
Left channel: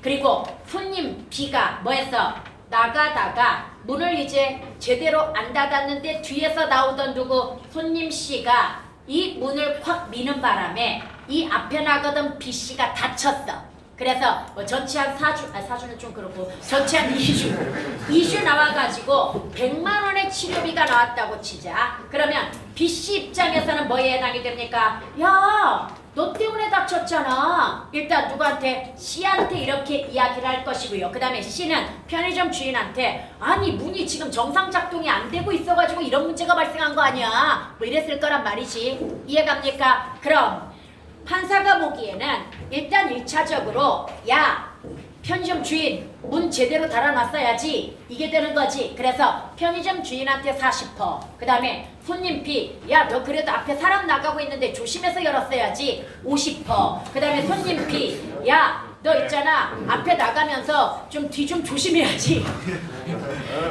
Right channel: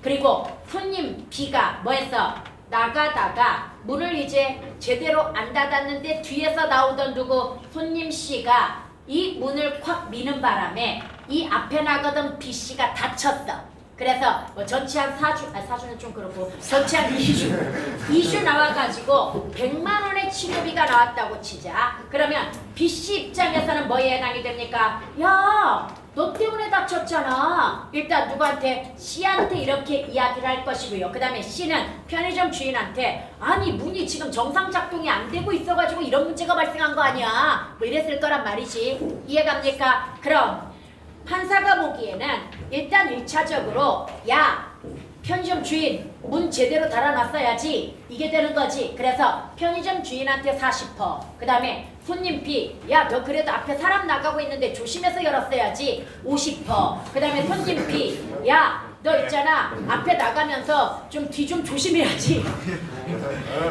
그리고 손님 B가 뭐 했어? 나가다가 문을 이제 제대로 안 닫았는데 뒤에서 나오던 누구? 손님 C가 이 문을 콱 미는 바람에 이 앞에 나가던 B씨가 다쳤어. 그래서 뭐 전체 한 4주, 아 4주는 좀 그렇고 전체 한 2주 나와가지고 100만 원의 치료비가 나왔다고 치자. 그러면 B씨 입장에서는 뭐에 해당이 됩니까? 야, 너 때문에 다쳤잖아. 일단 누구한테? C한테 이렇게 이야기를 할 것이고요. 그 다음에 C는 편의점 주인한테 아니 문이 지금 정상 작동이 안 되고 있어가지고 이런 문제가 발생한 거 아니야. 뭐 이랬을 거란 말이지. 이해갑니까? 그럼 판사가 보기에는 일단 1차적으로 야 편의점 주인 문 제대로 달아놨어야지 이게 되는 거지. 그래서 편의점 주인한테 40%, 그 다음에 손님 B 야 너 그래도 앞에 사람 나가고 있는데 조심해서 열었어야지 50%, 그 다음에 손님 B 야 너 있잖아 앞에 나가면서 좀 뒤 좀 조심해야지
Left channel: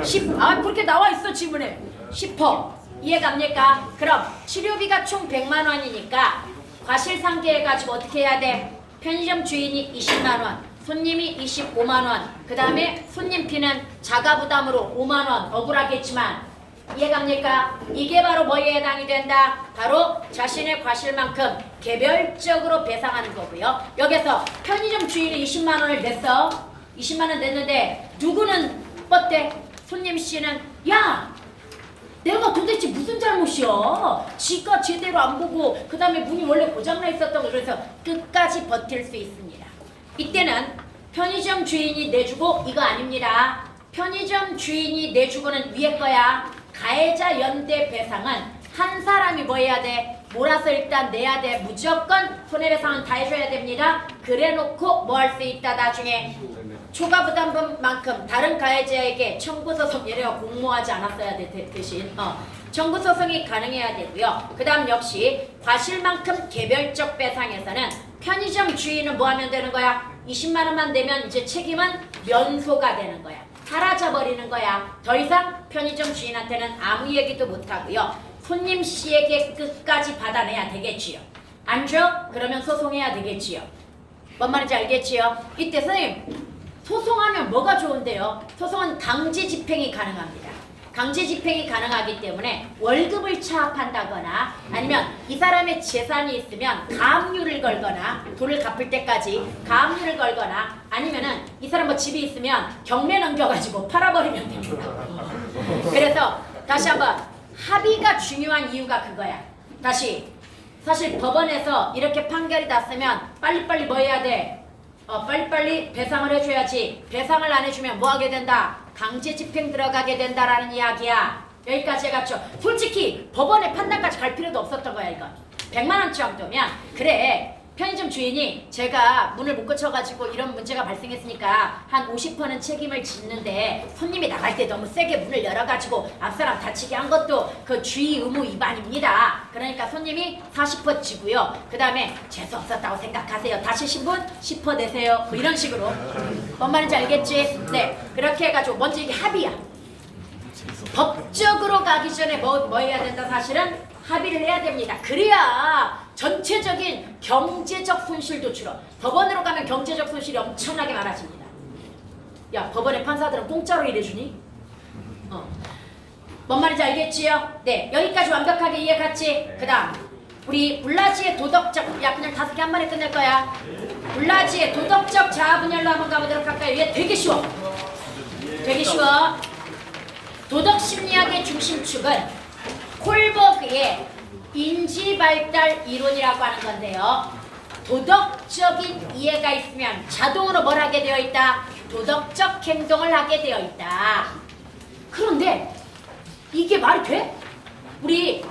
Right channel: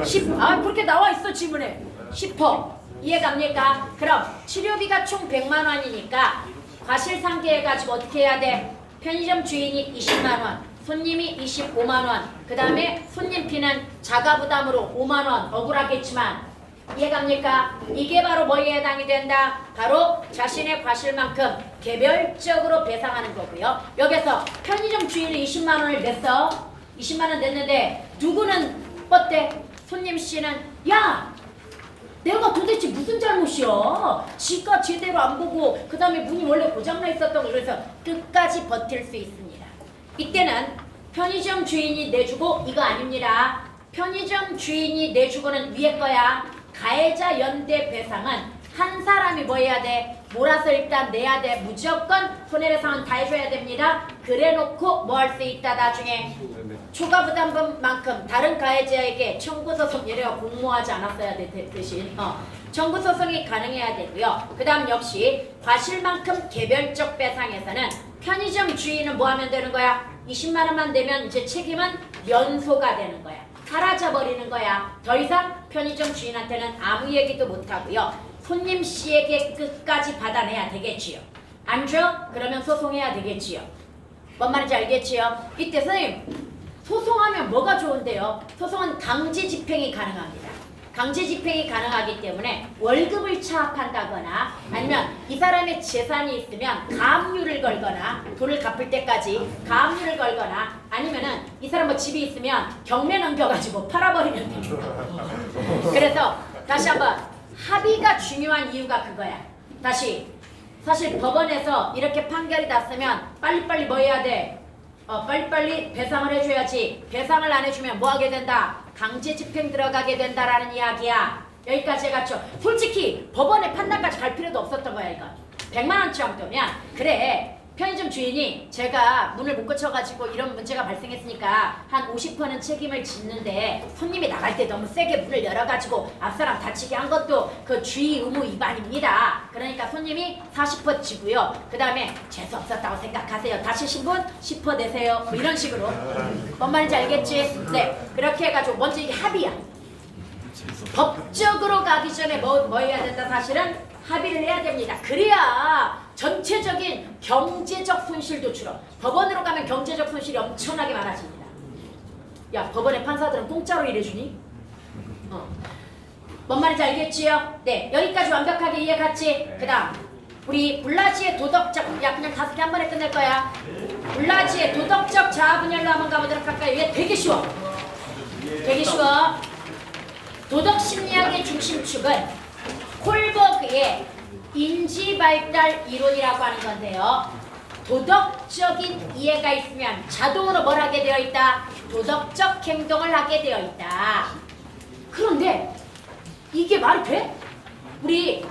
10, 아 그렇게 나와 있어 지문에 10%. 이해갑니까? 그럼 치료비가 총 100만 원이니까 과실상계해가지고 어떻게 해야 돼? 편의점 주인이 20만 원, 손님이 25만 원, 그 다음에 손님 P는 자가부담으로 5만 원 억울하겠지만 이해갑니까? 이게 바로 뭐에 해당이 된다? 바로 자신의 과실만큼 개별적으로 배상하는 거고요. 여기서 편의점 주인이 20만 원을 냈어. 20만 원 냈는데 누구는 뻗대? 손님 C는 야! 내가 도대체 무슨 잘못이야? 지가 제대로 안 보고 그 다음에 문이 원래 고장나 있었던 거 그래서 끝까지 버틸 수 있습니다. 이때는 편의점 주인이 내주고 이거 아닙니다. 편의점 주인이 내주고는 위에 거야. 가해자 연대 배상은 한 사람이 뭐 해야 돼? 몰아서 일단 내야 돼. 무조건 손해배상은 다 해줘야 됩니다. 그래놓고 뭐 할 수 있다 나중에 초과부담금만큼 다른 가해자에게 청구소송 예래가 공모하지 않았어야 돼 대신 청구소송이 가능해야 되고요. 그 다음 역시 과실만큼 개별적 배상에서는 편의점 주인은 뭐 하면 되는 거야? 20만 원만 내면 이제 책임은 면소가 되는 거야. 사라져버리는 거야. 더 이상 편의점 주인한테는 아무 얘기도 못하고요. 손님 C에게 끝까지 받아내야 되겠지요. 안 줘? 그러면 소송해야 되겠지요. 뭔 말인지 알겠지요? 이때 선생님 소송하면 뭐가 좋은데요? 소송은 강제 집행이 가능합니다. 강제 집행이 가능하기 때문에 월급을 차압한다거나 아니면 이 사람의 재산이 있으면 가압류를 걸거나 돈을 갚을 때까지 가압류를 걸거나 아니면은 이 사람 뭐 집이 있으면 경매 넘겨가지고 팔아버리면 됩니다. 그래서 다시 한번 합의가 중요한 이유가 그거야. 다시 사실 법원에서 이렇게 판결이 났으면 빨리빨리 뭐 해야 돼? 빨리빨리 배상을 해줘야지. 배상을 안 해주면 뭐 하게 된다? 강제 집행 들어가게 된다라는 이야기야. 여기까지 해갔죠. 솔직히 법원의 판단까지 갈 필요도 없었던 거야 이거. 100만 원치 정도면 그래. 편의점 주인이 제가 문을 못 고쳐가지고 이런 문제가 발생했으니까 한 50%는 책임을 짓는데 손님이 나갈 때 너무 세게 문을 열어가지고 앞사람 다치게 한 것도 그 주의 의무 위반입니다. 그러니까 손님이 40% 지고요. 그 다음에 재수 없었다고 생각하세요. 다치신 분 10% 내세요. 뭐 이런 식으로. 뭔 말인지 알겠지? 네. 그렇게 해가지고 먼저 이게 합의야. 법적으로 가기 전에 뭐 해야 된다 사실은? 합의를 해야 됩니다. 그래야 전체적인 경제적 손실도 줄어. 법원으로 가면 경제적 손실이 엄청나게 많아집니다. 야, 법원의 판사들은 공짜로 일해주니? 뭔 말인지 알겠지요? 네, 여기까지 완벽하게 이해갔지? 그 다음 우리 불라지의 도덕적, 야 그냥 5개 한 번에 끝낼 거야. 불라지의 도덕적 자아 분열로 한번 가보도록 할까요? 얘 되게 쉬워. 되게 쉬워. 도덕 심리학의 중심축은 콜버그의 인지발달 이론이라고 하는 건데요. 도덕적인 이해가 있으면 자동으로 뭘 하게 되어 있다? 도덕적 행동을 하게 되어 있다. 그런데 이게 말이 돼? 우리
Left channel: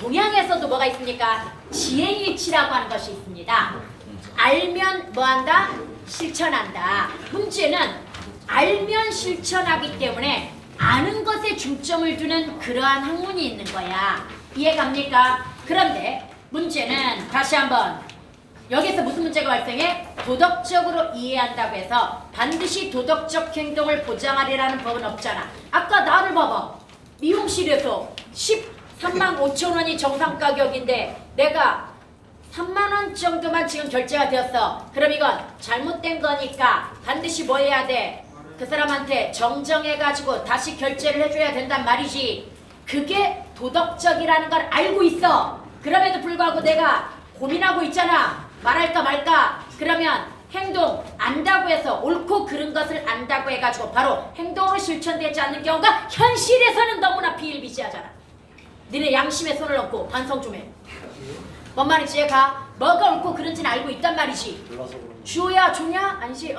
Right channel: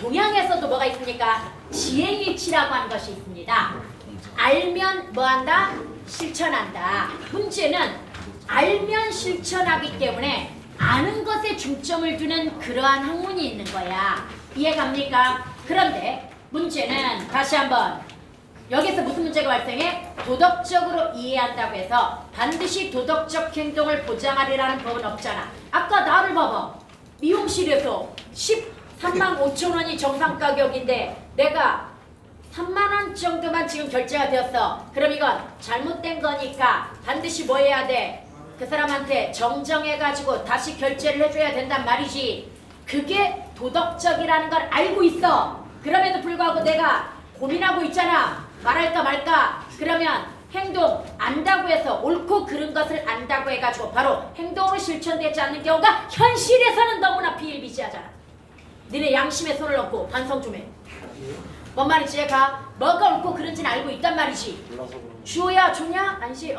동양에서도 뭐가 있습니까? 지행일치라고 하는 것이 있습니다. 알면 뭐한다? 실천한다. 문제는 알면 실천하기 때문에 아는 것에 중점을 두는 그러한 학문이 있는 거야. 이해갑니까? 그런데 문제는 다시 한번 여기서 무슨 문제가 발생해? 도덕적으로 이해한다고 해서 반드시 도덕적 행동을 보장하리라는 법은 없잖아. 아까 나를 봐봐. 미용실에서 13만 5천 원이 정상 가격인데 내가 3만 원 정도만 지금 결제가 되었어. 그럼 이건 잘못된 거니까 반드시 뭐 해야 돼? 그 사람한테 정정해가지고 다시 결제를 해줘야 된단 말이지. 그게 도덕적이라는 걸 알고 있어. 그럼에도 불구하고 내가 고민하고 있잖아. 말할까 말까. 그러면 행동 안다고 해서 옳고 그른 것을 안다고 해가지고 바로 행동으로 실천되지 않는 경우가 현실에서는 너무나 비일비재하잖아. 니네 양심에 손을 얹고 반성 좀 해. 뭔 말인지 얘가 뭐가 옳고 그른지는 알고 있단 말이지. 주어야 주냐? 아니지.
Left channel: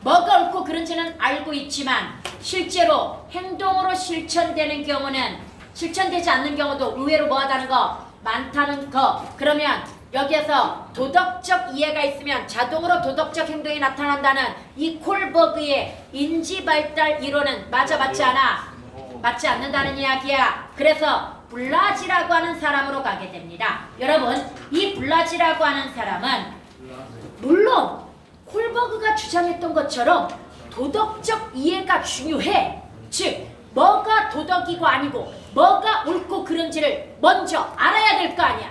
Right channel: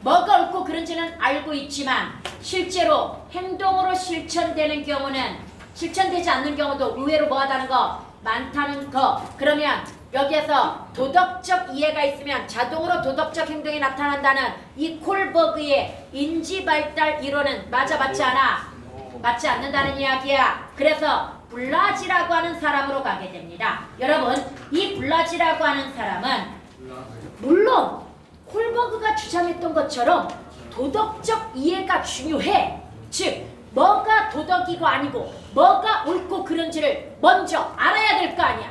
뭐가 옳고 그른지는 알고 있지만 실제로 행동으로 실천되는 경우는 실천되지 않는 경우도 의외로 뭐하다는 거? 많다는 거. 그러면 여기에서 도덕적 이해가 있으면 자동으로 도덕적 행동이 나타난다는 이 콜버그의 인지발달 이론은 맞아 맞지 않아? 맞지 않는다는 이야기야. 그래서 블라지라고 하는 사람으로 가게 됩니다. 여러분, 이 블라지라고 하는 사람은 물론 콜버그가 주장했던 것처럼 도덕적 이해가 중요해. 즉 뭐가 도덕이고 아니고 뭐가 옳고 그른지를 먼저 알아야 될 거 아니야.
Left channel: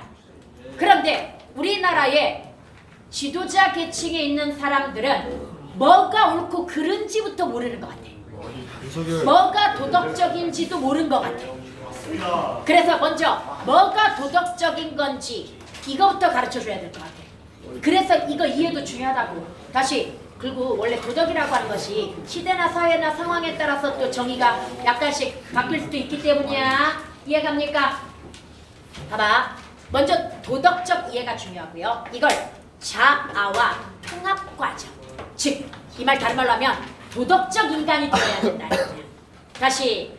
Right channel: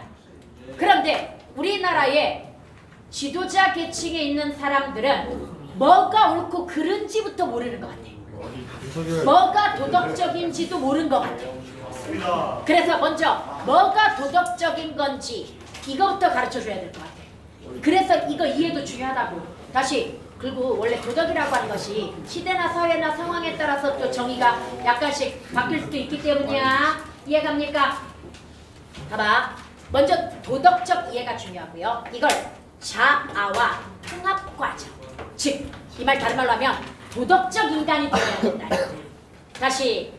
그런데 우리나라의 지도자 계층에 있는 사람들은 뭐가 옳고 그른지부터 모르는 것 같아. 뭐가 도덕적인지도 모르는 것 같아. 그래서 먼저 뭐가 도덕적인 건지 이거부터 가르쳐줘야 될 것 같아. 그래서 이거 이해도 중요하다고. 다시 그리고 원래 도덕이라고 하는 것이 시대나 사회나 상황에 따라서 또 정의가 약간씩 바뀔 수도 있기 때문이야. 이해갑니까? 봐봐. 먼저 도덕적 이해가 중요하고요. 이걸 자아와 통합 과정. 즉, 이 말 다른 말로 하면 도덕적 인간이 되어야 된다는 거야. 다시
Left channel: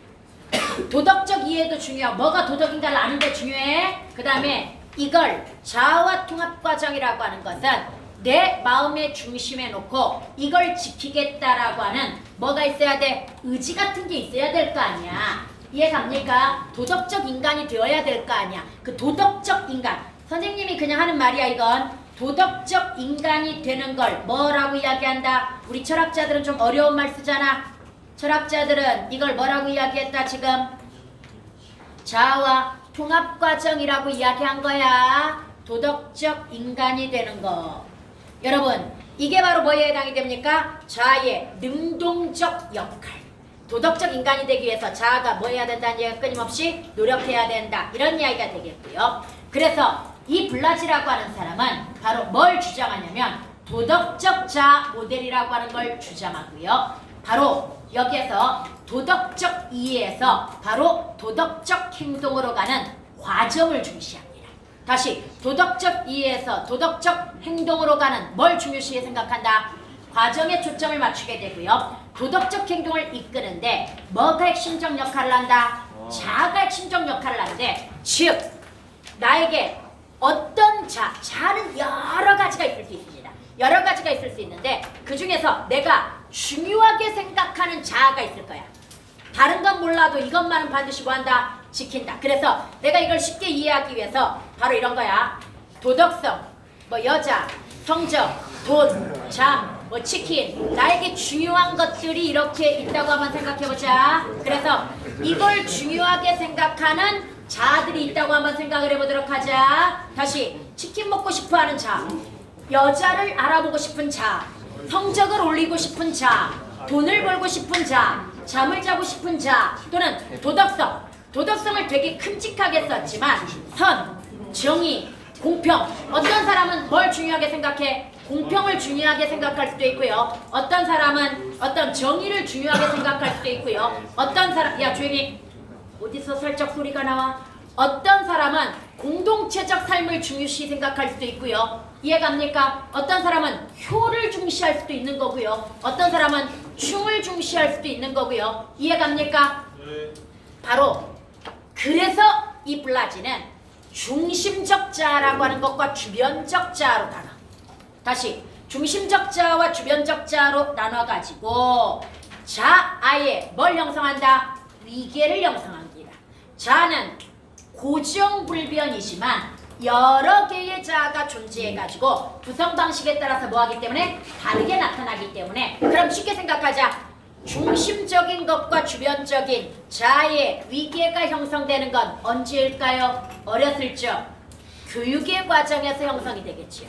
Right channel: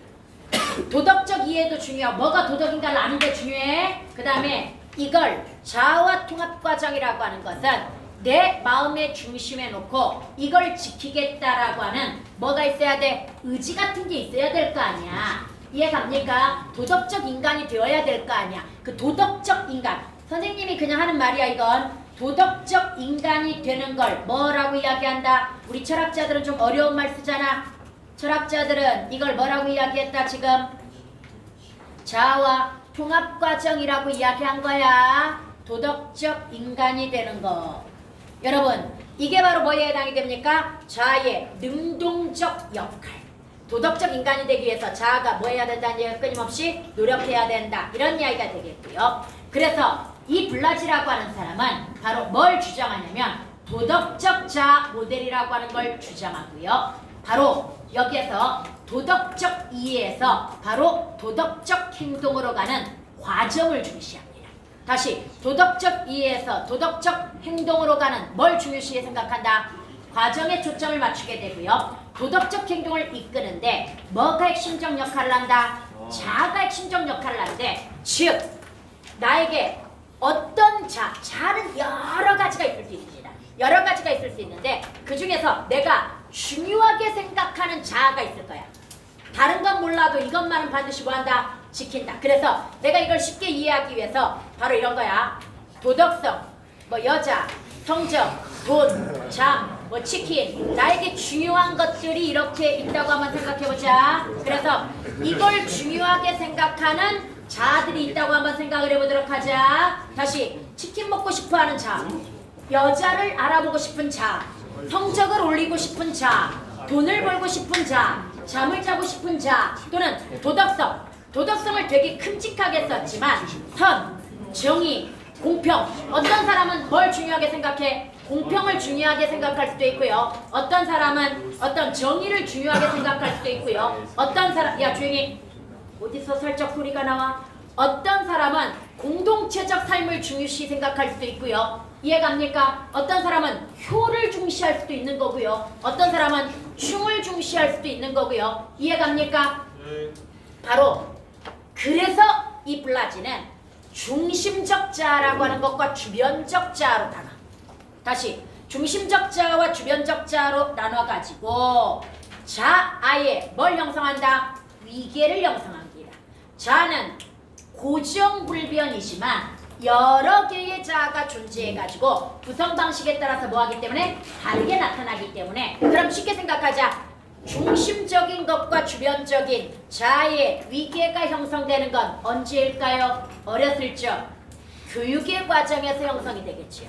도덕적 이해도 중요하고 뭐가 도덕인가를 아는 게 중요해. 그 다음에 이걸 자아와 통합 과정이라고 하는 것은 내 마음의 중심에 놓고 이걸 지키겠다라고 하는 뭐가 있어야 돼? 의지 같은 게 있어야 될 거 아니야. 이해갑니까? 도덕적 인간이 되어야 될 거 아니야. 그 도덕적 인간. 선생님이 그냥 하는 말이야 이건. 도덕적 인간이 되는 걸 뭐라고 이야기한다? 우리 철학자들은 좀 어려운 말 쓰잖아. 철학자들은 이걸 뭐라고 이야기했다 지금? 자아와 통합 과정이라고 이야기한 거야. 도덕적 인간이 되는 거. 여러분, 이게 바로 뭐에 해당이 됩니까? 자아의 능동적 역할. 도덕적 인간이 되기 위해서 자아가 뭐 해야 된다는 얘기가 끊임없이 노력해야 된다. 이런 이야기가 되겠고요. 그래서 이 블라지라고 하는 사람은 바로 뭘 주장하냐면 도덕적 자아 모델이라고 하는 걸 주장하고요. 바로 여기에서 도덕적 이해에서 바로 도덕적 행동으로 가는 과정을 중시합니다. 다시 도덕적 이해에서 도덕적 행동으로 가는 뭘 중요시해 생각한다? 과정에 초점을 맞추게 되고요. 도덕적 행동을 이끄는데 뭐가 핵심적 역할을 한다? 자아가 핵심적 역할을 하는데 즉 나에게 어떤 자아는 여러 가지가 있을 수 있습니다. 여러 가지가 있을 수 있는데 그 중에서 내가 중요하게 생각하는 자아가 있을 거야. 다른 건 몰라도 이것만은 반드시 뭐한다? 지킨다. 그래서 내가 이걸 쉽게 이해하기 위해서 바로 이런 거야. 도덕성, 뭐 여자, 성적, 돈, 잠, 뭐 치킨. 나에게 중요한 것들이 이렇게 있다고 한번 생각해보자. 그래서 이걸 중요하게 생각하는 자아들이 있다고 한번 생각을 해보도록 하자. 다시 치킨 먹고 싶어하는 자아, 여자를 알아보고 싶은 자아, 성적을 올리고 싶은 자아, 돈을 벌고 싶은 자아, 잠을 자고 싶은 자아, 또는 도덕성. 도덕성을 되게 큼직하게 썼지만 선, 정의, 공평. 어떤 사람은 뭘 중요하게 생각해? 공평을 중요하게 생각할 수도 있고요. 어떤 사람은 어떤 정의를 중요하게 생각할 수도 있고요. 어떤 사람, 야 조용히. 어디서 살짝 소리가 나와? 어떤 사람은 공동체적 삶을 중요시 생각할 수도 있고요. 이해갑니까? 어떤 사람은 효를 중시할 수도 있는 거고요. 어떤 사람은 충을 중시할 수도 있는 거고요. 이해갑니까? 네. 바로 그래서 이 블라지는 중심적 자아라고 하는 것과 주변적 자아로 나눠. 다시 중심적 자아와 주변적 자아로 나눠가지고 자아에 뭘 형성한다? 위계를 형성합니다. 자아는 고정불변이지만 여러 개의 자아가 존재해가지고 구성 방식에 따라서 뭐하기 때문에 다르게 나타나기 때문에 그럼 쉽게 생각하자. 중심적인 것과 주변적인 자아의 위계가 형성되는 건 언제일까요? 어렸을 적 교육의 과정에서 형성이 되겠지요.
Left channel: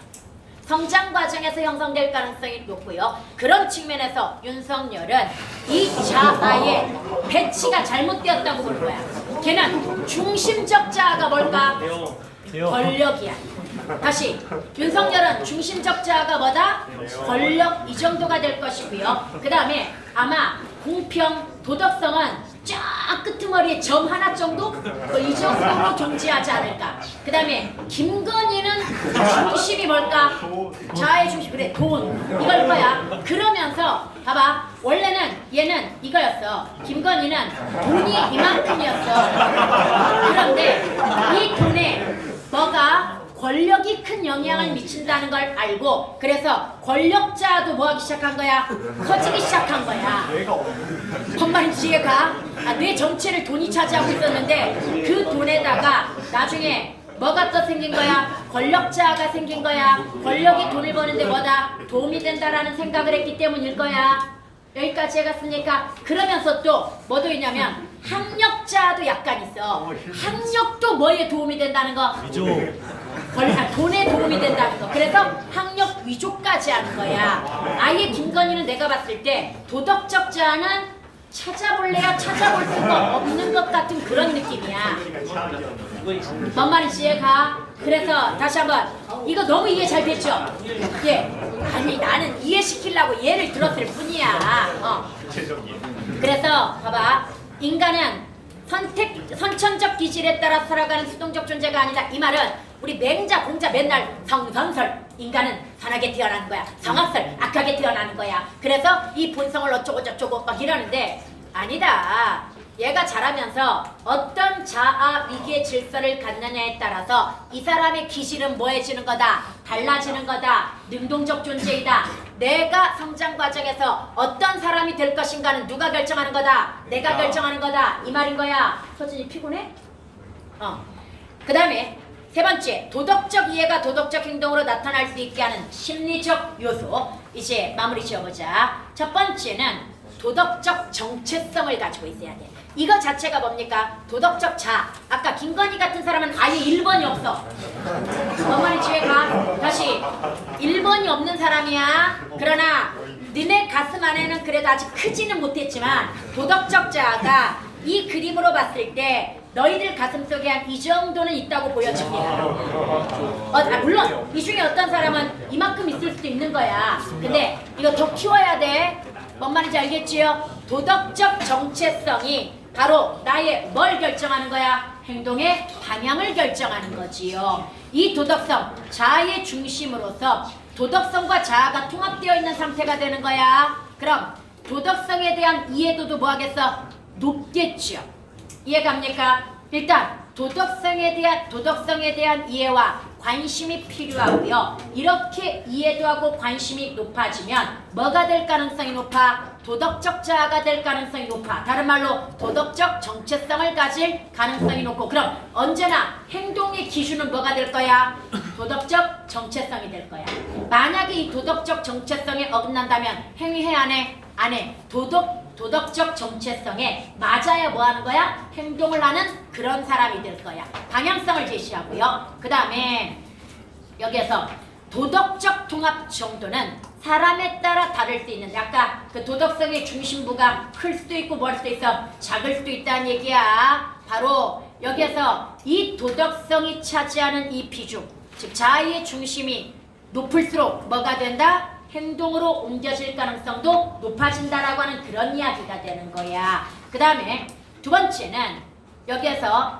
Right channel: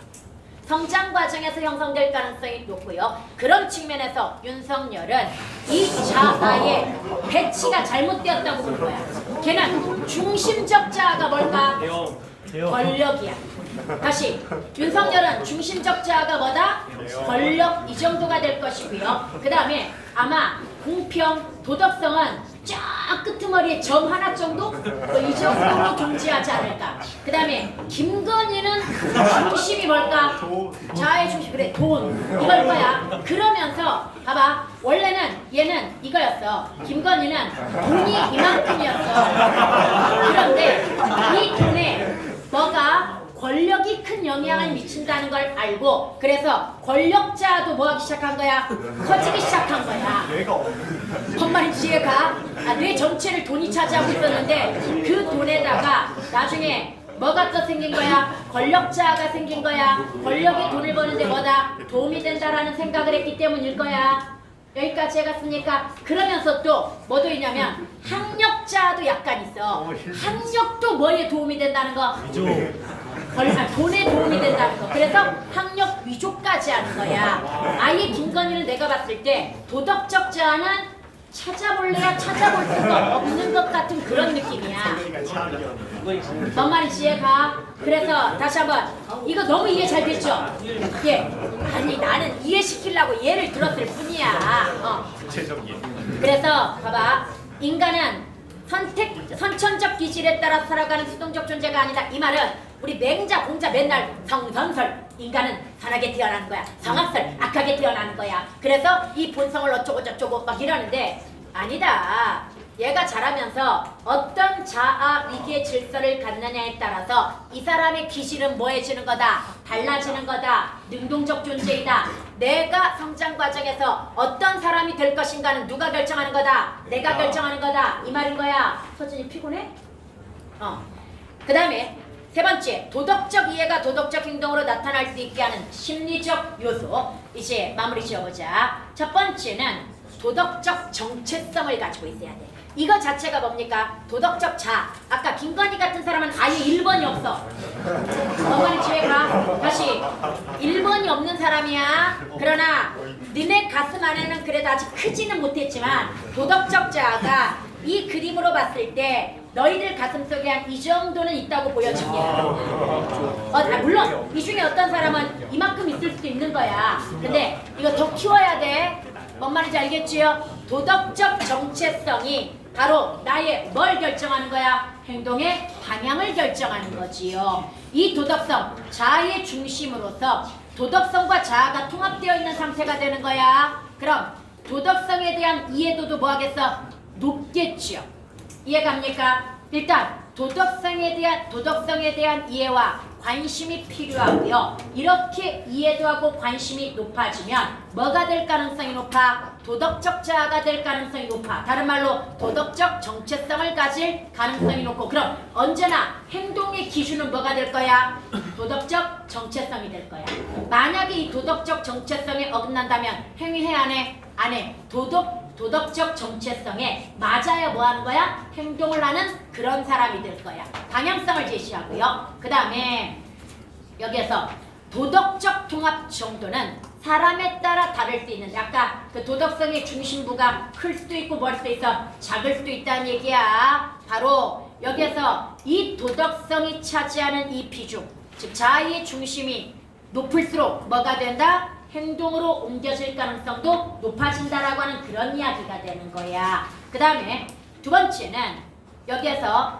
성장 과정에서 형성될 가능성이 높고요. 그런 측면에서 윤석열은 이 자아의 배치가 잘못되었다고 보는 거야. 걔는 중심적 자아가 뭘까? 권력이야. 다시 윤석열은 중심적 자아가 뭐다? 권력 이 정도가 될 것이고요. 그 다음에 아마 공평, 도덕성은 쫙 끄트머리에 점 하나 정도? 뭐 이 정도로 존재하지 않을까. 그 다음에 김건희는 중심이 뭘까? 자아의 중심, 그래 돈 이걸 거야. 그러면서 봐봐, 원래는 얘는 이거였어. 김건희는 돈이 이만큼이었어. 그런데 이 돈에 뭐가 권력이 큰 영향을 미친다는 걸 알고, 그래서 권력자도 뭐하기 시작한 거야? 커지기 시작한 거야. 헛말인 지혜가 뇌 전체를 돈이 차지하고 있었는데 그 돈에다가 나중에 뭐가 또 생긴 거야? 권력자가 생긴 거야. 권력이 돈을 버는데 뭐다? 도움이 된다라는 생각을 했기 때문일 거야. 여기까지 해갔으니까. 그러면서 또 뭐도 있냐면 학력자도 약간 있어. 학력도 뭐에 도움이 된다는 거? 돈에 도움이 된다는 거. 그래서 학력 위조까지 하는 거야. 아예 김건희는 내가 봤을 때 도덕적 자아는 찾아볼래야 찾아볼 수가 없는 것 같은 그런 느낌이야. 뭔 말인지 이해가? 그래서 다시 한번, 이거 너무 이해 잘 됐죠? 예. 아니 나는 이해시키려고 예를 들었을 뿐이야. 그래서 봐봐, 인간은 선천적 기질에 따라 살아가는 수동적 존재가 아니다. 이 말은 우리 맹자 공자 맨날 성선설, 인간은 선하게 태어나는 거야, 성악설 악하게 태어나는 거야. 그래서 이 본성을 어쩌고 저쩌고 막 이러는데 아니다. 얘가 자라면서 어떤 자아 위기의 질서를 갖느냐에 따라서 이 사람의 기질은 뭐해지는 거다? 달라지는 거다. 능동적 존재이다. 내가 성장 과정에서 어떤 사람이 될 것인가는 누가 결정하는 거다? 내가 결정하는 거다. 이 말인 거야. 서준이 피곤해? 그 다음에 세 번째, 도덕적 이해가 도덕적 행동으로 나타날 수 있게 하는 심리적 요소. 이제 마무리 지어보자. 첫 번째는 도덕적 정체성을 가지고 있어야 돼. 이거 자체가 뭡니까? 도덕적 자. 아까 김건희 같은 사람은 아예 1번이 없어. 엄마의 지혜가 다시 1번이 없는 사람이야. 그러나 니네 가슴 안에는 그래도 아직 크지는 못했지만 도덕적 자가 이 그림으로 봤을 때 너희들 가슴속에 한 이 정도는 있다고 보여줄게. 물론 이 중에 어떤 사람은 이만큼 있을 수도 있는 거야. 근데 이거 더 키워야 돼. 뭔 말인지 알겠지요? 도덕적 정체성이 바로 나의 뭘 결정하는 거야? 행동의 방향을 결정하는 거지요. 이 도덕성, 자아의 중심으로서 도덕성과 자아가 통합되어 있는 상태가 되는 거야. 그럼 도덕성에 대한 이해도도 뭐 하겠어? 높겠죠. 이해갑니까? 일단 도덕성에 대한 이해와 관심이 필요하고요. 이렇게 이해도 하고 관심이 높아지면 뭐가 될 가능성이 높아? 도덕적 자아가 될 가능성이 높아. 다른 말로 도덕적 정체성을 가질 가능성이 높고, 그럼 언제나 행동의 기준은 뭐가 될 거야? 도덕적 정체성이 될 거야. 만약에 이 도덕적 정체성에 어긋난다면 행위해야 안 해? 안 해. 도덕적 정체성에 맞아야 뭐 하는 거야? 행동을 하는 그런 사람이 될 거야. 방향성을 제시하고요. 그 다음에 여기에서 도덕적 통합 정도는 사람에 따라 다를 수 있는데, 아까 그 도덕성의 중심부가 클 수도 있고 멀 수도 있어, 작을 수도 있다는 얘기야. 바로 여기에서 이 도덕성이 차지하는 이 비중, 즉 자아의 중심이 높을수록 뭐가 된다? 행동으로 옮겨질 가능성도 높아진다라고 하는 그런 이야기가 되는 거야. 그 다음에 두 번째는 여기에서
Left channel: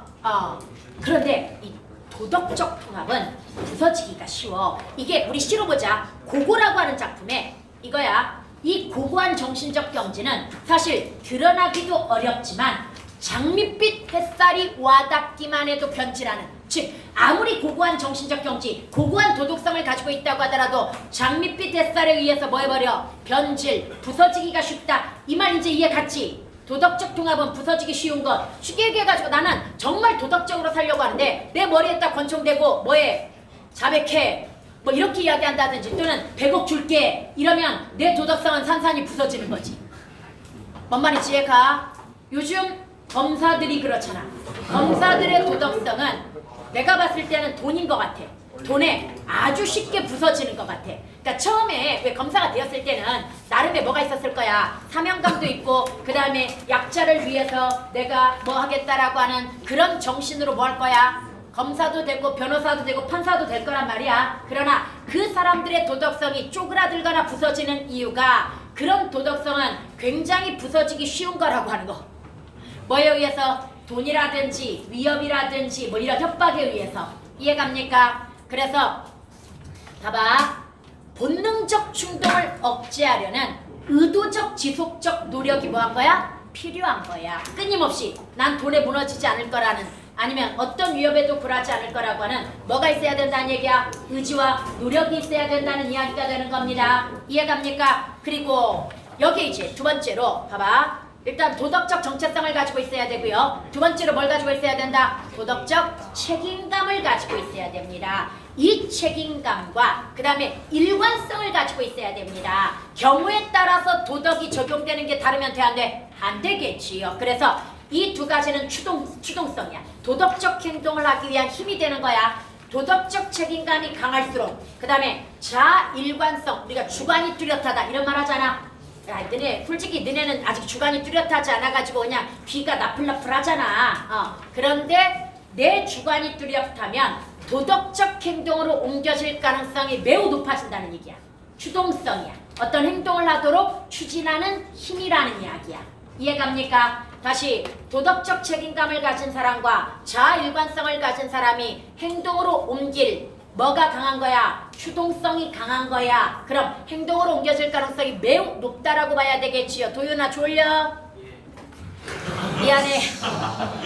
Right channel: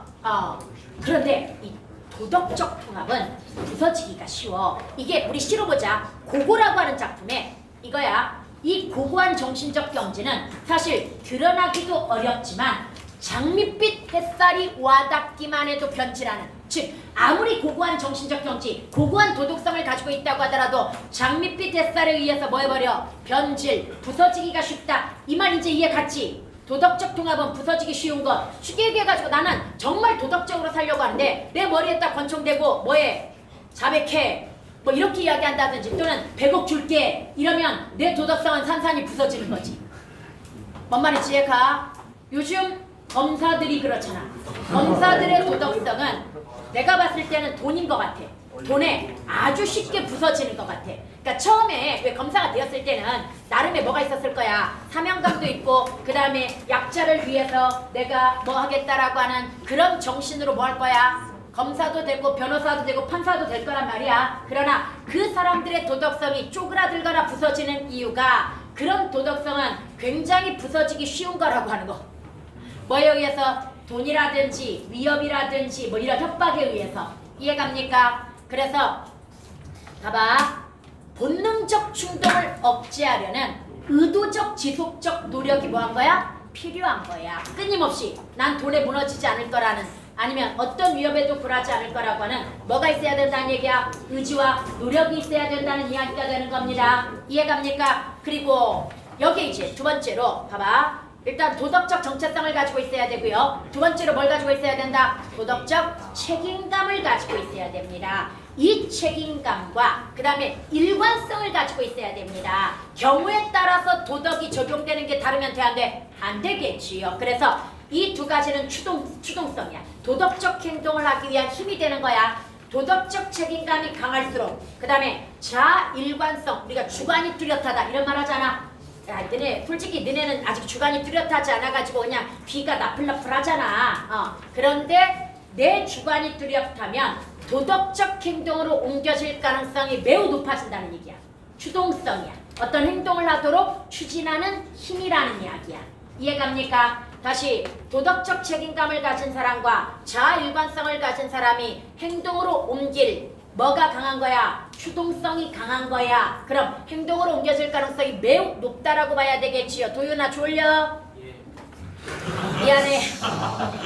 그런데 이 도덕적 통합은 부서지기가 쉬워. 이게 우리 실어보자. 고고라고 하는 작품에 이거야. 이 고고한 정신적 경지는 사실 드러나기도 어렵지만 장밋빛 햇살이 와닿기만 해도 변질하는, 즉 아무리 고고한 정신적 경지, 고고한 도덕성을 가지고 있다고 하더라도 장밋빛 햇살에 의해서 뭐 해버려? 변질, 부서지기가 쉽다. 이 말 이제 이해 갔지? 도덕적 통합은 부서지기 쉬운 것. 쉽게 얘기해가지고 나는 정말 도덕적으로 살려고 하는데 내 머리에다 권총대고 뭐해? 자백해. 뭐 이렇게 이야기한다든지 또는 100억 줄게 이러면 내 도덕성은 산산이 부서지는 거지. 뭔 말인지 이해가? 요즘 검사들이 그렇잖아. 검사들의 도덕성은 내가 봤을 때는 돈인 것 같아. 돈에 아주 쉽게 부서지는 것 같아. 그러니까 처음에 왜 검사가 되었을 때는 나름의 뭐가 있었을 거야. 사명감도 있고 그 다음에 약자를 위해서 내가 뭐 하겠다라고 하는 그런 정신으로 뭐 할 거야. 검사도 되고 변호사도 되고 판사도 될 거란 말이야. 그러나 그 사람들의 도덕성이 쪼그라들거나 부서지는 이유가 그런 도덕성은 굉장히 부서지기 쉬운 거라고 하는 거. 뭐에 의해서? 돈이라든지 위협이라든지 뭐 이런 협박에 의해서. 이해갑니까? 그래서 봐봐. 본능적 충동을 억제하려는 의도적 지속적 노력이 뭐한 거야? 필요한 거야. 끊임없이 난 돈에 무너지지 않을 거라는 아니면 어떤 위협에도 굴하지 않을 거라고 하는 뭐가 있어야 된다는 얘기야? 의지와 노력이 있어야 된다는 이야기가 되는 겁니다. 이해갑니까? 그리고 여기 이제 두 번째로 봐봐. 일단 도덕적 정체성을 가지고 있어야 되고요. 두 번째로 뭘 가지고 있어야 된다? 도덕적 책임감을 가지고 있어야 됩니다. 이 책임감과 그 다음에 일관성을 가지고 있어야 됩니다. 경우에 따라서 도덕이 적용되는 게 다르면 돼, 안 돼? 안 되겠지요. 그래서 이 두 가지는 추동성이야. 도덕적 행동을 하기 위한 힘이 되는 거야. 도덕적 책임감이 강할수록 그 다음에 자일관성, 우리가 주관이 뚜렷하다 이런 말 하잖아. 야, 너네 솔직히 너네는 아직 주관이 뚜렷하지 않아가지고 그냥 귀가 나풀나풀하잖아. 그런데 내 주관이 뚜렷하면 도덕적 행동으로 옮겨질 가능성이 매우 높아진다는 얘기야. 추동성이야. 어떤 행동을 하도록 추진하는 힘이라는 이야기야. 이해갑니까? 다시 도덕적 책임감을 가진 사람과 자일관성을 가진 사람이 행동으로 옮길 뭐가 강한 거야? 추동성이 강한 거야. 그럼 행동으로 옮겨질 가능성이 매우 높다라고 봐야 되겠지요. 도윤아 졸려? 미안해.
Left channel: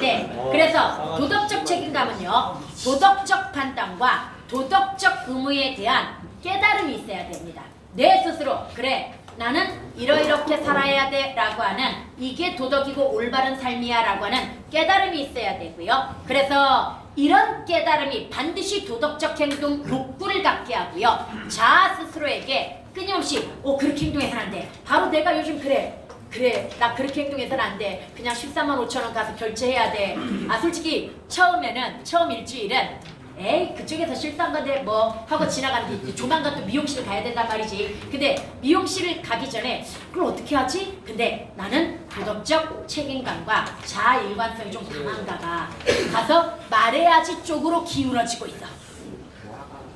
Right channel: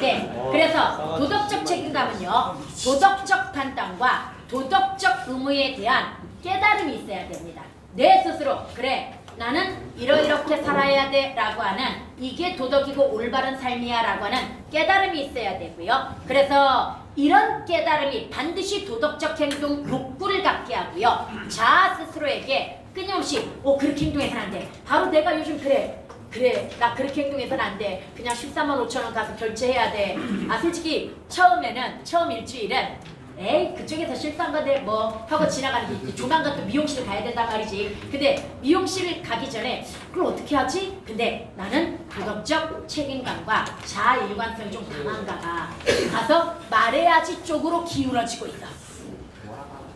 네. 그래서 도덕적 책임감은요. 도덕적 판단과 도덕적 의무에 대한 깨달음이 있어야 됩니다. 내 스스로 그래. 나는 이렇게 살아야 돼 라고 하는 이게 도덕이고 올바른 삶이야 라고 하는 깨달음이 있어야 되고요. 그래서 이런 깨달음이 반드시 도덕적 행동 욕구를 갖게 하고요. 자아 스스로에게 끊임없이 그렇게 행동해서는 안 돼. 바로 내가 요즘 그래 나 그렇게 행동해서는 안 돼. 그냥 13만 5천 원 가서 결제해야 돼. 솔직히 처음 일주일은 에이 그쪽에서 실수한 건데 뭐 하고 지나가는데 조만간 또 미용실 가야 된단 말이지. 근데 미용실을 가기 전에 그걸 어떻게 하지? 근데 나는 도덕적 책임감과 자아일관성이 좀 강한가 봐. 가서 말해야지 쪽으로 기울어지고 있어.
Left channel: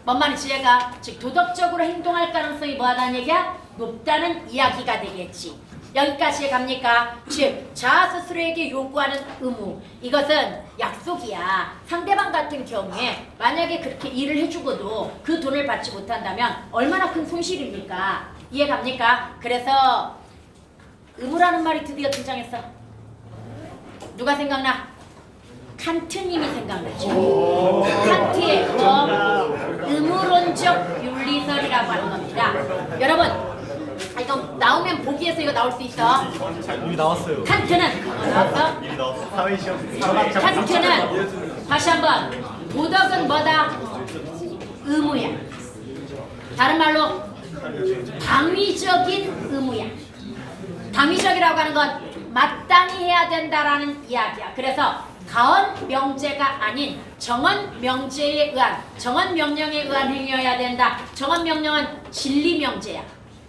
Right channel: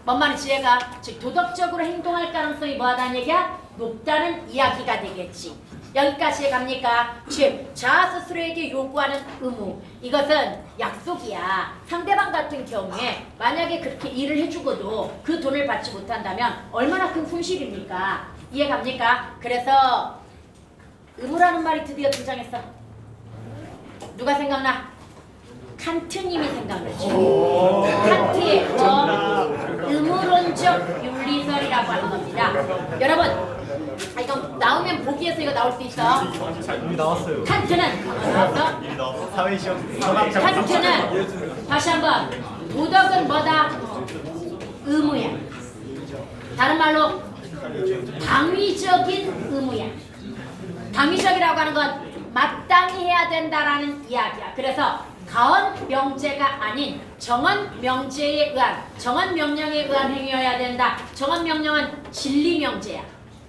뭔 말인지 얘가 즉 도덕적으로 행동할 가능성이 뭐하다는 얘기야? 높다는 이야기가 되겠지. 여기까지 갑니까? 즉 자아 스스로에게 요구하는 의무, 이것은 약속이야. 상대방 같은 경우에 만약에 그렇게 일을 해주고도 그 돈을 받지 못한다면 얼마나 큰 손실입니까? 이해갑니까? 그래서 의무라는 말이 드디어 등장했어. 누가 생각나? 칸트님이 생각나죠. 칸트의 의무론적 윤리설이라고 하는 겁니다. 여러분 이거 나오면 보기에서 이거 나올 수 있어. 여기 나왔어요. 칸트는 나왔어? 사회시험. 칸트는 다시 한번 도덕은 뭐다? 의무야. 다른 말로 당위적인 의무야. 당위적이라고 하는 건 마땅히 해야 된다라는 이야기야. 그래서 가언 명제가 아닌 정언 명제에 의한 정언 명령에 의한 행위여야 된다. 정언 명령은 진리 명제야.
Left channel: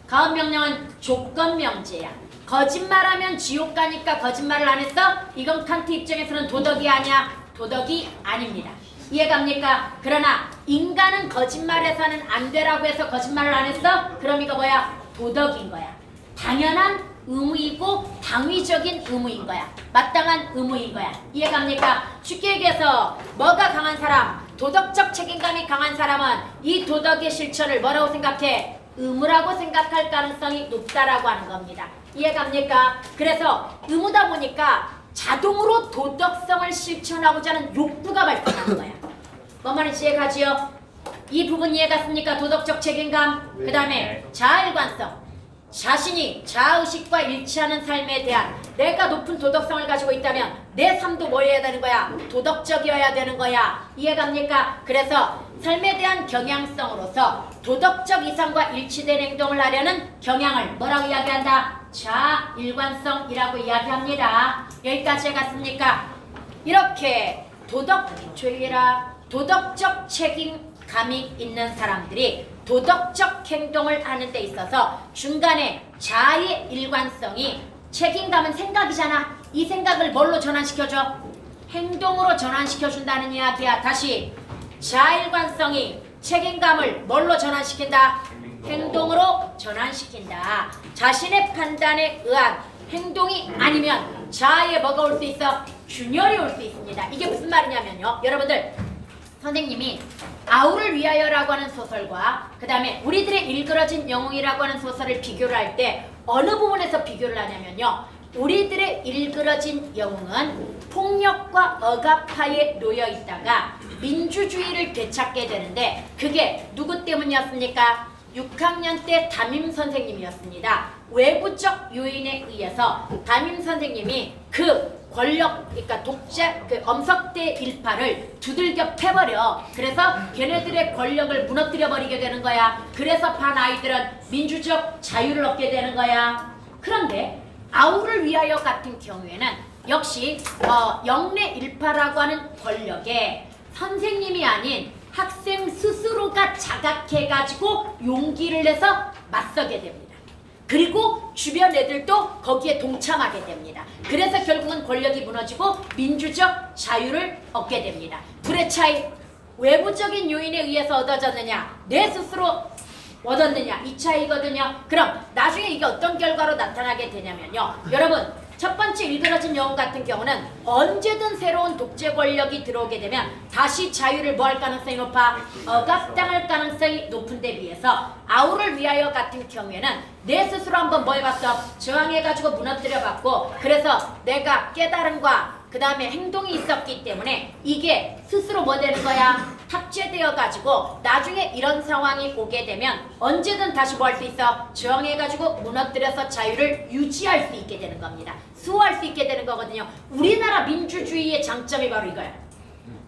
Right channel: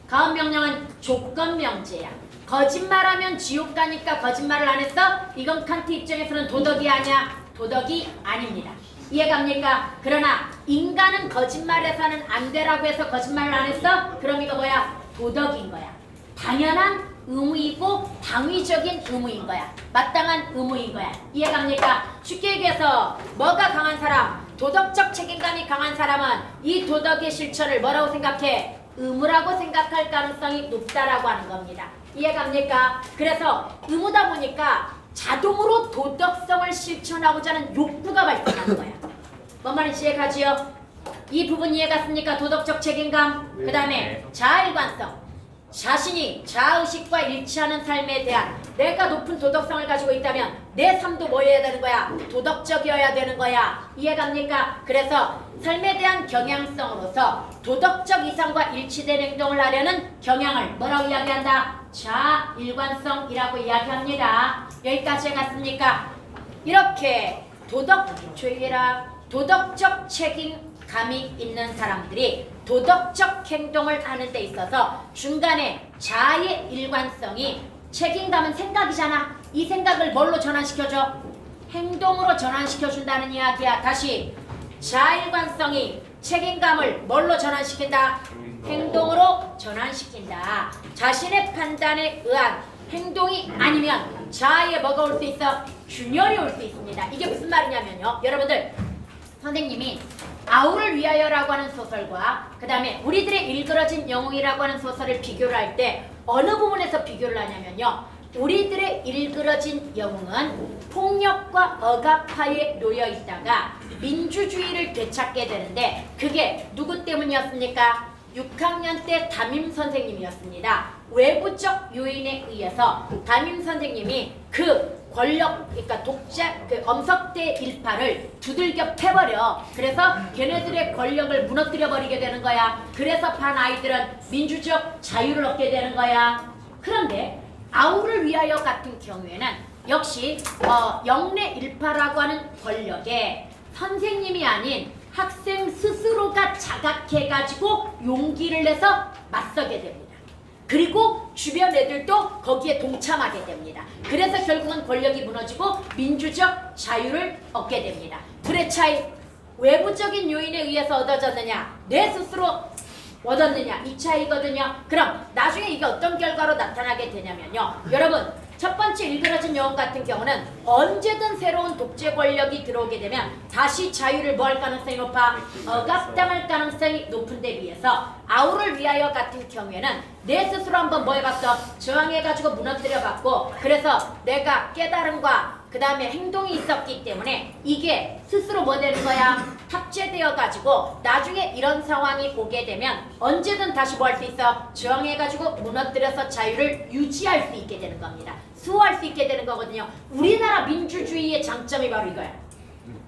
가언 명령은 조건 명제야. 거짓말하면 지옥 가니까 거짓말을 안 했어? 이건 칸트 입장에서는 도덕이 아니야. 도덕이 아닙니다. 이해갑니까? 그러나 인간은 거짓말해서는 안 되라고 해서 거짓말을 안 했어? 그럼 이거 뭐야? 도덕인 거야. 당연한 의무이고 당위적인 의무인 거야. 마땅한 의무인 거야. 이해갑니까? 쉽게 얘기해서 뭐가 강한 사람? 도덕적 책임감이 강한 사람은 이 도덕의 실천을 뭐라고 생각해? 의무라고 생각할 가능성이 높다라고 하는 겁니다. 이해갑니까? 그래서 의무다 보니까 자동으로 도덕성을 실천하고자 하는 욕구가 발생하는 거야. 뭔 말인지 이해가지요? 이 부분 이해갔습니까? 도덕적 책임감, 그 다음에 자아일관성. 자신이 자아의식과 일치하는 삶에 대한 내가 높은 도덕성을 가지고 있다면 내 삶도 뭐 해야 되는 거야? 도덕적이어야 되는 거야. 이해갑니까? 그래서 삶에 대한 경향성으로서 도덕적 이상과 일치된 행동을 하려는 경향을 뭐라고 이야기한다? 자아일관성이라고 이야기합니다. 여기까지 해갔습니까? 이렇게 도덕 조율아 도덕적 책임감이 있는 사람들이 도덕적 행동을 하는 데 있어서 중간에 자아의 일관성이 책임감은 생각이잖아. 이 생각을 뭘로 전환시켜줘? 행동으로 전환시켜준다는 이야기야. 다시 자아일관성이 책임감을 뭘로 전환시킨다? 행동으로 전환시킨다. 자신의 판단에 의한 행동이 아니면 자아에 뭐가 올 수 있어? 균열이 올 수 있습니다. 이게 무슨 말이냐면요. 여러분들 선생님이 아우를 위하여라고 하는 소설과 그 다음에 우리들의 일그러진 영웅이라고 하는 소설을 비교를 할 때 어느 부분에서 비교를 하냐면요. 우리들의 일그러진 영웅은 폭력과 억압하에 놓여 있다가 민주주의를 되찾게 되는데 그게 누구 때문이었습니까? 6학년 때 담임 선생님이었습니다. 외부적 요인에 의해서 담임 선생님이 그 권력, 그러니까 독재, 그 엄석대 일파를 두들겨 패버려. 그래서 걔네들의 권력을 무너뜨려 버리게 되는 거야. 그래서 반 아이들은 민주적 자유를 얻게 되는 거야. 그런데 아우를 위하여 같은 경우에는 역시 영내 일파라고 하는 권력에 선생님이 아닌 학생 스스로가 자각해가지고 용기를 내서 맞서게 됩니다. 그리고 주변 애들도 거기에 동참하게 됩니다. 그래서 결국은 권력이 무너지고 민주적 자유를 얻게 됩니다. 둘의 차이, 외부적인 요인에 의해서 얻어졌느냐, 내 스스로 얻었느냐, 이 차이거든요. 그럼 나중에 이게 어떤 결과로 나타나게 되냐면요. 여러분, 첫 번째 일그러진 영웅 같은 경우는 언제든 새로운 독재 권력이 들어오게 되면 다시 자유를 뭐 할 가능성이 높아? 억압당할 가능성이 높은 데 비해서 아우를 위하여 같은 경우에는 내 스스로 한번 뭐 해봤어? 저항해가지고 무너뜨려봤고 그래서 내가 깨달음과 그 다음에 행동이 있었기 때문에 이게 스스로 뭐 되는 거야? 탑재되어가지고 나중에 이런 상황이 오게 되면 언제든 다시 뭐 할 수 있어? 저항해가지고 무너뜨려서 자유를 유지할 수 있게 되는 겁니다. 수호할 수 있게 되는 거거든요. 우리나라 민주주의의 장점이 바로 이거야.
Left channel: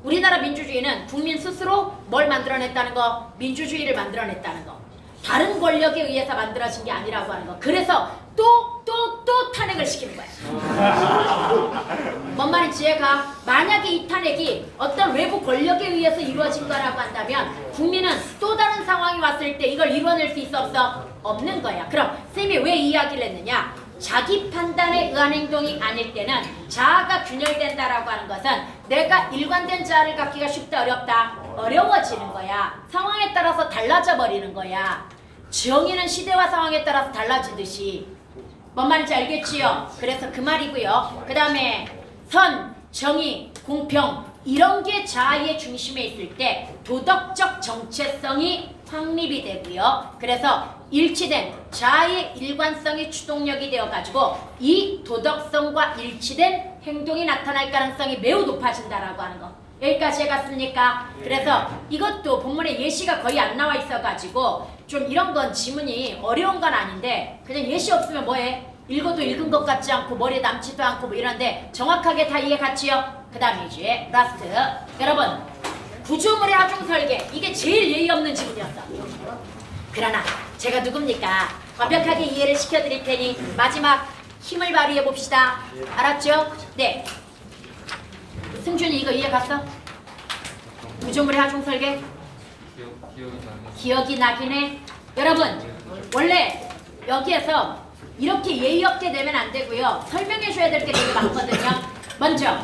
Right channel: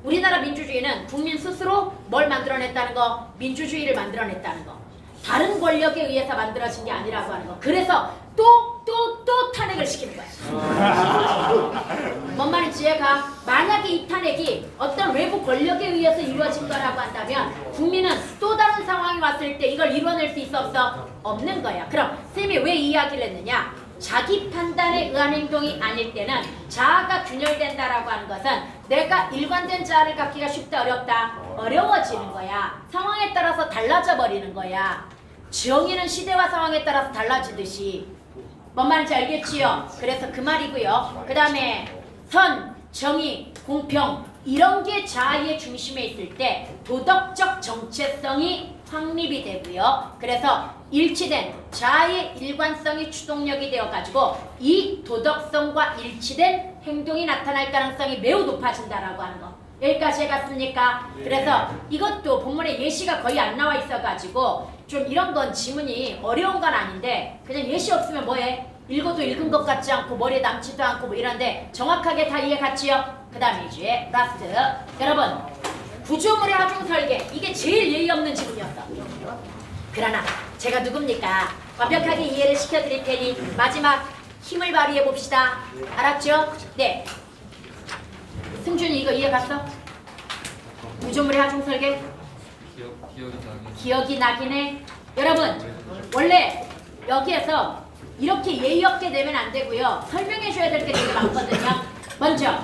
우리나라 민주주의는 국민 스스로 뭘 만들어냈다는 거? 민주주의를 만들어냈다는 거. 다른 권력에 의해서 만들어진 게 아니라고 하는 거. 그래서 또 탄핵을 시키는 거야. 뭔 말인지 이해가? 만약에 이 탄핵이 어떤 외부 권력에 의해서 이루어진 거라고 한다면 국민은 또 다른 상황이 왔을 때 이걸 이뤄낼 수 있어 없어? 없는 거야. 그럼 쌤이 왜 이 이야기를 했느냐? 자기 판단에 의한 행동이 아닐 때는 자아가 균열된다라고 하는 것은 내가 일관된 자아를 갖기가 쉽다 어렵다? 어려워지는 거야. 상황에 따라서 달라져 버리는 거야. 정의는 시대와 상황에 따라서 달라지듯이. 뭔 말인지 알겠지요? 그래서 그 말이고요. 그 다음에 선, 정의, 공평 이런 게 자아의 중심에 있을 때 도덕적 정체성이 확립이 되고요. 그래서 일치된 자아의 일관성이 추동력이 되어가지고 이 도덕성과 일치된 행동이 나타날 가능성이 매우 높아진다라고 하는 거. 여기까지 해갔습니까? 그래서 이것도 본문에 예시가 거의 안 나와 있어가지고 좀 이런 건 지문이 어려운 건 아닌데 그냥 예시 없으면 뭐해? 읽어도 읽은 것 같지 않고 머리에 남지도 않고 뭐 이런데 정확하게 다 이해 갔지요? 그 다음에 이제 라스트 여러분 구조물의 하중 설계 이게 제일 예의 없는 지문이었어. 그러나 제가 누굽니까? 완벽하게 이해를 시켜드릴 테니 마지막 힘을 발휘해 봅시다. 알았죠? 네. 승준이 이거 이해 갔어? 구조물의 하중 설계? 기억이 나긴 해. 여러분 원래 여기에서 이렇게 예의 없게 내면 안 되고요. 설명해 줘야 될 게 되게 많거든요. 먼저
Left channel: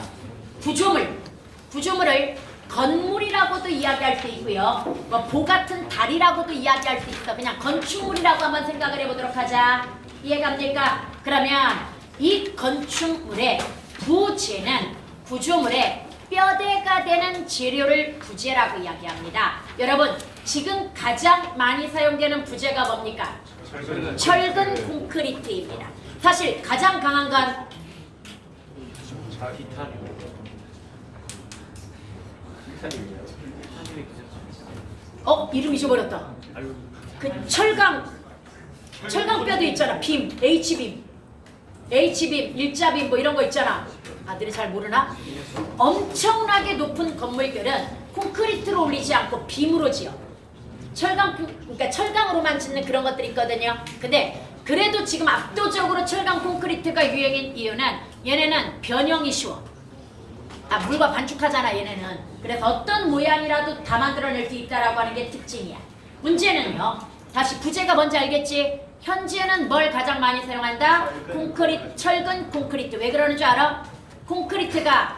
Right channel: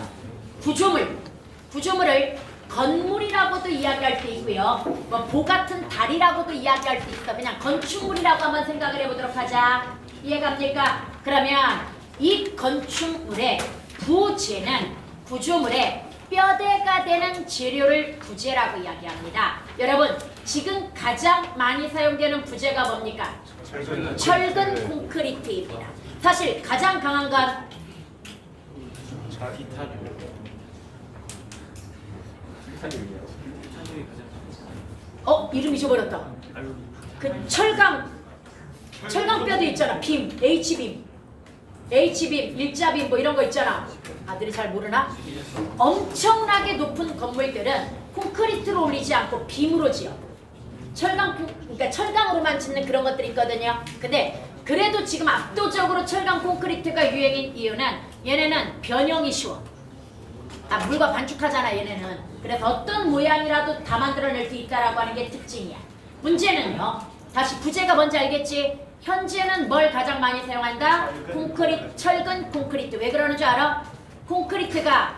구조물을 건물이라고도 이야기할 수 있고요. 뭐 보 같은 달이라고도 이야기할 수 있어. 그냥 건축물이라고 한번 생각을 해보도록 하자. 이해갑니까? 그러면 이 건축물의 부재는 구조물의 뼈대가 되는 재료를 부재라고 이야기합니다. 여러분 지금 가장 많이 사용되는 부재가 뭡니까? 철근 콘크리트입니다. 사실 가장 강한 건 이름 잊어버렸다. 그 철강 뼈도 있잖아. 빔, H빔, 일자빔 뭐 이런 거 있잖아. 아들이 잘 모르나? 엄청나게 높은 건물들은 콘크리트로 올리지 않고 빔으로 지어. 그러니까 철강으로만 짓는 그런 것들이 있거든요. 근데 그래도 지금 압도적으로 철강 콘크리트가 유행인 이유는 얘네는 변형이 쉬워. 물과 반죽하잖아 얘네는. 그래서 어떤 모양이라도 다 만들어낼 수 있다라고 하는 게 특징이야. 문제는요. 다시 부제가 뭔지 알겠지? 현재는 뭘 가장 많이 사용한다? 콘크리트, 철근 콘크리트. 왜 그러는 줄 알아? 콘크리트가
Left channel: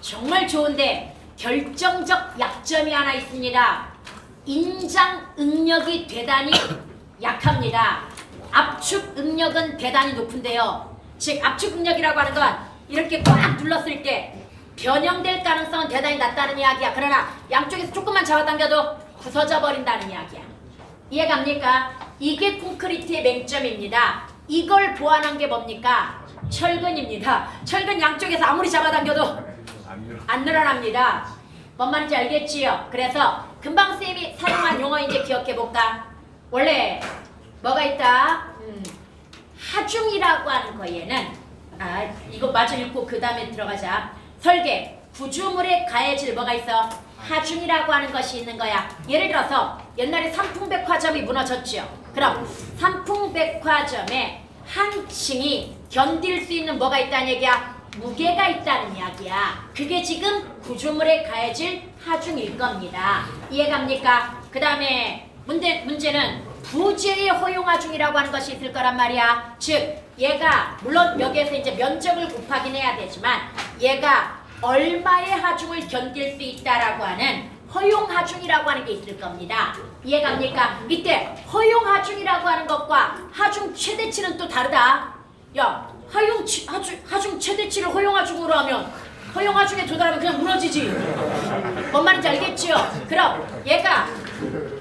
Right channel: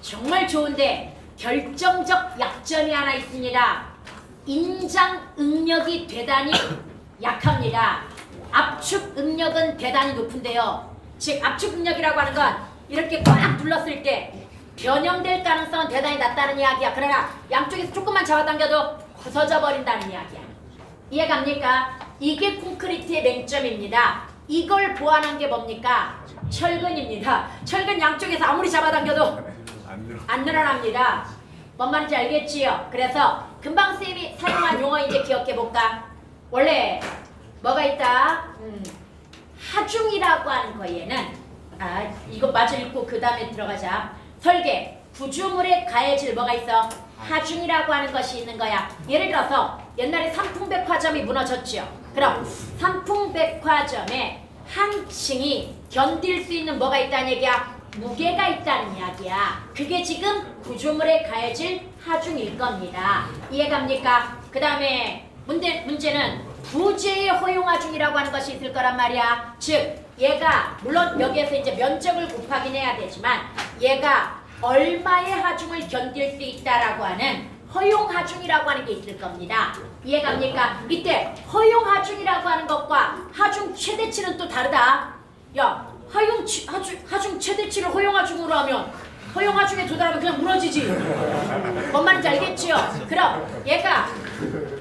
정말 좋은데 결정적 약점이 하나 있습니다. 인장 응력이 대단히 약합니다. 압축 응력은 대단히 높은데요. 즉 압축 응력이라고 하는 건 이렇게 꽉 눌렀을 때 변형될 가능성은 대단히 낮다는 이야기야. 그러나 양쪽에서 조금만 잡아당겨도 부서져 버린다는 이야기야. 이해갑니까? 이게 콘크리트의 맹점입니다. 이걸 보완한 게 뭡니까? 철근입니다. 철근 양쪽에서 아무리 잡아당겨도 안 늘어납니다. 뭔 말인지 알겠지요? 그래서 금방 쌤이 사용한 용어 이제 기억해볼까? 원래 뭐가 있다? 하중이라고 하는 거에는 이거 마저 읽고 그 다음에 들어가자. 설계, 구조물에 가해질 뭐가 있어? 하중이라고 하는 것이 있는 거야. 예를 들어서 옛날에 삼풍백화점이 무너졌죠. 그럼 삼풍백화점에 한 층이 견딜 수 있는 뭐가 있다는 얘기야? 무게가 있다는 이야기야. 그게 지금 구조물에 가해질 하중일 겁니다. 이해갑니까? 그 다음에 문제는 부재의 허용하중이라고 하는 것이 있을 거란 말이야. 즉 얘가 물론 여기에서 이제 면적을 곱하긴 해야 되지만 얘가 얼마의 하중을 견딜 수 있다라고 하는 허용하중이라고 하는 게 있을 겁니다. 이해갑니까? 이때 허용하중이라고 하는 것과 하중 최대치는 또 다르다. 야, 하중 최대치를 허용하중으로 하면 허용하중에 도달하면 그냥 무너지지. 뭔 말인지 알겠지요? 그럼 얘가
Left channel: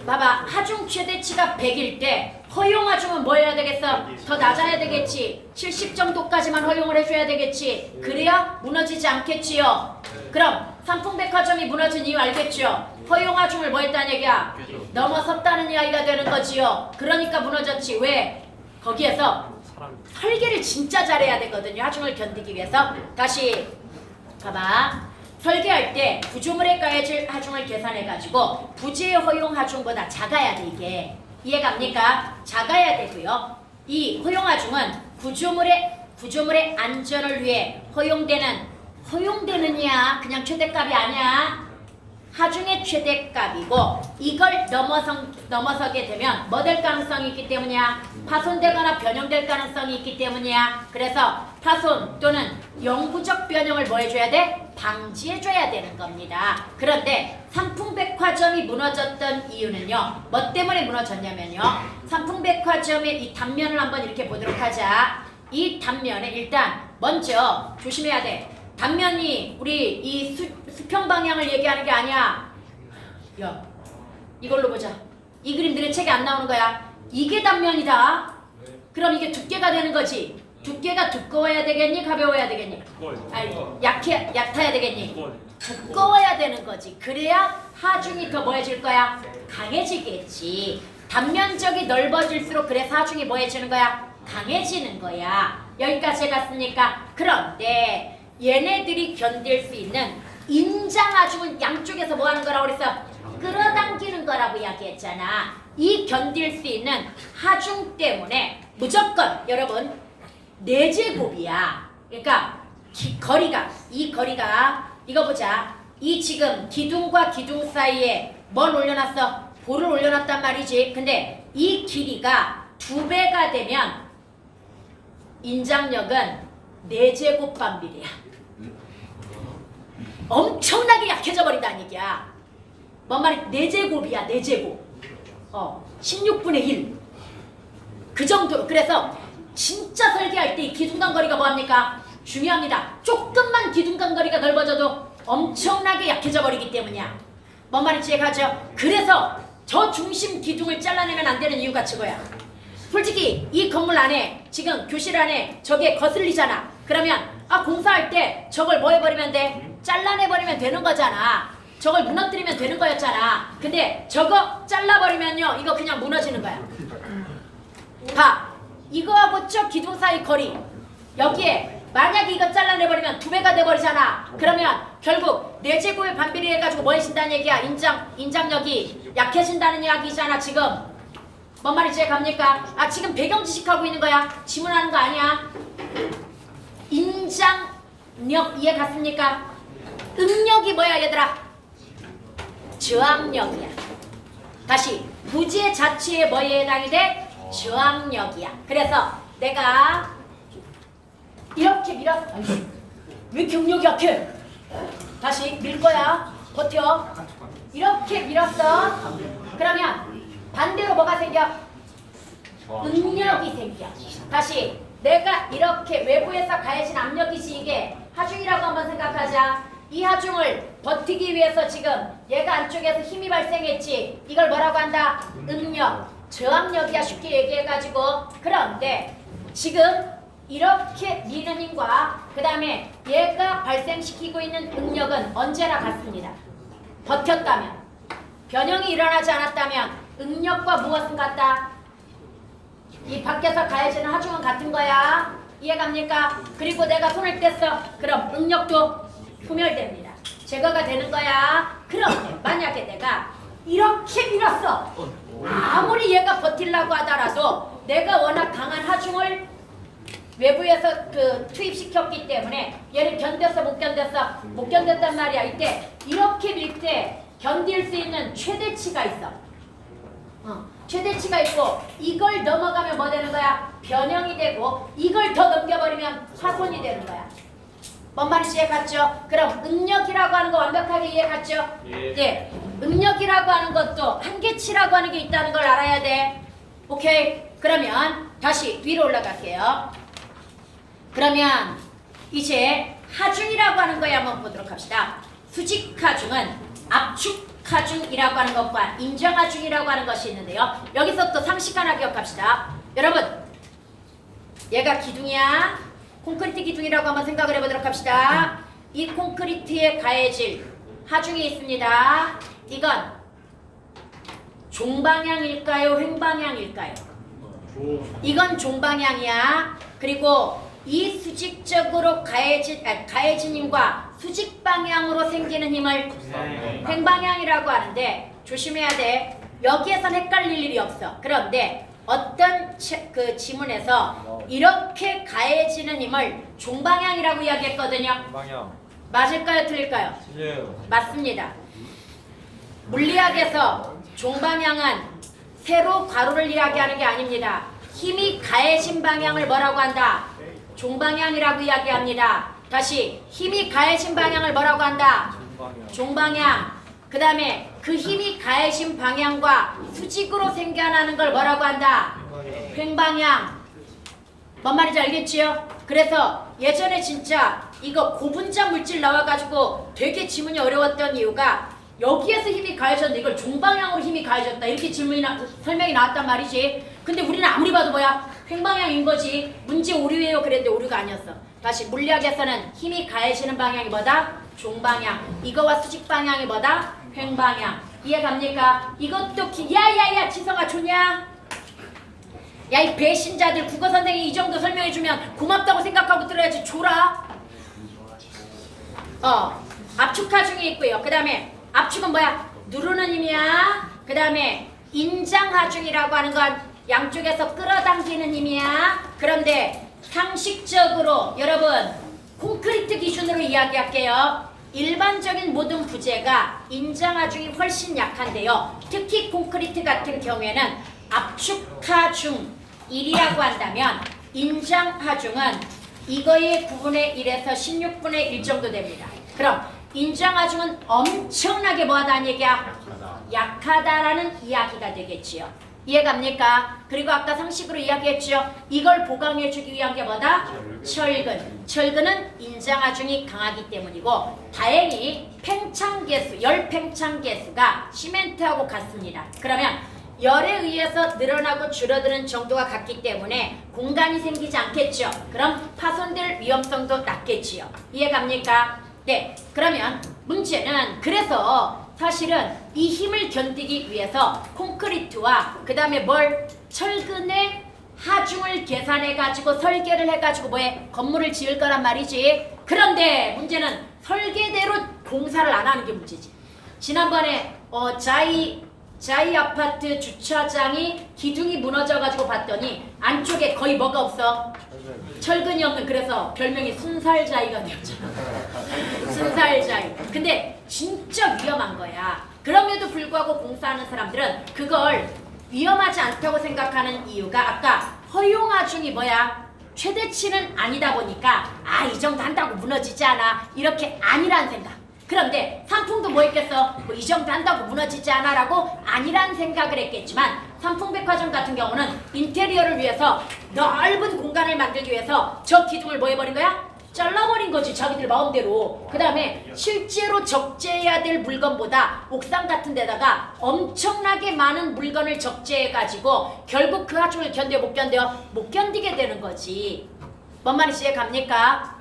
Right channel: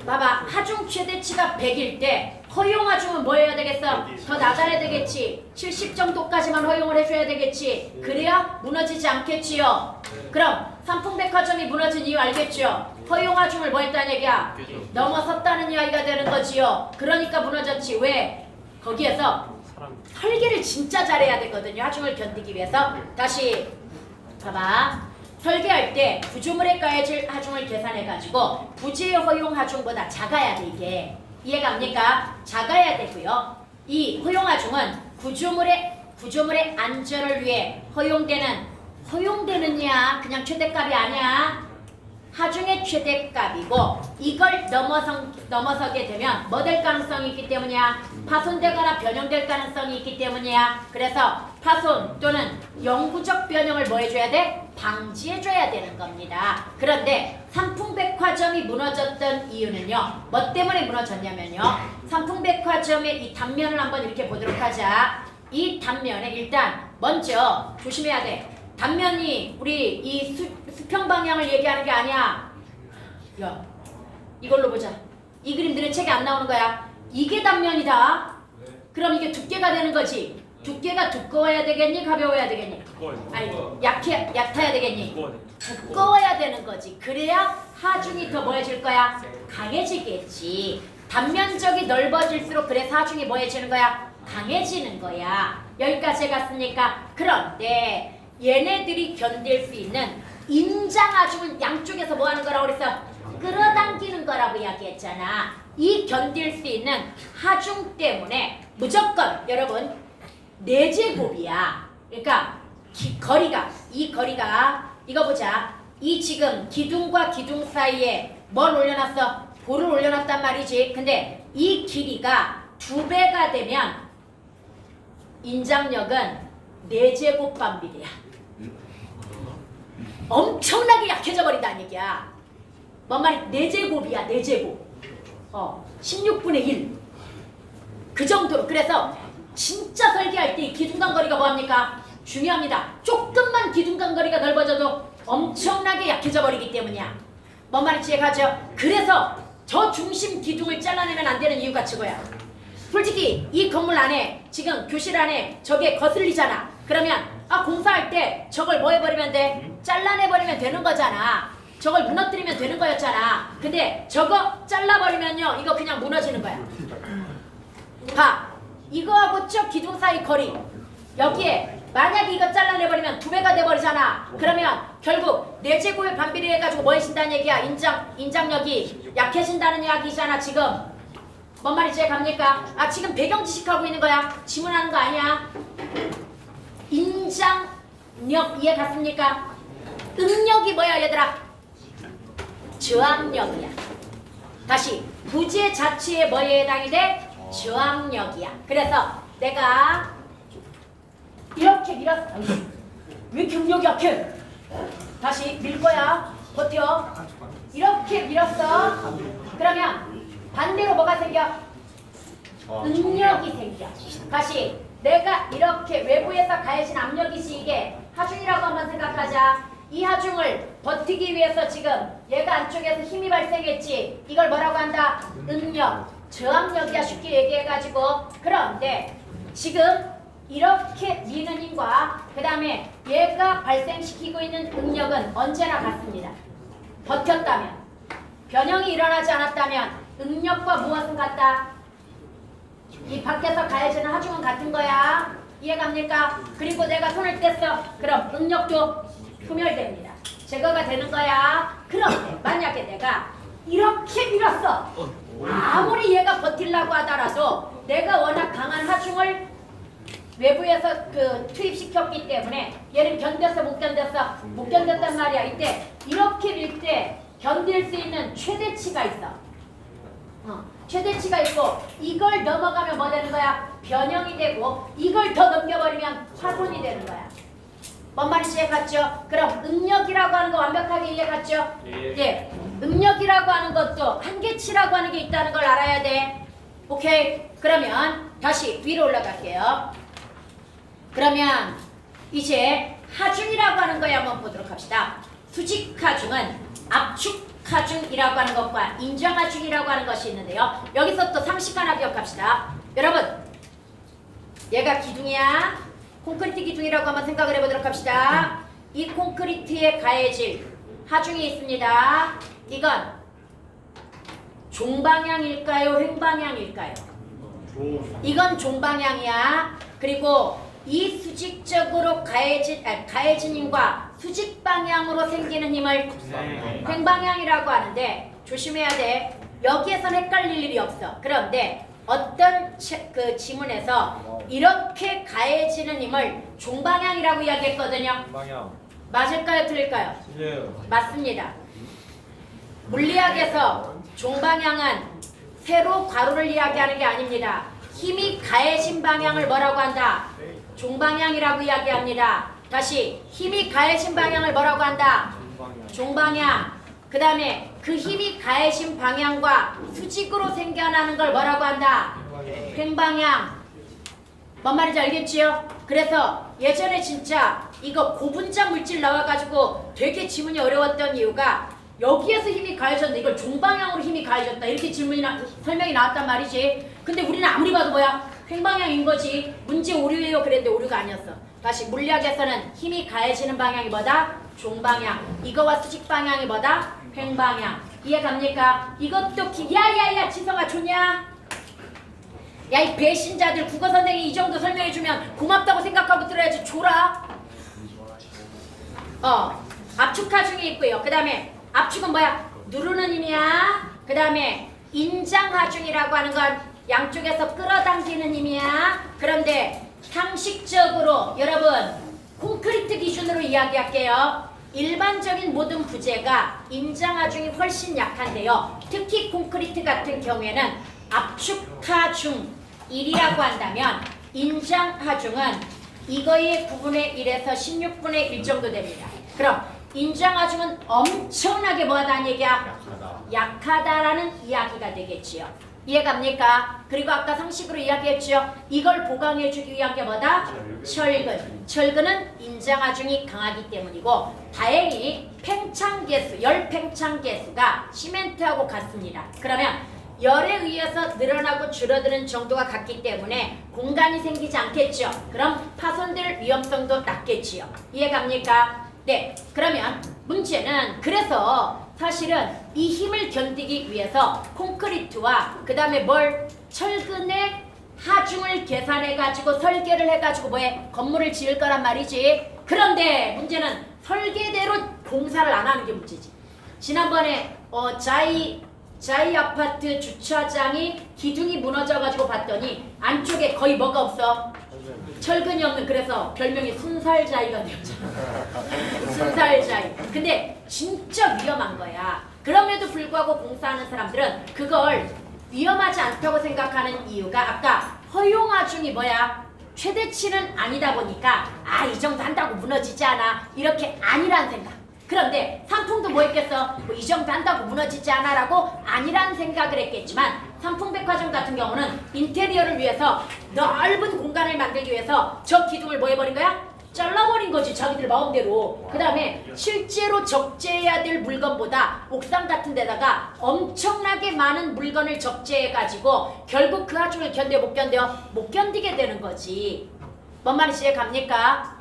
봐봐, 하중 최대치가 100일 때 허용하중은 뭐 해야 되겠어? 더 낮아야 되겠지. 70 정도까지만 허용을 해줘야 되겠지. 그래야 무너지지 않겠지요. 그럼 삼풍백화점이 무너진 이유 알겠지요? 허용하중을 뭐 했다는 얘기야? 넘어섰다는 이야기가 되는 거지요. 그러니까 무너졌지. 왜? 거기에서 설계를 진짜 잘해야 되거든요. 하중을 견디기 위해서. 다시 봐봐. 설계할 때 구조물에 가해질 하중을 계산해가지고 부재의 허용 하중보다 작아야 돼 이게. 이해갑니까? 작아야 되고요. 이 허용 하중은 구조물의 안전을 위해 허용되느냐 그냥 최대값이 아니야. 하중의 최대값이고 이걸 넘어서게 되면 뭐 될 가능성이 있기 때문이야? 파손되거나 변형될 가능성이 있기 때문이야. 그래서 파손 또는 영구적 변형을 뭐 해줘야 돼? 방지해줘야 되는 겁니다. 그런데 삼풍백화점이 무너졌던 이유는요. 뭐 때문에 무너졌냐면요. 삼풍백화점의 이 단면을 한번 이렇게 보도록 하자. 이 단면에 일단 먼저 조심해야 돼. 단면이 우리 이 수평 방향을 얘기하는 게 아니야. 야, 이걸로 보자. 이 그림들은 책에 안 나오는 거야. 이게 단면이다. 그럼 이게 두께가 되는 거지. 두께가 두꺼워야 되겠니? 가벼워야 되겠니? 아니, 얕아야 되겠니? 두꺼워야 되는 거지. 그래야 하중이 더 뭐해질 거야? 강해지겠지. 단면적이 넓어질수록 그래서 하중이 뭐해지는 거야? 강해지는 거야. 여기까지 갔으니까. 그런데 얘네들이 견딜 수 있는 인장하중은 양쪽에서 뭐 하는 거라고 그랬어? 끌어당기는 거라고 이야기했잖아. 이 견딜 수 있는 하중 때문에 무조건 여러분 4제곱이야. 그러니까 이 거리가 이거 보자. 이 지금 기둥과 기둥 사이에 뭘 올려놨어? 볼을 올려놨단 말이지. 근데 이 길이가 2배가 되면 인장력은 4제곱 반비례야. 엄청나게 약해져 버린다는 얘기야. 뭔 말이 4제곱이야. 4제곱. 16분의 1. 그 정도로. 그래서 진짜 설계할 때 기둥간 거리가 뭐합니까? 중요합니다. 조금만 기둥간 거리가 넓어져도 엄청나게 약해져 버리기 때문이야. 뭔 말인지 이해가죠? 그래서 저 중심 기둥을 잘라내면 안 되는 이유가 저거야. 솔직히 이 건물 안에 지금 교실 안에 저게 거슬리잖아. 그러면 공사할 때 저걸 뭐 해버리면 돼? 잘라내버리면 되는 거잖아. 저걸 무너뜨리면 되는 거였잖아. 근데 저거 잘라버리면요 이거 그냥 무너지는 거야. 봐. 이거하고 저 기둥 사이 거리 여기에 만약에 이거 잘라내버리면 2배가 돼버리잖아. 그러면 결국 4제곱의 반비례 해가지고 뭐 해진다는 얘기야? 인장력이 약해진다는 이야기잖아 지금. 뭔 말인지 갑니까? 지금 배경 지식하고 있는 거야. 질문하는 거 아니야. 인장력 이해 갔습니까? 응력이 뭐야 얘들아? 저항력이야. 다시 부재 자체에 뭐에 해당이 돼? 저항력이야. 그래서 내가 이렇게 밀었어. 왜 이렇게 응력이 약해? 다시 밀 거야. 버텨. 이렇게 밀었어. 그러면 반대로 뭐가 생겨? 응력이 생겨. 다시 내가 이렇게 외부에서 가해진 압력이지 이게 하중이라고 한번 생각하자. 이 하중을 버티기 위해서 지금 얘가 안쪽에서 힘이 발생했지. 이걸 뭐라고 한다? 응력. 저항력이야 쉽게 얘기해가지고. 그런데 지금 이렇게 미는 힘과 그 다음에 얘가 발생시키고 있는 응력은 언제나 같습니다. 버텼다면, 변형이 일어나지 않았다면 응력과 무엇은 같다? 이 밖에서 가해지는 하중은 같은 거야. 이해갑니까? 그리고 내가 손을 뗐어. 그럼 응력도 소멸됩니다. 제거가 되는 거야. 그럼 만약에 내가 이렇게 밀었어. 아무리 얘가 버틸라고 하더라도 내가 워낙 강한 하중을 외부에서 투입시켰기 때문에 얘를 견뎠어 못 견뎠어? 못 견뎠단 말이야. 이때 이렇게 밀 때 견딜 수 있는 최대치가 있어. 최대치가 있고 이걸 넘어가면 뭐 되는 거야? 변형이 되고 이걸 더 넘겨버리면 파손이 되는 거야. 뭔 말인지 이해갔죠? 그럼 응력이라고 하는 거 완벽하게 이해갔죠? 예. 응력이라고 하는 것도 한계치라고 하는 게 있다는 걸 알아야 돼. 오케이? 그러면 다시 위로 올라갈게요. 그러면 이제 하중이라고 하는 거에 한번 보도록 합시다. 수직하중은 압축하중이라고 하는 것과 인정하중이라고 하는 것이 있는데요. 여기서 또 상식 하나 기억합시다. 여러분, 얘가 기둥이야. 콘크리트 기둥이라고 한번 생각을 해보도록 합시다. 이 콘크리트에 가해질 하중이 있습니다. 이건 종방향일까요? 횡방향일까요? 이건 종방향이야. 그리고 이 수직적으로 가해진 힘과 수직 방향으로 생기는 힘을 횡방향이라고 하는데 조심해야 돼. 여기에선 헷갈릴 일이 없어. 그런데 어떤 지문에서 이렇게 가해지는 힘을 종방향이라고 이야기했거든요. 방향. 맞을까요? 틀릴까요? 틀려요. 맞습니다. 물리학에서 종방향은 세로 가로를 이야기하는 게 아닙니다. 힘이 가해진 방향을 뭐라고 한다? 종방향이라고 이야기합니다. 다시 힘이 가해진 방향을 뭐라고 한다? 종방향. 그 다음에 그 힘이 가해진 방향과 수직으로 생겨나는 걸 뭐라고 한다? 횡방향. 뭔 말인지 알겠지요? 그래서 예전에 진짜 이거 고분자 물질 나와가지고 되게 지문이 어려웠던 이유가 여기에서 힘이 가해졌는데 이걸 종방향으로 힘이 가해졌다 이렇게 설명이 나왔단 말이지. 근데 우리는 아무리 봐도 뭐야? 횡방향인 거지. 문제 오류예요 그랬는데 오류가 아니었어. 다시 물리학에서는 힘이 가해지는 방향이 뭐다? 종방향. 이거와 수직 방향이 뭐다? 횡방향. 이해갑니까? 이것도 야야야 지성아 좋냐? 야 이 배신자들 국어 선생님이 이 정도 설명해주면 고맙다고 생각하고 들어야지. 줘라. 압축하중이 있고요. 그 다음에 압축은 뭐야? 누르는 힘이야. 그 다음에 인장하중이라고 하는 건 양쪽에서 끌어당기는 힘이야. 그런데 상식적으로 여러분 콘크리트 기준으로 이야기할게요. 일반적인 모든 부재가 인장하중이 훨씬 약한데요. 특히 콘크리트 같은 경우에는 압축하중 1이라고 한다면 인장하중은 이거의 9분의 1에서 16분의 1 정도 됩니다. 그럼 인장하중은 엄청나게 뭐하다는 얘기야? 약하다라는 이야기가 되겠지요. 이해갑니까? 그리고 아까 상식으로 이야기했지요. 이걸 보강해주기 위한 게 뭐다? 철근. 철근은 인장하중이 강하기 때문이고 다행히 팽창계수, 열 팽창계수가 시멘트하고 같습니다. 그러면 열에 의해서 늘어나고 줄어드는 정도가 같기 때문에 공간이 생기지 않겠죠. 그럼 파손될 위험성도 낮겠지요. 이해갑니까? 네. 그러면 문제는 그래서 사실은 이 힘을 견디기 위해서 콘크리트와 그 다음에 철근의 하중을 계산해가지고 설계를 해가지고 건물을 지을 거란 말이지. 그런데 문제는 설계대로 공사를 안 하는 게 문제지. 지난번에 자이 아파트 주차장이 기둥이 무너져가지고 봤더니 안쪽에 거의 뭐가 없어? 철근이 없는 그래서 별명이 순살자이가 되었잖아. 순살자이. 근데 진짜 위험한 거야. 그럼에도 불구하고 공사하는 사람들은 그걸 위험하지 않다고 생각하는 이유가 아까 허용하중이 뭐야? 최대치는 아니다 보니까 이 정도 한다고 무너지지 않아. 이렇게 아니란 생각. 그런데 상품도 뭐 했겠어? 이 정도 한다고 무너지지 않아 라고 아니란 생각을 했겠지만 삼풍백화점 같은 경우는 인테리어를 위해서 넓은 공간을 만들기 위해서 저 기둥을 뭐 해버린 거야? 잘라버린 거지 자기들 마음대로. 그 다음에 실제로 적재해야 될 물건보다 옥상 같은 데다가 엄청나게 많은 물건을 적재해가지고 결국 그 하중을 견뎌 못 견뎌? 못 견디게 되는 거지. 뭔 말인지 이해갑니까?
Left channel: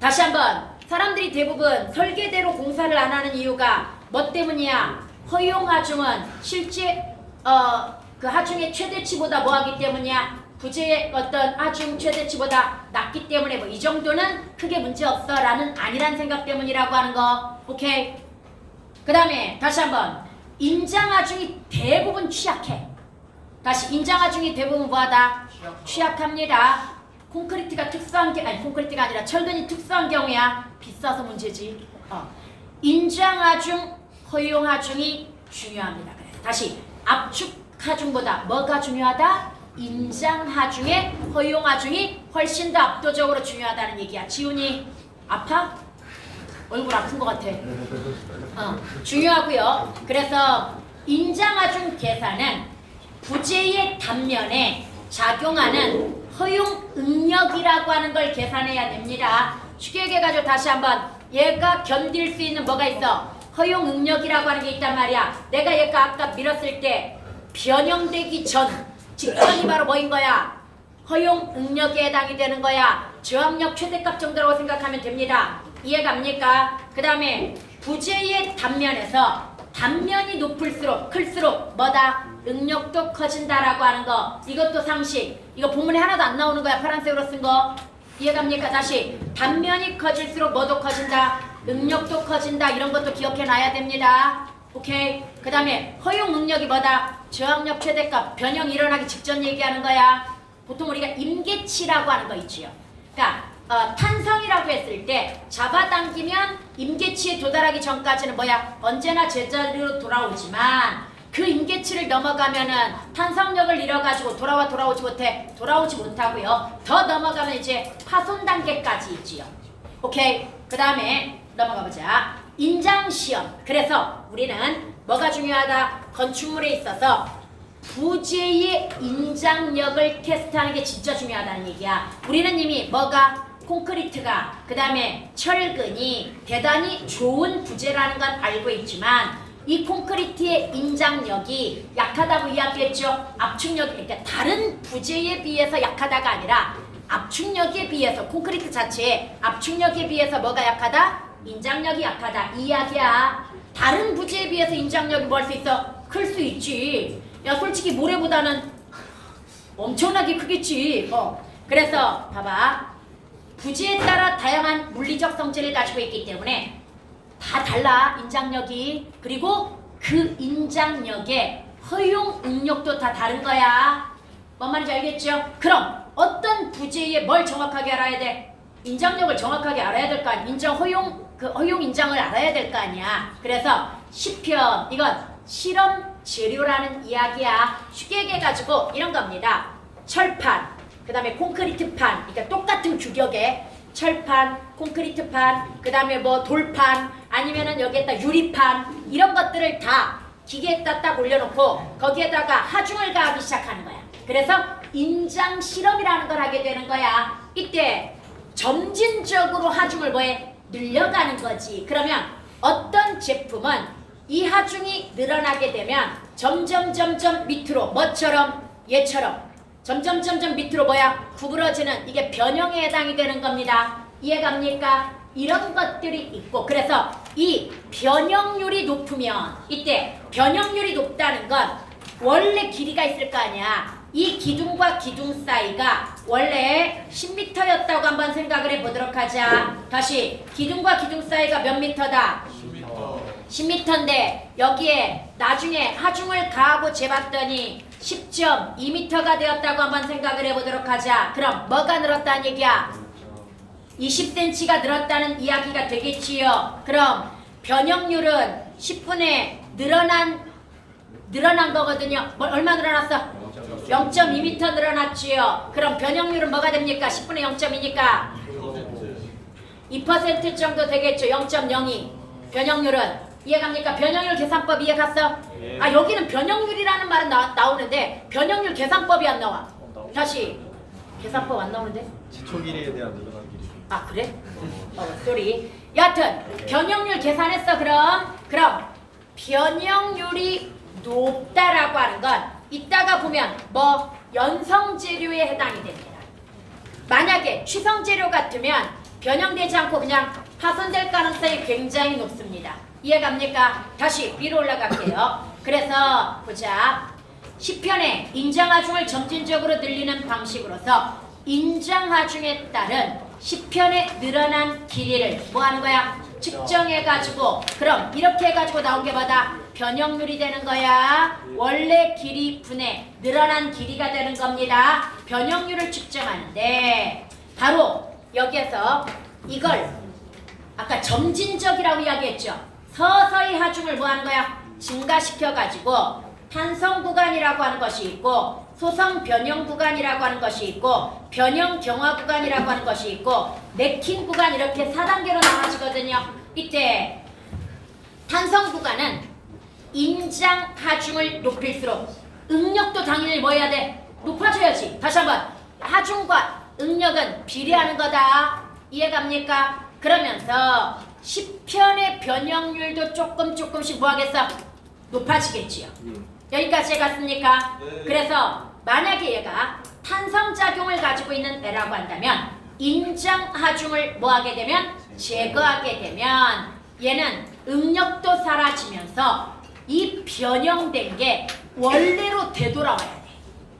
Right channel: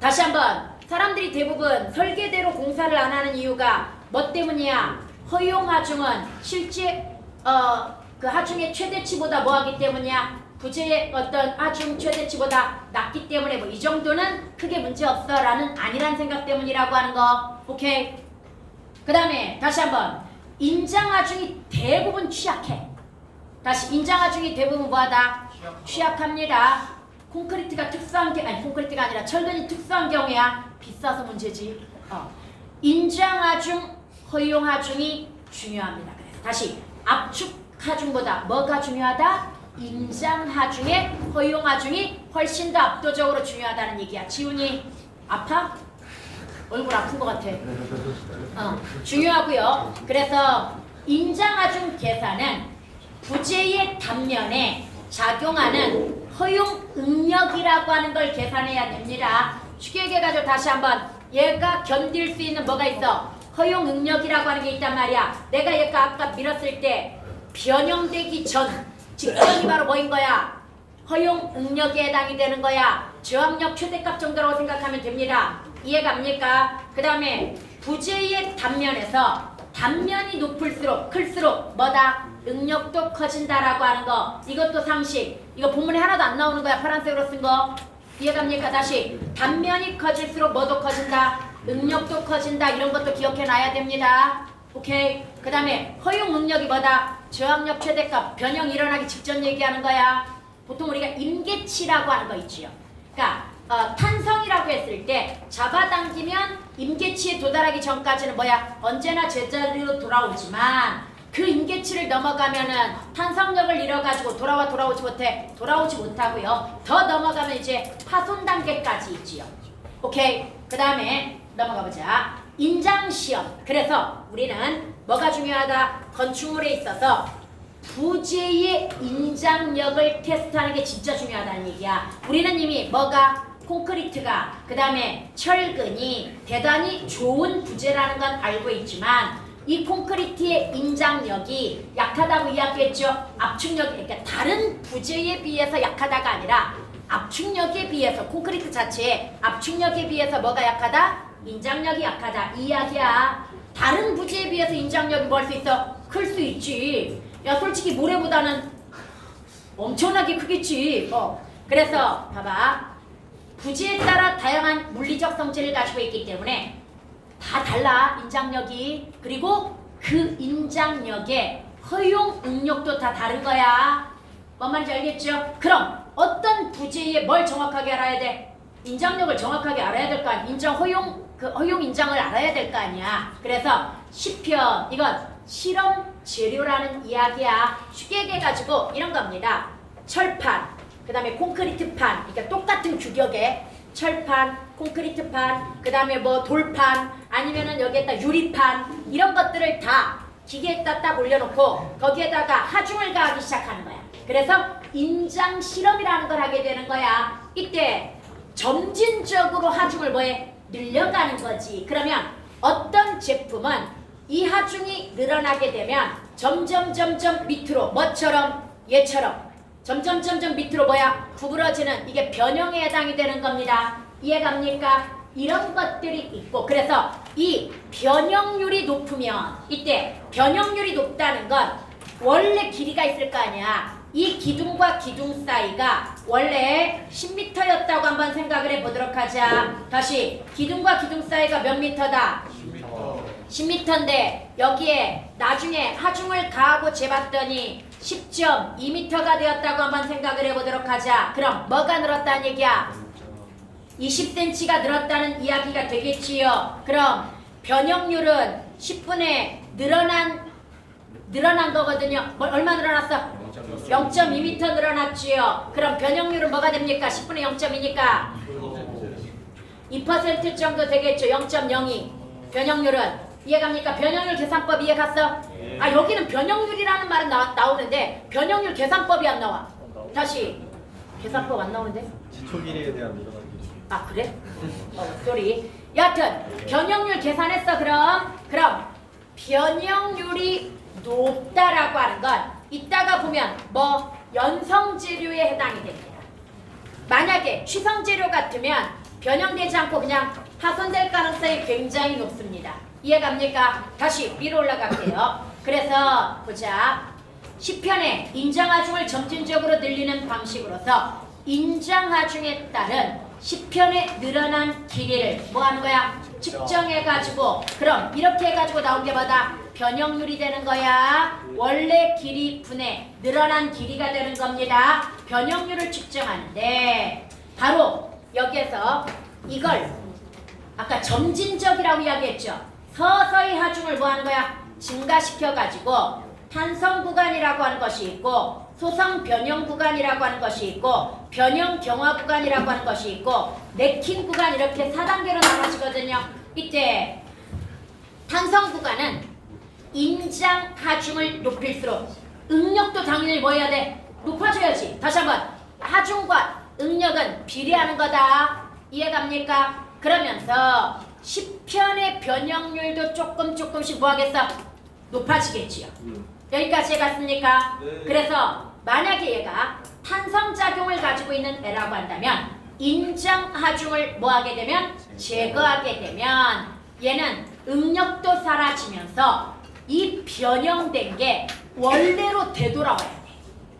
다시 한번 사람들이 대부분 설계대로 공사를 안 하는 이유가 뭐 때문이야? 허용 하중은 실제 그 하중의 최대치보다 뭐 하기 때문이야? 부재의 어떤 하중 최대치보다 낮기 때문에 뭐 이 정도는 크게 문제 없어 라는 아니란 생각 때문이라고 하는 거. 오케이? 그 다음에 다시 한번 인장하중이 대부분 취약해. 다시 인장하중이 대부분 뭐하다? 취약합니다. 콘크리트가 특수한 게 아니 콘크리트가 아니라 철근이 특수한 경우야. 비싸서 문제지. 인장하중, 허용하중이 중요합니다. 다시 압축하중보다 뭐가 중요하다? 인장하중에 허용하중이 훨씬 더 압도적으로 중요하다는 얘기야. 지훈이 아파? 얼굴 아픈 것 같아. 중요하고요. 그래서 인장하중 계산은 부재의 단면에 작용하는 허용 응력이라고 하는 걸 계산해야 됩니다. 쉽게 얘기해가지고 다시 한번 얘가 견딜 수 있는 뭐가 있어? 허용 응력이라고 하는 게 있단 말이야. 내가 얘가 아까 밀었을 때 변형되기 전 직전이 바로 뭐인 거야? 허용 응력에 해당이 되는 거야. 저항력 최대값 정도라고 생각하면 됩니다. 이해갑니까? 그 다음에 부재의 단면에서 단면이 높을수록 클수록 뭐다? 응력도 커진다라고 하는 거. 이것도 상식. 이거 본문에 하나도 안 나오는 거야. 파란색으로 쓴 거. 이해갑니까? 다시 단면이 커질수록 뭐도 커진다? 응력도 커진다. 이런 것도 기억해놔야 됩니다. 오케이? 그 다음에 허용 응력이 뭐다? 저항력 최대값 변형이 일어나기 직전 얘기하는 거야. 보통 우리가 임계치라고 하는 거 있지요. 그러니까 탄성이라고 했을 때 잡아당기면 임계치에 도달하기 전까지는 뭐야? 언제나 제자리로 돌아오지만 그 임계치를 넘어가면은 탄성력을 잃어가지고 돌아오지 못해. 돌아오지 못하고요. 더 넘어가면 이제 파손 단계까지 있지요. 오케이? 그 다음에 넘어가보자. 인장시험. 그래서 우리는 뭐가 중요하다? 건축물에 있어서 부재의 인장력을 테스트하는 게 진짜 중요하다는 얘기야. 우리는 이미 뭐가? 콘크리트가 그 다음에 철근이 대단히 좋은 부재라는 건 알고 있지만 이 콘크리트의 인장력이 약하다고 이야기했죠. 압축력, 그러니까 다른 부재에 비해서 약하다가 아니라 압축력에 비해서 콘크리트 자체의 압축력에 비해서 뭐가 약하다? 인장력이 약하다 이 이야기야. 다른 부재에 비해서 인장력이 뭐 할 수 있어? 클 수 있지. 야 솔직히 모래보다는 엄청나게 크겠지. 그래서 봐봐. 부재에 따라 다양한 물리적 성질을 가지고 있기 때문에 다 달라 인장력이. 그리고 그 인장력의 허용 응력도 다 다른 거야. 뭔 말인지 알겠죠? 그럼 어떤 부재에 뭘 정확하게 알아야 돼? 인장력을 정확하게 알아야 될 거 아니야. 인장 허용 그 허용 인장을 알아야 될 거 아니야. 그래서 시편 이건 실험 재료라는 이야기야. 쉽게 얘기해가지고 이런 겁니다. 철판, 그 다음에 콘크리트판, 그러니까 똑같은 규격의 철판, 콘크리트판, 그 다음에 뭐 돌판, 아니면은 여기에다 유리판 이런 것들을 다 기계에다 딱 올려놓고 거기에다가 하중을 가하기 시작하는 거야. 그래서 인장 실험이라는 걸 하게 되는 거야. 이때 점진적으로 하중을 뭐해? 늘려가는 거지. 그러면 어떤 제품은 이 하중이 늘어나게 되면 점점 밑으로 뭐처럼? 얘처럼 점점 밑으로 뭐야? 구부러지는 이게 변형에 해당이 되는 겁니다. 이해갑니까? 이런 것들이 있고 그래서 이 변형률이 높으면 이때 변형률이 높다는 건 원래 길이가 있을 거 아니야. 이 기둥과 기둥 사이가 원래 10m였다고 한번 생각을 해보도록 하자. 다시 기둥과 기둥 사이가 몇 미터다? 10m. 10m인데 여기에 나중에 하중을 다하고 재봤더니 10.2m가 되었다고 한번 생각을 해보도록 하자. 그럼 뭐가 늘었다는 얘기야? 20cm가 늘었다는 이야기가 되겠지요. 그럼 변형률은 10분의 늘어난 거거든요. 얼마 늘어났어? 0.2m 늘어났지요. 그럼 변형률은 뭐가 됩니까? 10분의 0.2니까 2% 정도 되겠죠. 0.02 변형률은 이해갑니까? 변형률 계산법 이해갔어? 아 여기는 변형률이라는 말은 나오는데 변형률 계산법이 안 나와. 다시 계산법 안 나오는데? 지초길이에 대한 늘어나기. 아 그래? 쏘리. 여하튼 변형률 계산했어. 그럼 변형률이 높다라고 하는 건 이따가 보면 뭐 연성재료에 해당이 됩니다. 만약에 취성재료 같으면 변형되지 않고 그냥 파손될 가능성이 굉장히 높습니다. 이해갑니까? 다시 위로 올라갈게요. 그래서 보자. 10편의 인장하중을 점진적으로 늘리는 방식으로서 인장하중에 따른 10편의 늘어난 길이를 뭐 하는 거야? 측정해가지고 그럼 이렇게 해가지고 나온 게 뭐다? 변형률이 되는 거야. 원래 길이 분의 늘어난 길이가 되는 겁니다. 변형률을 측정하는데 바로 여기에서 이걸 아까 점진적이라고 이야기했죠. 서서히 하중을 뭐 하는 거야? 증가시켜가지고 탄성 구간이라고 하는 것이 있고 소성 변형 구간이라고 하는 것이 있고 변형 경화 구간이라고 하는 것이 있고 네킹 구간 이렇게 4단계로 나눠지거든요. 이때 탄성 구간은 인장 하중을 높일수록 응력도 당연히 뭐 해야 돼? 높아져야지. 다시 한번 하중과 응력은 비례하는 거다. 이해갑니까? 그러면서 10편의 변형률도 조금씩 뭐 하겠어? 높아지겠지요. 여기까지 해갔습니까? 네. 그래서 만약에 얘가 탄성작용을 가지고 있는 애라고 한다면 인장하중을 뭐 하게 되면? 제거하게 되면 얘는 응력도 사라지면서 이 변형된 게 원래로 되돌아와야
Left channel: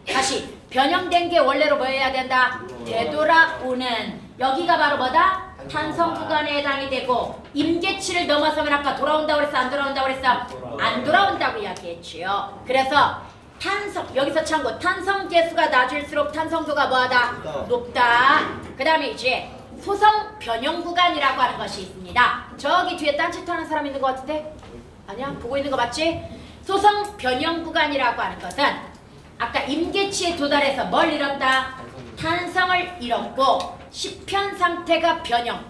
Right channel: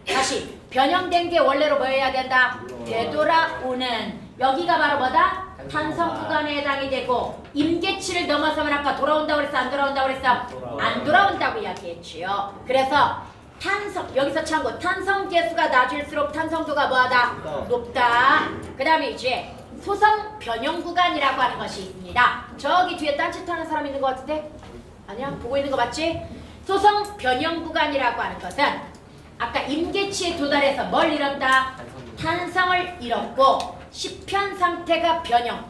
돼. 다시 변형된 게 원래로 뭐 해야 된다? 되돌아오는 여기가 바로 뭐다? 탄성 구간에 해당이 되고 임계치를 넘어서면 아까 돌아온다고 그랬어? 안 돌아온다고 그랬어? 안 돌아온다고 이야기했지요. 그래서 탄성 여기서 참고 탄성 계수가 낮을수록 탄성도가 뭐하다? 높다. 그 다음에 이제 소성 변형 구간이라고 하는 것이 있습니다. 저기 뒤에 딴짓하는 사람 있는 것 같은데? 아니야? 보고 있는 거 맞지? 소성 변형 구간이라고 하는 것은 아까 임계치에 도달해서 뭘 잃었다? 탄성을 잃었고 10편 상태가 변형,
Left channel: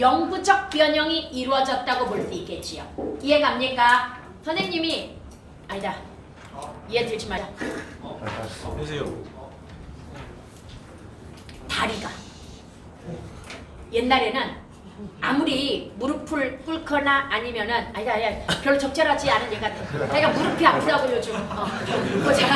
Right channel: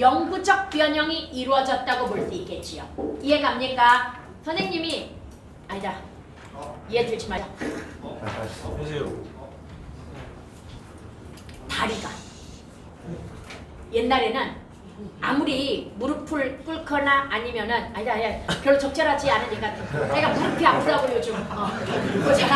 영구적 변형이 이루어졌다고 볼 수 있겠지요. 이해갑니까? 선생님이 아니다. 이해 들지 마자. 해주세요. 다리가 옛날에는 아무리 무릎을 꿇거나 아니면은 아니다 별로 적절하지 않은 얘기 같아. 내가 무릎이 아프다고 요즘. 보자.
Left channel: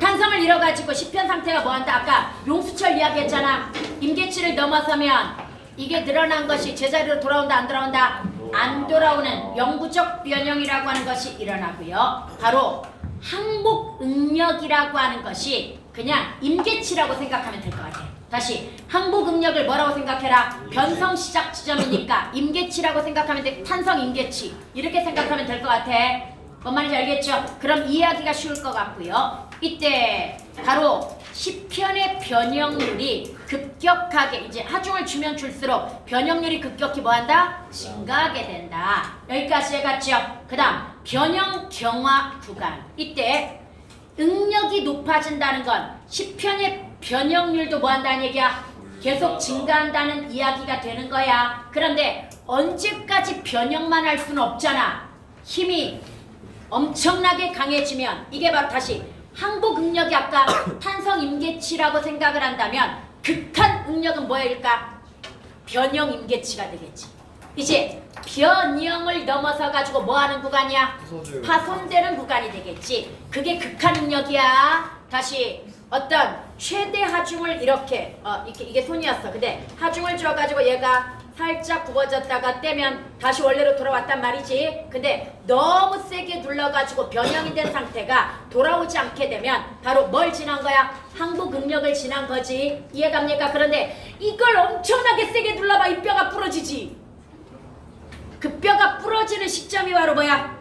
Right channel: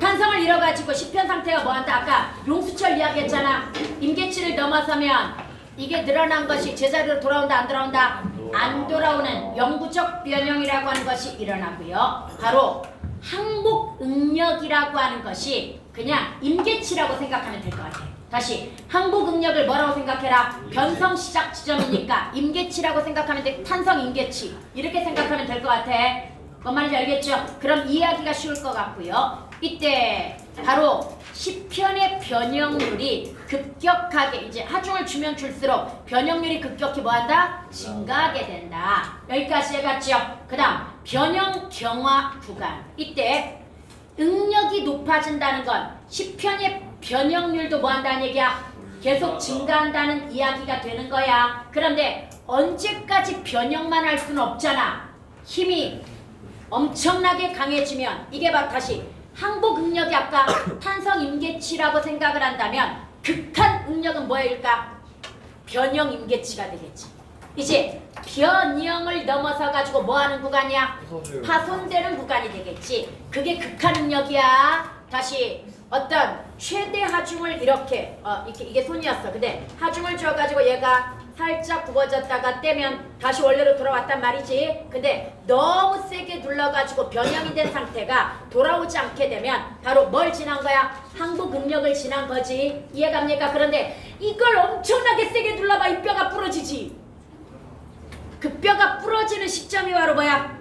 탄성을 잃어가지고 10편 상태가 뭐한다? 아까 용수철 이야기했잖아. 임계치를 넘어서면 이게 늘어난 것이 제자리로 돌아온다 안 돌아온다? 안 돌아오는 영구적 변형이라고 하는 것이 일어나고요. 바로 항복응력이라고 하는 것이 그냥 임계치라고 생각하면 될 것 같아. 다시 항복응력을 뭐라고 생각해라? 변성 시작 지점이니까 임계치라고 생각하면 돼. 탄성 임계치 이렇게 생각하면 될 것 같아. 뭔 말인지 알겠죠? 그럼 이해하기가 쉬울 것 같고요. 이때 바로 10편의 변형률이 급격하게 이제 하중을 주면 줄수록 변형률이 급격히 뭐한다? 증가하게 된다. 여기까지 해갔죠? 그 다음 변형 경화 구간. 이때 응력이 높아진다는 건 10편의 변형률도 뭐한다는 얘기야? 계속 증가한다는 이야기가 되는 거야. 그런데 언제까지 변형만 할 수는 없잖아. 힘이 엄청나게 강해지면 이게 바로 다시 항복응력이 아까 탄성임계치라고 생각을 한다면 극한 응력은 뭐일까? 변형임계치가 되겠지. 이제 변형을 넘어서 가지고 뭐하는 구간이야? 파손되는 구간이 되겠지. 그게 극한 응력이야. 다시 어떤 최대 하중을 이렇게 이게 손이었어. 근데 하중을 줘가지고 얘가 살짝 굽어졌다가 떼면 다시 원래로 돌아왔단 말이지. 근데 너무 세게 눌러가지고 변형이 된 상태가 돌아오지 않게 되면 바로 뭘 지난 거야? 항복응력을 지난 거지. 이해갑니까? 그런데 이걸 엄청나게 세게 눌러봐 이 뼈가 부러지지. 그 뼈가 부러지는 시점이 바로 뭐야?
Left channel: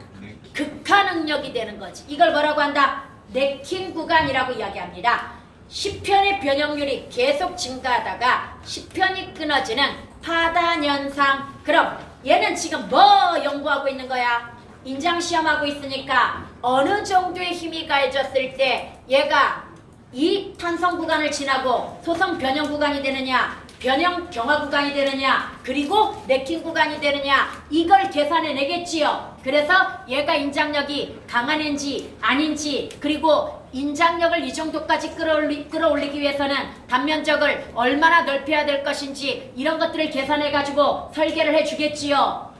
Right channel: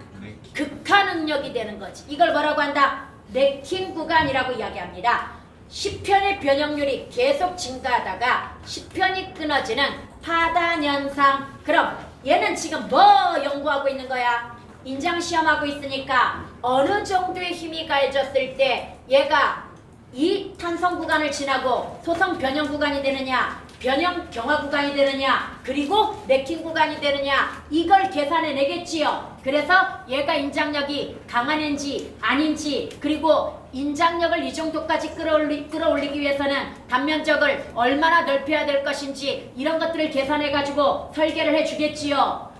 극한응력이 되는 거지. 이걸 뭐라고 한다? 네킹 구간이라고 이야기합니다. 10편의 변형률이 계속 증가하다가 10편이 끊어지는 파단 현상. 그럼 얘는 지금 뭐 연구하고 있는 거야? 인장시험하고 있으니까 어느 정도의 힘이 가해졌을 때 얘가 이 탄성 구간을 지나고 소성 변형 구간이 되느냐, 변형 경화 구간이 되느냐, 그리고 네킹 구간이 되느냐, 이걸 계산해 내겠지요. 그래서 얘가 인장력이 강한 애인지 아닌지, 그리고 인장력을 이 정도까지 끌어올리기 위해서는 단면적을 얼마나 넓혀야 될 것인지, 이런 것들을 계산해 가지고 설계를 해 주겠지요.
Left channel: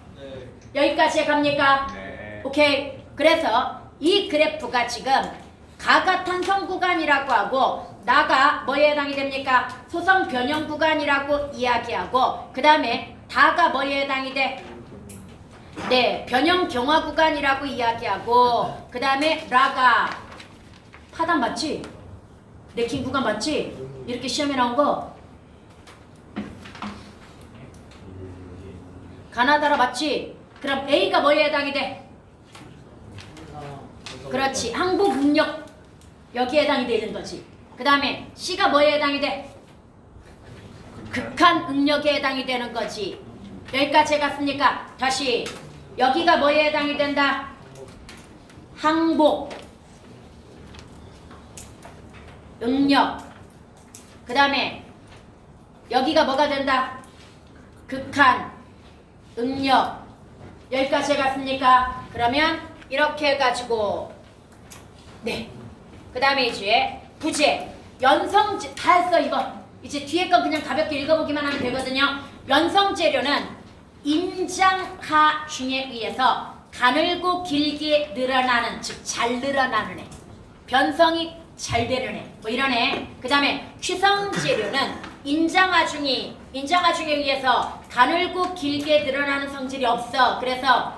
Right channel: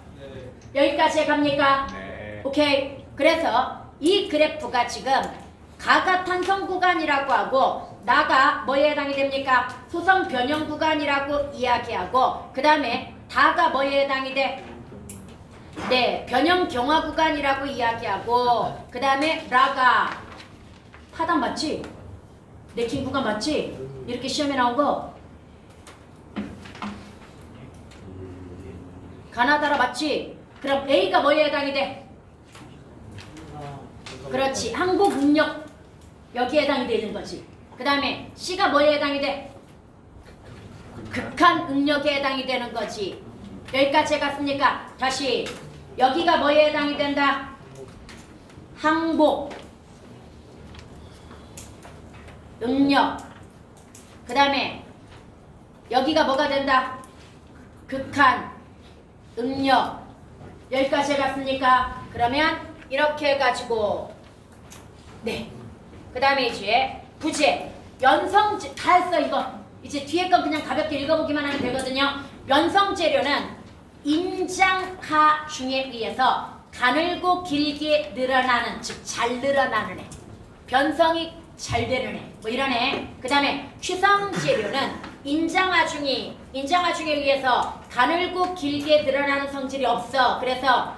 여기까지 갑니까? 네. 오케이. 그래서 이 그래프가 지금 가가 탄성 구간이라고 하고 나가 뭐에 해당이 됩니까? 소성 변형 구간이라고 이야기하고, 그 다음에 다가 뭐에 해당이 돼? 네, 변형 경화 구간이라고 이야기하고, 그 다음에 라가 파단 맞지? 네킹 구간 맞지? 이렇게 시험에 나온 거 가나다라 맞지? 그럼 A가 뭐에 해당이 돼? 그렇지, 항복 응력 여기에 해당이 되는 거지. 그 다음에 C가 뭐에 해당이 돼? 극한 응력에 해당이 되는 거지. 여기까지 갔습니까? 다시 여기가 뭐에 해당이 된다? 항복 응력. 그 다음에 여기가 뭐가 된다? 극한 응력. 여기까지 갔습니까? 그러면 이렇게 해가지고 네. 그 다음에 이제 부재, 연성재 다 했어 이거. 이제 뒤에 건 그냥 가볍게 읽어보기만 하면 되거든요. 연성재료는 인장하중에 의해서 가늘고 길게 늘어나는, 즉 잘 늘어나는 애, 변성이 잘 되는 애, 뭐 이런 애. 그 다음에 취성재료는 인장하중에 의해서 가늘고 길게 늘어나는 성질이 없어. 그래서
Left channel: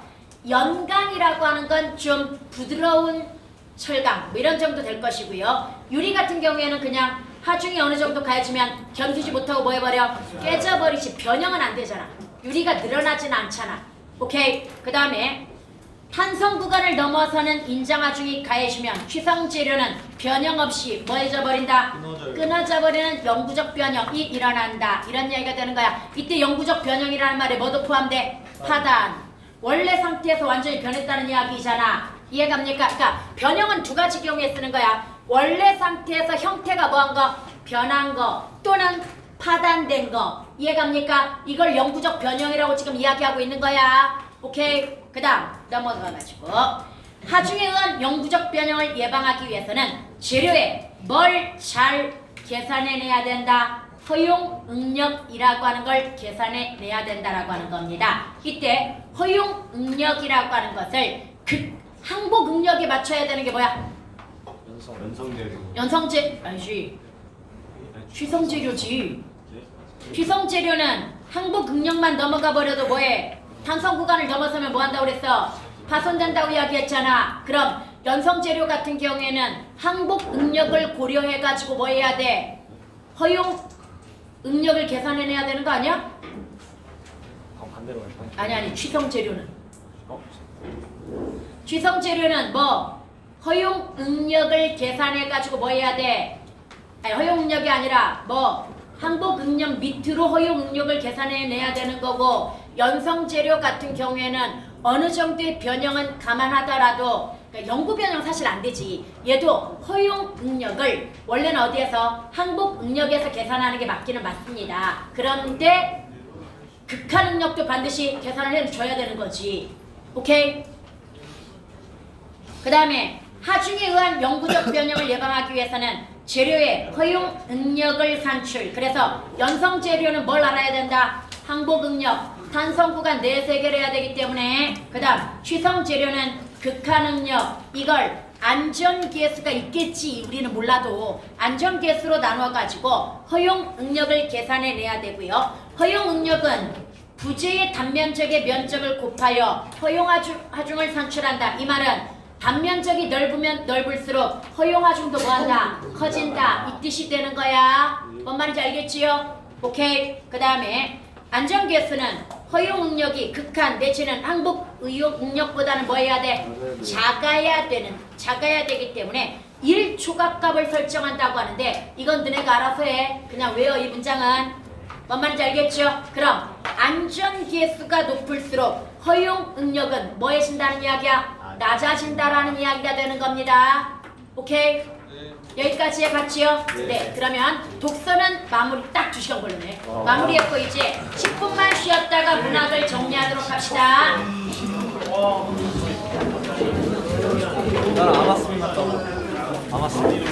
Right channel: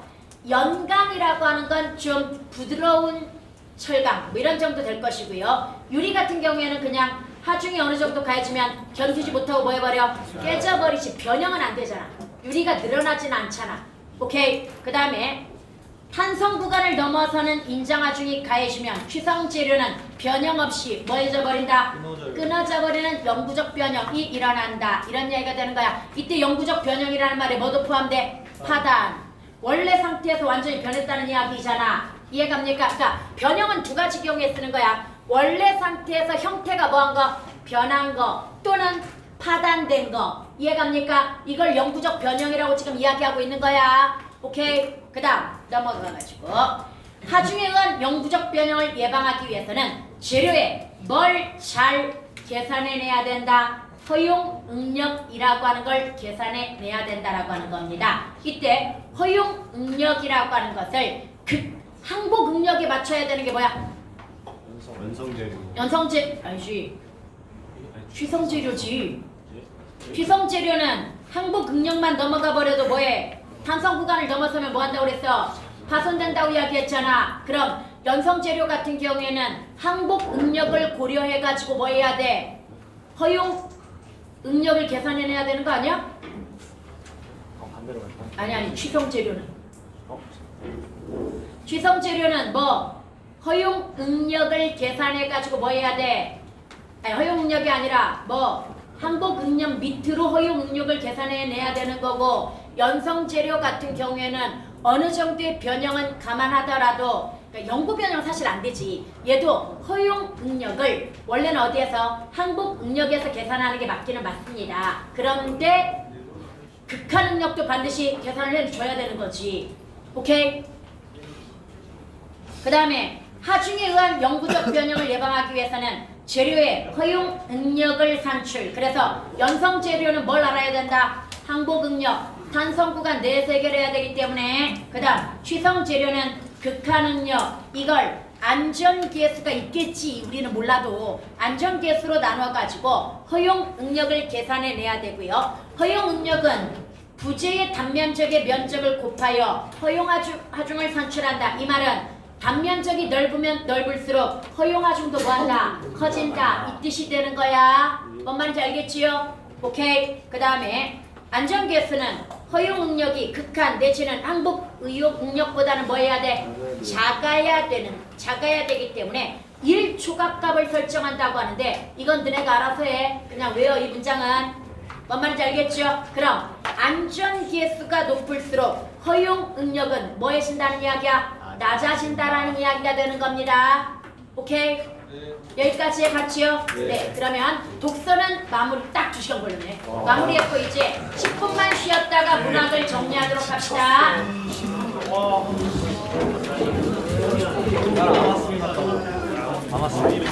연강이라고 하는 건 좀 부드러운 철강, 뭐 이런 정도 될 것이고요. 유리 같은 경우에는 그냥 하중이 어느 정도 가해지면 견디지 못하고 뭐 해버려? 깨져버리지. 변형은 안 되잖아. 유리가 늘어나지는 않잖아. 오케이. 그 다음에 탄성 구간을 넘어서는 인장하중이 가해지면 취성재료는 변형 없이 뭐 해져버린다? 끊어져 버리는 영구적 변형이 일어난다. 이런 얘기가 되는 거야. 이때 영구적 변형이라는 말에 뭐도 포함돼? 파단. 원래 상태에서 완전히 변했다는 이야기잖아. 이해갑니까? 그러니까 변형은 두 가지 경우에 쓰는 거야. 원래 상태에서 형태가 뭐한 거? 변한 거, 또는 파단된 거. 이해갑니까? 이걸 영구적 변형이라고 지금 이야기하고 있는 거야. 오케이? 그 다음 넘어가가지고 하중에 의한 영구적 변형을 예방하기 위해서는 재료에 뭘 잘 계산해내야 된다? 허용 응력이라고 하는 걸 계산해내야 된다라고 하는 겁니다. 이때 허용 응력이라고 하는 것을 항복 응력에 맞춰야 되는 게 뭐야? 연성재료. 연성재 아니지. 취성재료지. 취성재료는 항복 응력만 넘어가 버려도 뭐해? 탄성 구간을 넘어서면 뭐 한다고 그랬어? 파손된다고 이야기했잖아. 그럼 연성재료 같은 경우에는 항복 응력을 고려해 가지고 뭐 해야 돼? 허용 응력을 계산해내야 되는 거 아니야? 반대로 갈까? 아니 취성재료는. 취성재료는 뭐 허용 응력을 계산해 가지고 뭐 해야 돼? 아니, 허용 응력이 아니라 뭐 항복 응력 밑으로 허용 응력을 계산해 내야 되는 거고, 연성재료 같은 경우에는 어느 정도의 변형은 감안하더라도, 그러니까 영구 변형 사실 안 되지. 얘도 허용 응력을 원래는 어디에서? 항복 응력에서 계산하는 게 맞기는 맞습니다. 그런데 극한 응력도 반드시 계산을 해줘야 되는 거지. 오케이? 그 다음에 하중에 의한 영구적 변형을 예방하기 위해서는 재료의 허용 응력을 산출. 그래서 연성 재료는 뭘 알아야 된다? 항복 응력, 탄성 구간 내에서 해결해야 되기 때문에. 그 다음 취성 재료는 극한 응력. 이걸 안전계수가 있겠지, 우리는 몰라도 안전계수로 나눠가지고 허용 응력을 계산해내야 되고요. 허용 응력은 부재의 단면적의 면적을 곱하여 허용 하중을 산출한다. 이 말은 단면적이 넓으면 넓을수록 허용 하중도 뭐한다? 커진다. 이 뜻이 되는 거야. 뭔 말인지 알겠지요? 오케이. 그 다음에 안전기획수는 허용 응력이 극한 내지는 항복 의혹 응력보다는 뭐 해야 돼? 작아야 되기 때문에 1초각값을 설정한다고 하는데 이건 너네가 알아서 해. 그냥 외워 이 문장은. 뭔 말인지 알겠죠? 그럼 안전기획수가 높을수록 허용 응력은 뭐해진다는 이야기야? 낮아진다라는 이야기가 되는 겁니다. 오케이? 여기까지 해봤지요? 네. 그러면 독서는 마무리 딱 2시간 걸렸네. 마무리했고 이제 10분만 쉬었다가 문학을 정리하도록 합시다. 나는 안 왔습니다. 안 왔습니다.